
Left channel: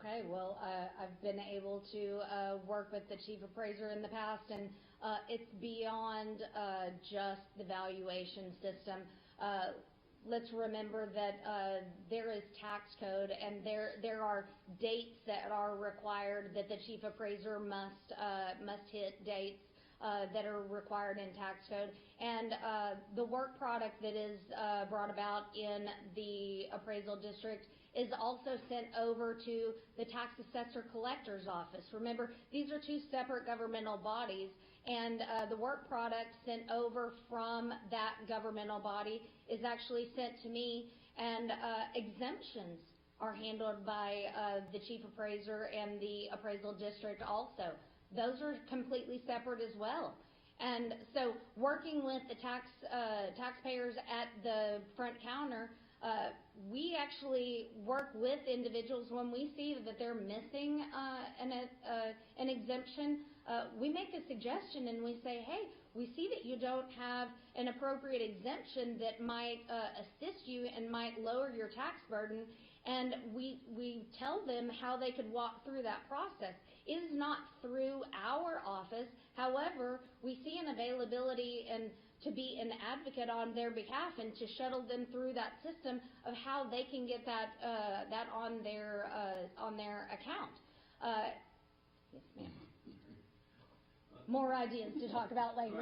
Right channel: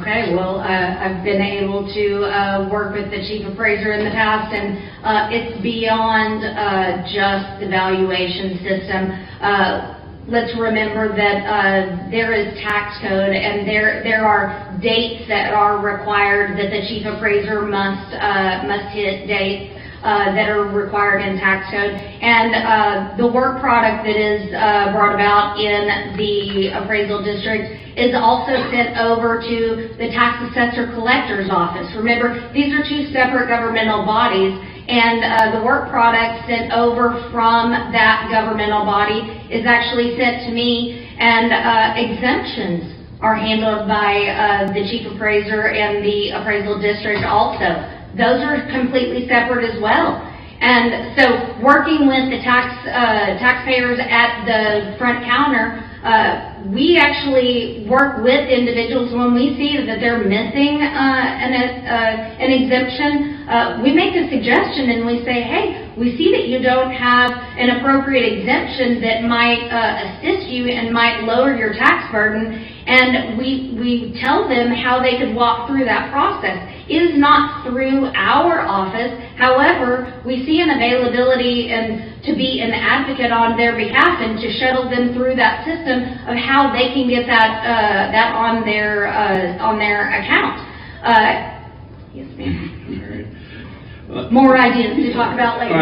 Okay, well, I've been able to work with the chief appraiser in the past, and it's beyond just the valuation system. Let's remember that there is tax code, and there are dates that are required that the chief appraiser must hit dates that are required in tax code, and the work product that is brought about in the appraisal district is also sent over to the tax assessor collector's office. Remember, these are two separate governmental bodies, and the work product sent over from that governmental body is actually sent to me, and exemptions are handled by the chief appraiser and the appraisal district also. Those are completely separate as well. And so working with the taxpayers at the front counter, we actually work with individuals when we see that they're missing an exemption. We make a suggestion and we say, hey, we see that you don't have an appropriate exemption that might assist you and might lower your tax burden, and we tell them how they could walk through that process. It is not through our office. However, we see an availability and to be an advocate on their behalf and to shuttle them through that system of how they can get that on their account. Yes, ma'am. All right. More ideas to talk about later.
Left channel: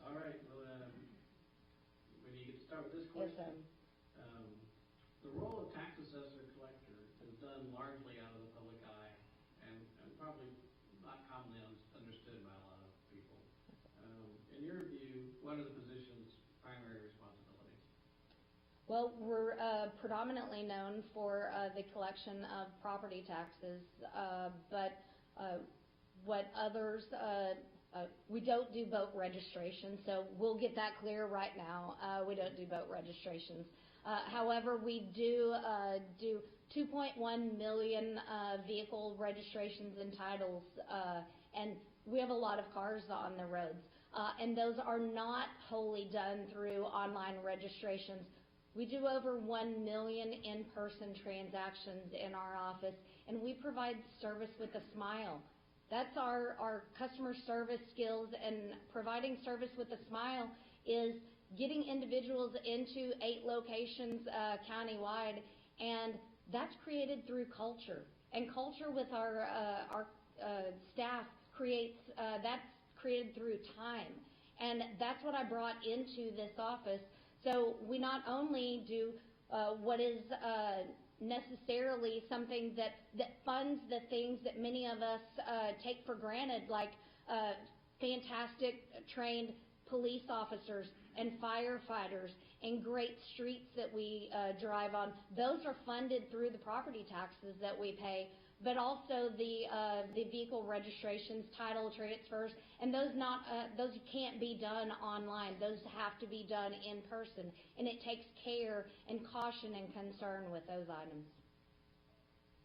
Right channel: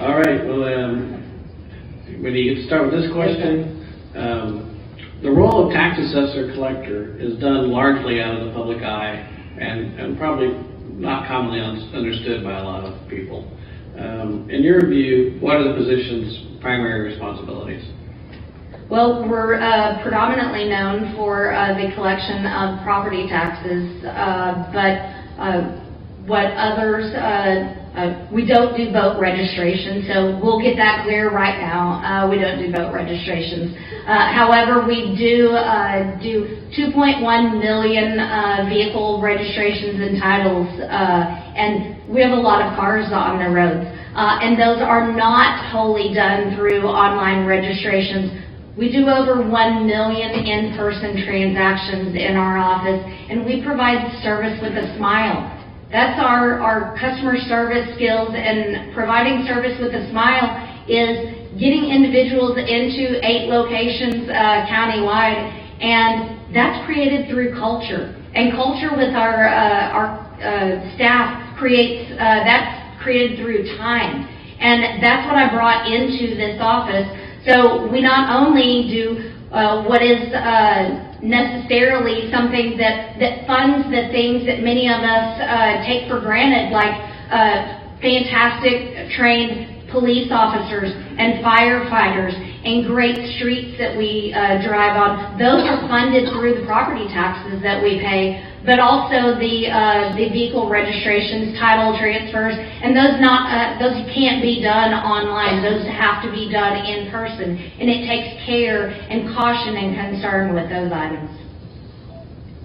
All right. Well, when you start with this question, the role of tax assessor collector is done largely out of the public eye and probably not commonly understood by a lot of people. In your view, what are the position's primary responsibilities? Well, we're predominantly known for the collection of property taxes, but what others, we don't do boat registration, so we'll get that clear right now. We don't do boat registrations. However, we do 2.1 million vehicle registrations and titles, and we have a lot of cars on the roads. And those are not wholly done through online registrations. We do over 1 million in-person transactions in our office, and we provide service with a smile. That's our customer service skills, and providing service with a smile is getting individuals into 8 locations countywide, and that's created through culture. And culture with our staff creates, that's created through time. And that's what I brought into this office. So we not only do what is necessarily something that funds the things that many of us take for granted, like fantastic trained police officers and firefighters and great streets that we drive on. Those are funded through the property taxes that we pay, but also the vehicle registrations, title transfers, and those can't be done online. Those have to be done in person, and it takes care and caution and concern with those items.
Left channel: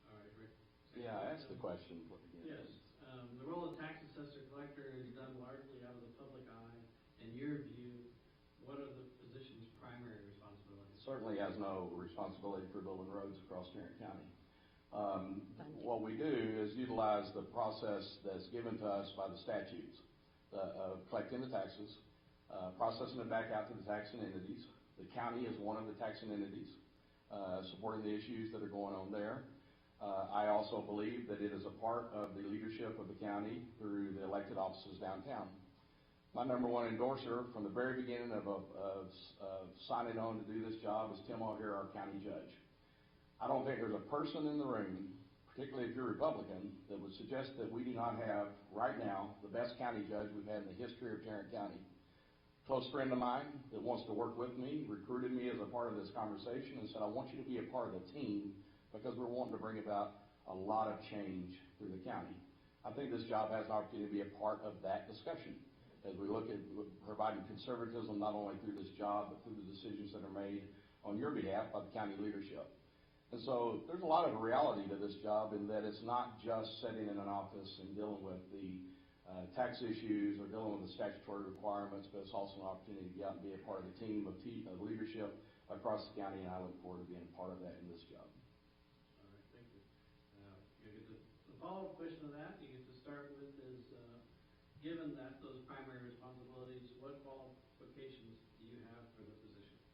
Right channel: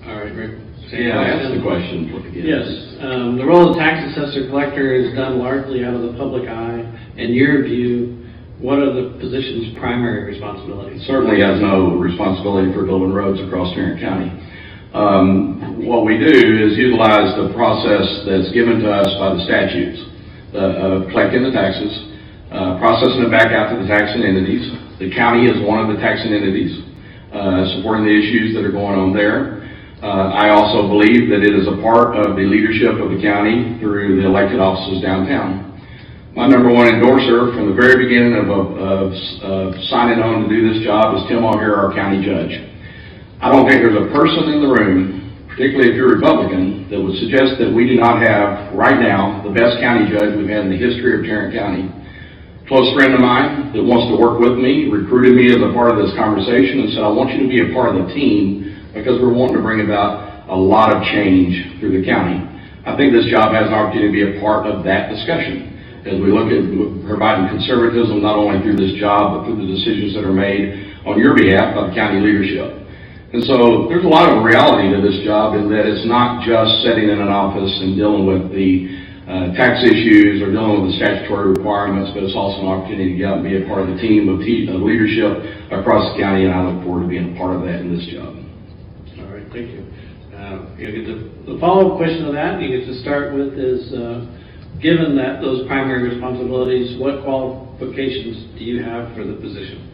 All right, Rick. Yeah, I asked the question. Yes. The role of tax assessor collector is done largely out of the public eye. In your view, what are the position's primary responsibilities? Certainly has no responsibility for building roads across Tarrant County. What we do is utilize the process that's given to us by the statutes of collecting the taxes, processing it back out to the taxing entities. The county is one of the taxing entities, supporting the issues that are going on there. I also believe that it is a part of the leadership of the county through the elected offices downtown. My number one endorser from the very beginning of signing on to do this job is Tim O'Hare, our county judge. I don't think there's a person in the room particularly if you're Republican, that would suggest that we do not have, right now, the best county judge we've had in the history of Tarrant County. A close friend of mine that wants to work with me recruited me as a part of this conversation and said, I want you to be a part of the team because we're wanting to bring about a lot of change through the county. I think this job has an opportunity to be a part of that discussion as we look at providing conservatism not only through this job but through the decisions that are made on your behalf by the county leadership. And so there's a lot of reality to this job in that it's not just sitting in an office and dealing with the tax issues or dealing with the statutory requirements, but it's also an opportunity to get out and be a part of the team of leadership across the county, and I look forward to being a part of that in this job. All right, thank you. You get the follow-up question to that you get to start with is, given that those primary responsibilities, what qualifications do you have for the position?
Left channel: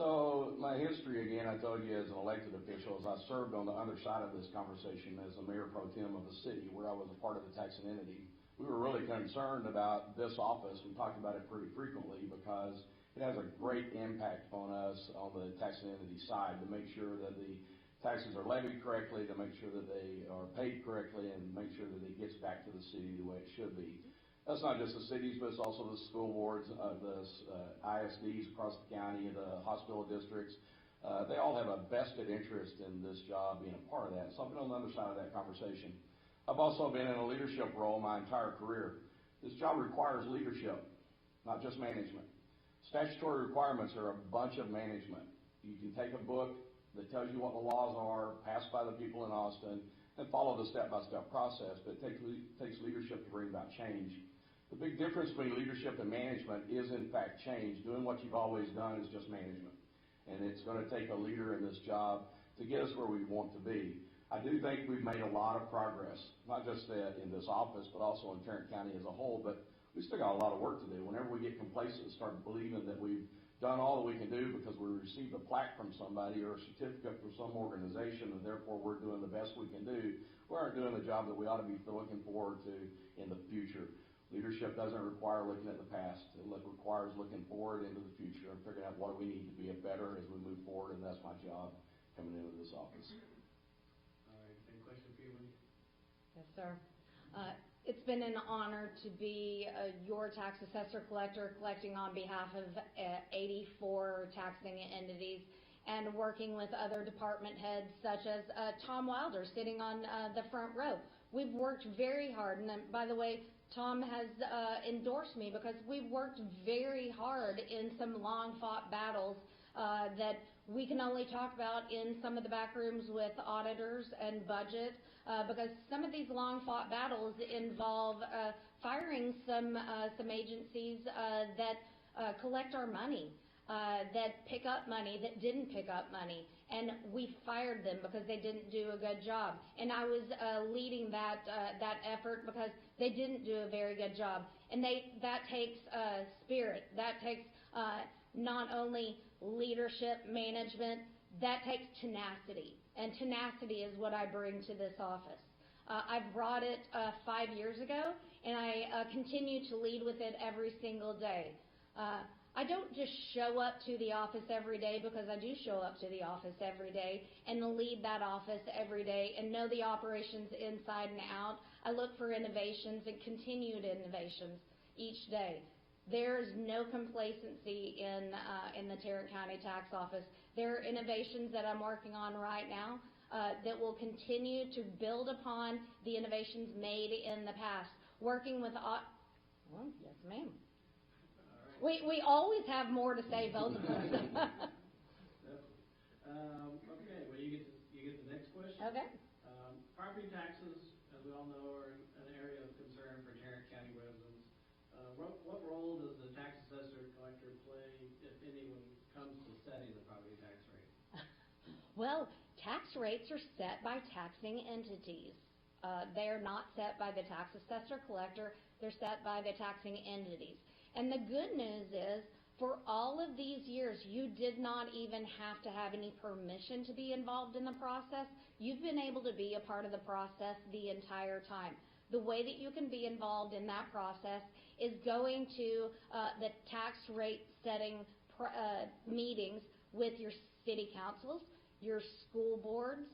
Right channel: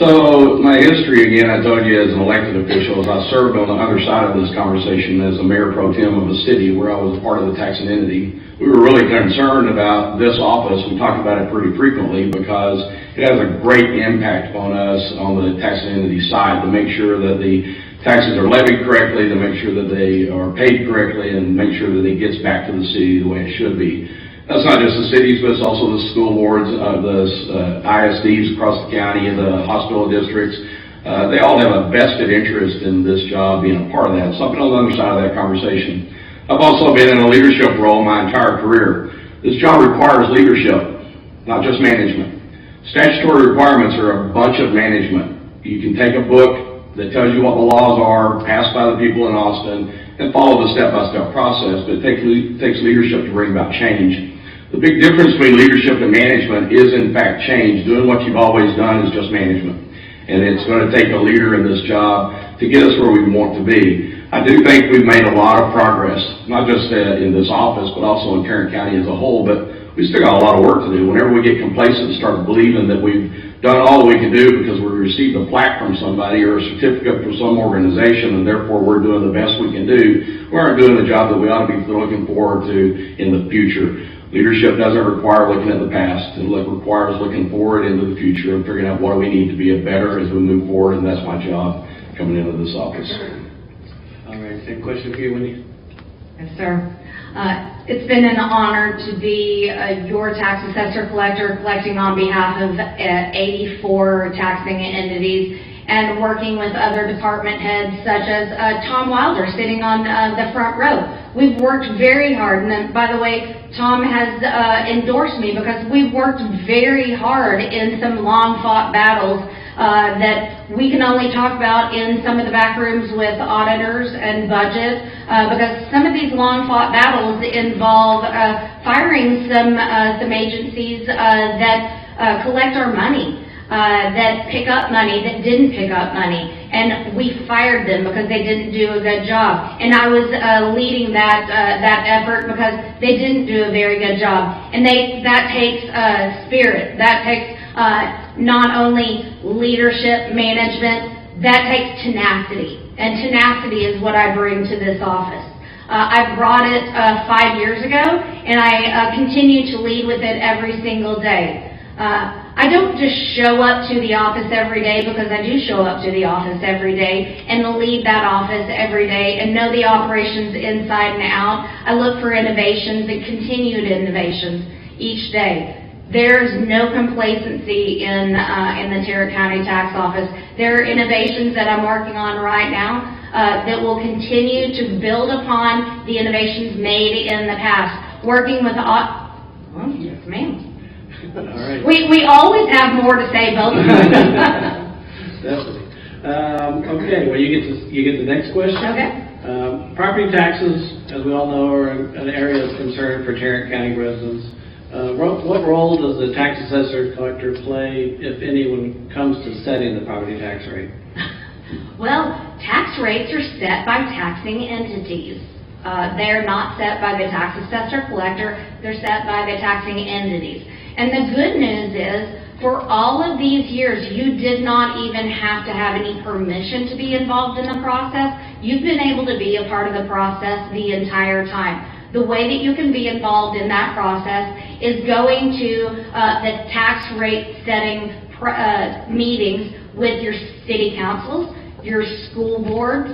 So my history, again, I told you as an elected official, is I served on the other side of this conversation as a mayor pro tem of a city where I was part of the taxing entity. We were really concerned about this office. We talk about it pretty frequently because it has a great impact on us on the taxing entity side to make sure that the taxes are levied correctly, to make sure that they are paid correctly, and make sure that it gets back to the city the way it should be. That's not just the cities, but it's also the school boards, the ISDs across the county, and the hospital districts. They all have a vested interest in this job being a part of that. So I've been on the other side of that conversation. I've also been in a leadership role my entire career. This job requires leadership, not just management. Statutory requirements are a bunch of management. You can take a book that tells you what the laws are, passed by the people in Austin, and follow the step-by-step process, but it takes leadership to bring about change. The big difference between leadership and management is, in fact, change. Doing what you've always done is just management. And it's going to take a leader in this job to get us where we want to be. I do think we've made a lot of progress, not just in this office, but also in Tarrant County as a whole, but we still got a lot of work to do. Whenever we get complacent and start believing that we've done all we can do because we received a plaque from somebody or a certificate from some organization and therefore we're doing the best we can do, we aren't doing the job that we ought to be looking forward to in the future. Leadership doesn't require looking at the past. It requires looking forward into the future and figuring out what do we need to be better as we move forward, and that's my job coming into this office. All right, same question for you, Wendy. Yes, sir. It's been an honor to be your tax assessor collector, collecting on behalf of 84 taxing entities and working with other department heads such as Tom Wilder sitting on the front row. We've worked very hard, and by the way, Tom has endorsed me because we've worked very hard in some long-fought battles that we can only talk about in some of the back rooms with auditors and budget, because some of these long-fought battles involve firing some agencies that collect our money. That pick up money, that didn't pick up money, and we fired them because they didn't do a good job. And I was leading that effort because they didn't do a very good job. And that takes spirit. That takes not only leadership, management. That takes tenacity, and tenacity is what I bring to this office. I brought it 5 years ago, and I continue to lead with it every single day. I don't just show up to the office every day because I do show up to the office every day and lead that office every day and know the operations inside and out. I look for innovations and continued innovations each day. There's no complacency in the Tarrant County Tax Office. There are innovations that I'm working on right now that will continue to build upon the innovations made in the past. Working with yes, ma'am. All right. We always have more to say, both of us. Definitely. Okay, well, you get the next question. Okay. Property taxes, as we all know, are an area of concern for Tarrant County residents. What role does the tax assessor collector play, if any, when it comes to setting the property tax rate? Well, tax rates are set by taxing entities. They're not set by the tax assessor collector. They're set by the taxing entities. And the good news is, for all of these years, you did not even have to have any permission to be involved in the process. You've been able to be a part of the process the entire time. The way that you can be involved in that process is going to the tax rate setting meetings with your city councils, your school boards.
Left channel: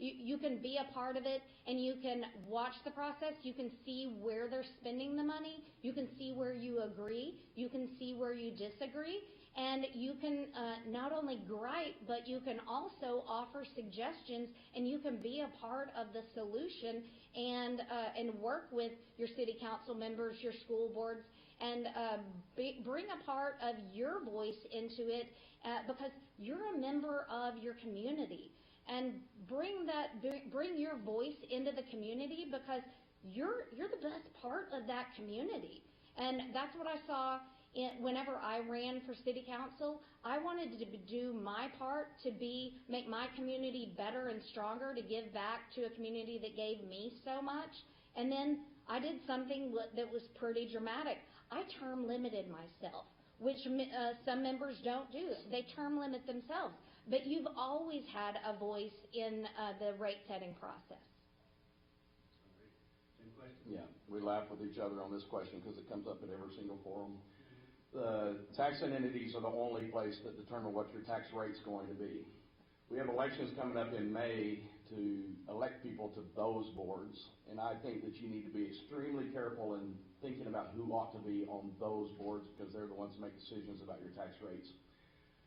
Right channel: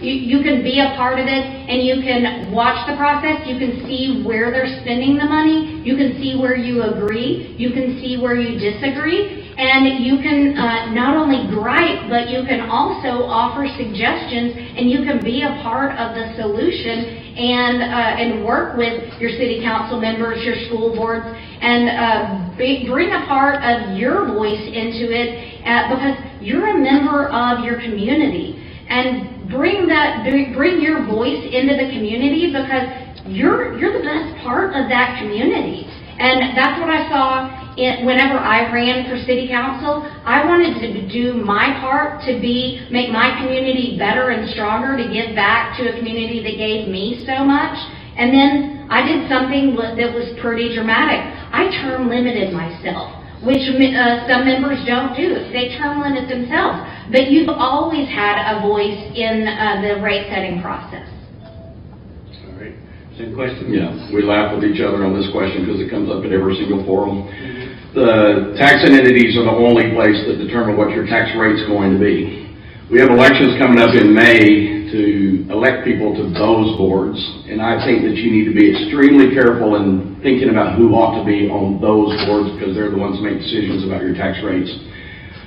You can be a part of it, and you can watch the process. You can see where they're spending the money. You can see where you agree. You can see where you disagree. And you can not only gripe, but you can also offer suggestions, and you can be a part of the solution and work with your city council members, your school boards, and bring a part of your voice into it because you're a member of your community. And bring your voice into the community because you're the best part of that community. And that's what I saw whenever I ran for city council. I wanted to do my part to make my community better and stronger, to give back to a community that gave me so much. And then I did something that was pretty dramatic. I term limited myself, which some members don't do. They term limit themselves. But you've always had a voice in the rate setting process. All right. Same question? Yeah, we laugh with each other on this question because it comes up at every single forum. The taxing entities are the only place that determine what your tax rate's going to be. We have elections coming up in May to elect people to those boards, and I think that you need to be extremely careful in thinking about who ought to be on those boards because they're the ones that make decisions about your tax rates.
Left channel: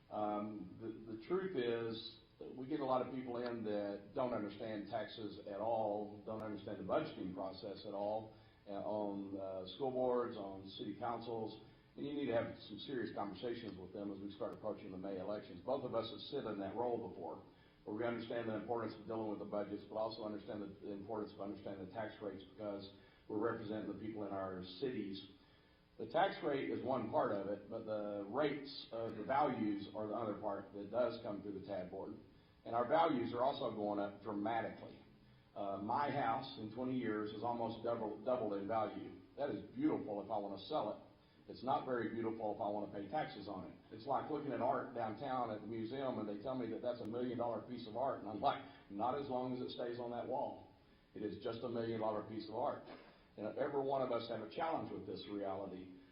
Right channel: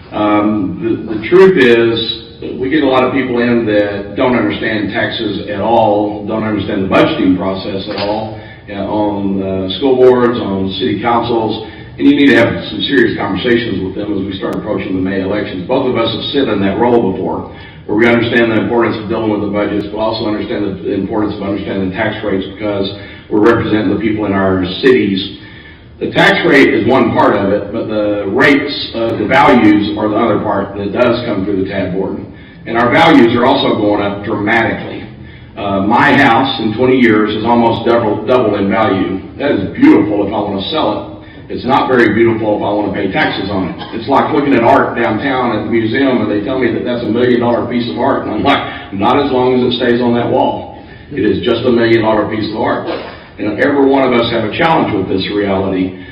The truth is, we get a lot of people in that don't understand taxes at all, don't understand the budgeting process at all, on school boards, on city councils, and you need to have some serious conversations with them as we start approaching the May elections. Both of us have sit in that role before, where we understand the importance of dealing with the budgets, but also understand the importance of understanding the tax rates because we're representing the people in our cities. The tax rate is one part of it, but the rates, the values are the other part that does come through the TAD board. And our values are also going up dramatically. My house in 20 years is almost doubled in value. That is beautiful if I want to sell it. It's not very beautiful if I want to pay taxes on it. It's like looking at art downtown at the museum and they tell me that that's $1 million piece of art. And I'm like, not as long as it stays on that wall. It is just $1 million piece of art. And every one of us have a challenge with this reality.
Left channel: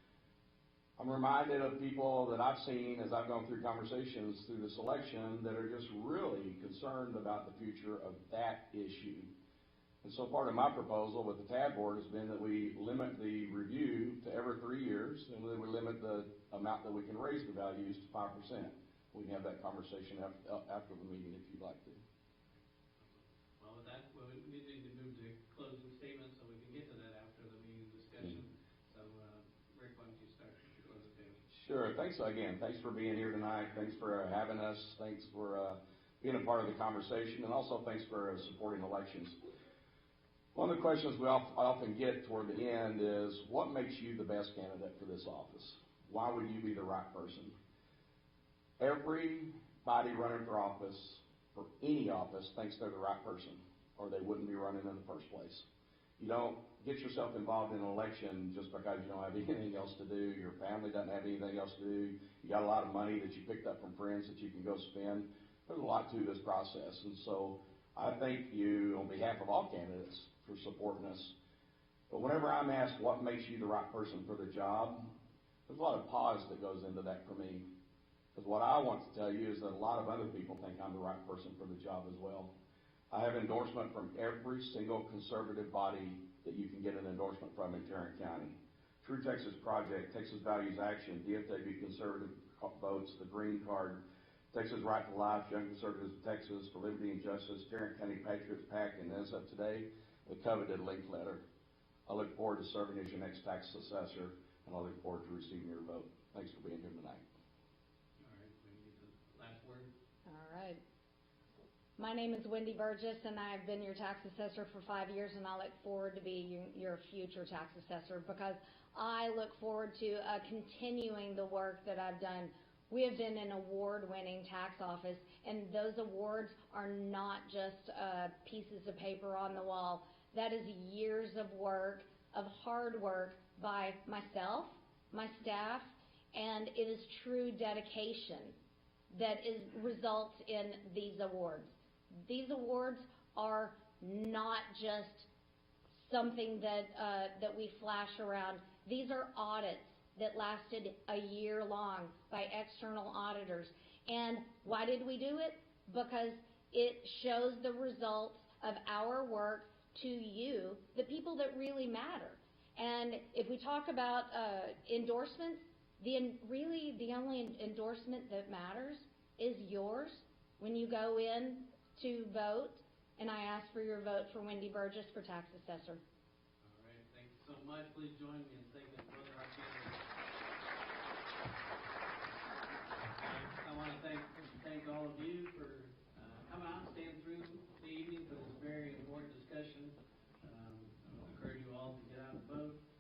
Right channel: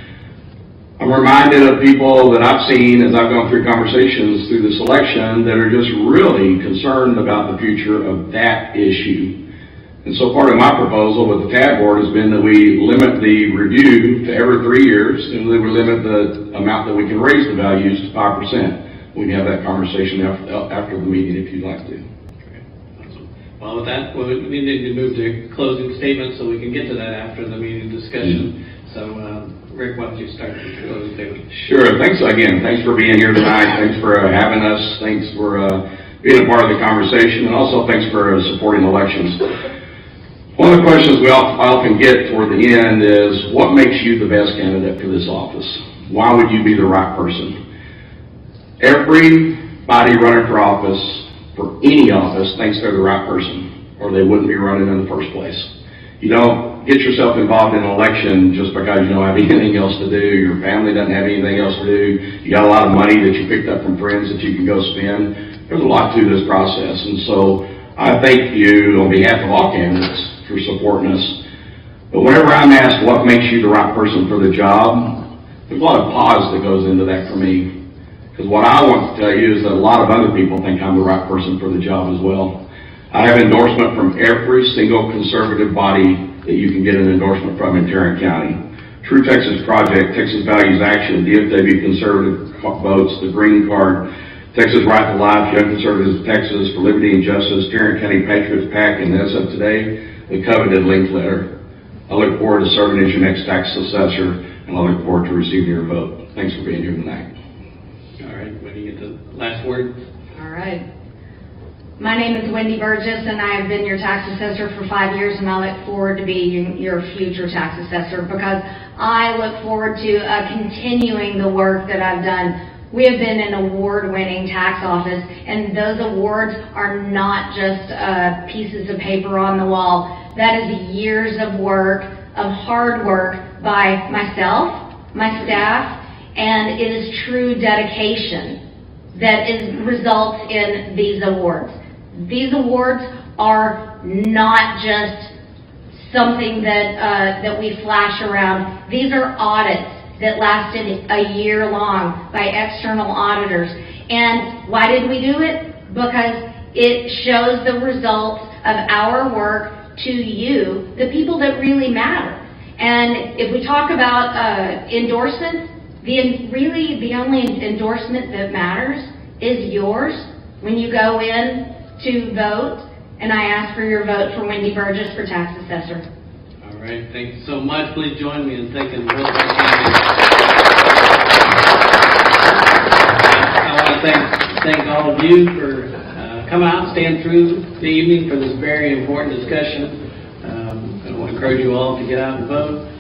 I'm reminded of people that I've seen as I've gone through conversations through this election that are just really concerned about the future of that issue. And so part of my proposal with the TAD board has been that we limit the review to every 3 years, and that we limit the amount that we can raise the values to 5%. We can have that conversation after the meeting if you'd like to. Okay. Awesome. Well, with that, we need to move to closing statements so we can get to that after the meeting discussion. So, Rick, why don't you start with the closing statement? Sure. Thanks again. Thanks for being here tonight. Thanks for having us. Thanks for being a part of the conversation, and also thanks for supporting elections. One of the questions we often get toward the end is, what makes you the best candidate for this office? Why would you be the right person? Everybody running for office, for any office, thinks they're the right person, or they wouldn't be running in the first place. You don't get yourself involved in an election just because you don't have anything else to do, your family doesn't have anything else to do, you got a lot of money that you picked up from friends that you can go spend. There's a lot to this process, and so I thank you on behalf of all candidates for supporting us. But whenever I'm asked what makes you the right person for the job, there's a lot of pause that goes into that for me. Because what I want to tell you is that a lot of other people think I'm the right person for the job as well. I have endorsement from every single conservative body that you can get an endorsement from in Tarrant County. True Texas Project, Texas Values Action, DFW Conservative Votes, the Green Card, Texas Right to Life, Young Conservatives of Texas, for Liberty and Justice, Tarrant County Patriots PAC, and as of today, the coveted link letter. I look forward to serving as your next tax assessor, and I look forward to receiving your vote. Thanks for being here tonight. All right, when you get the last word. All right. My name is Wendy Burgess, and I have been your tax assessor for 5 years, and I look forward to being your future tax assessor because I look forward to continuing the work that I've done. We have been an award-winning tax office, and those awards are not just pieces of paper on the wall. That is years of work, of hard work by myself, my staff, and it is true dedication that results in these awards. These awards are not just something that we flash around. These are audits that lasted a year long by external auditors. And why did we do it? because it shows the results of our work to you, the people that really matter. And if we talk about endorsements, really the only endorsement that matters is yours when you go in to vote, and I ask for your vote for Wendy Burgess for tax assessor. All right, thank you so much. Please join me in thanking both our candidates. I want to thank all of you for coming out and staying through the evening for this very important discussion. I want to encourage you all to get out and vote.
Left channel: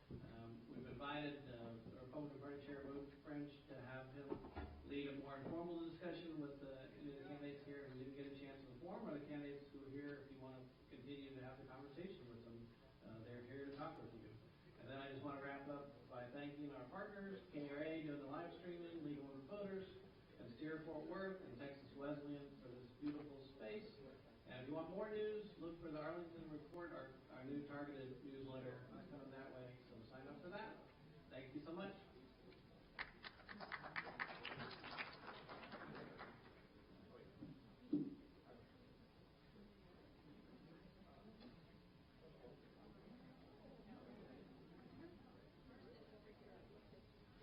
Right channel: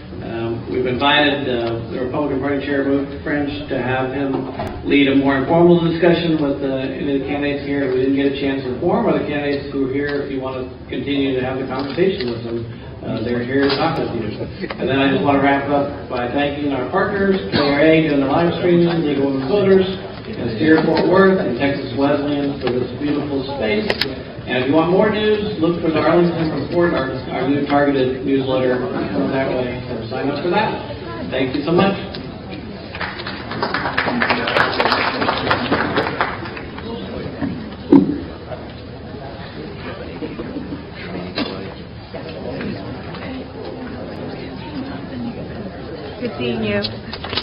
We've invited the Republican Party Chair, French, to have him lead a more informal discussion with any of the candidates here. We didn't get a chance to inform other candidates who are here. If you want to continue to have the conversation with them, they're here to talk with you. And then I just want to wrap up by thanking our partners, KERA doing the live streaming, League of Women Voters, and Fort Worth, and Texas Wesleyan for this beautiful space. And if you want more news, look for the Arlington Report, our new targeted newsletter that way. So sign up for that. Thank you so much. Good seeing you.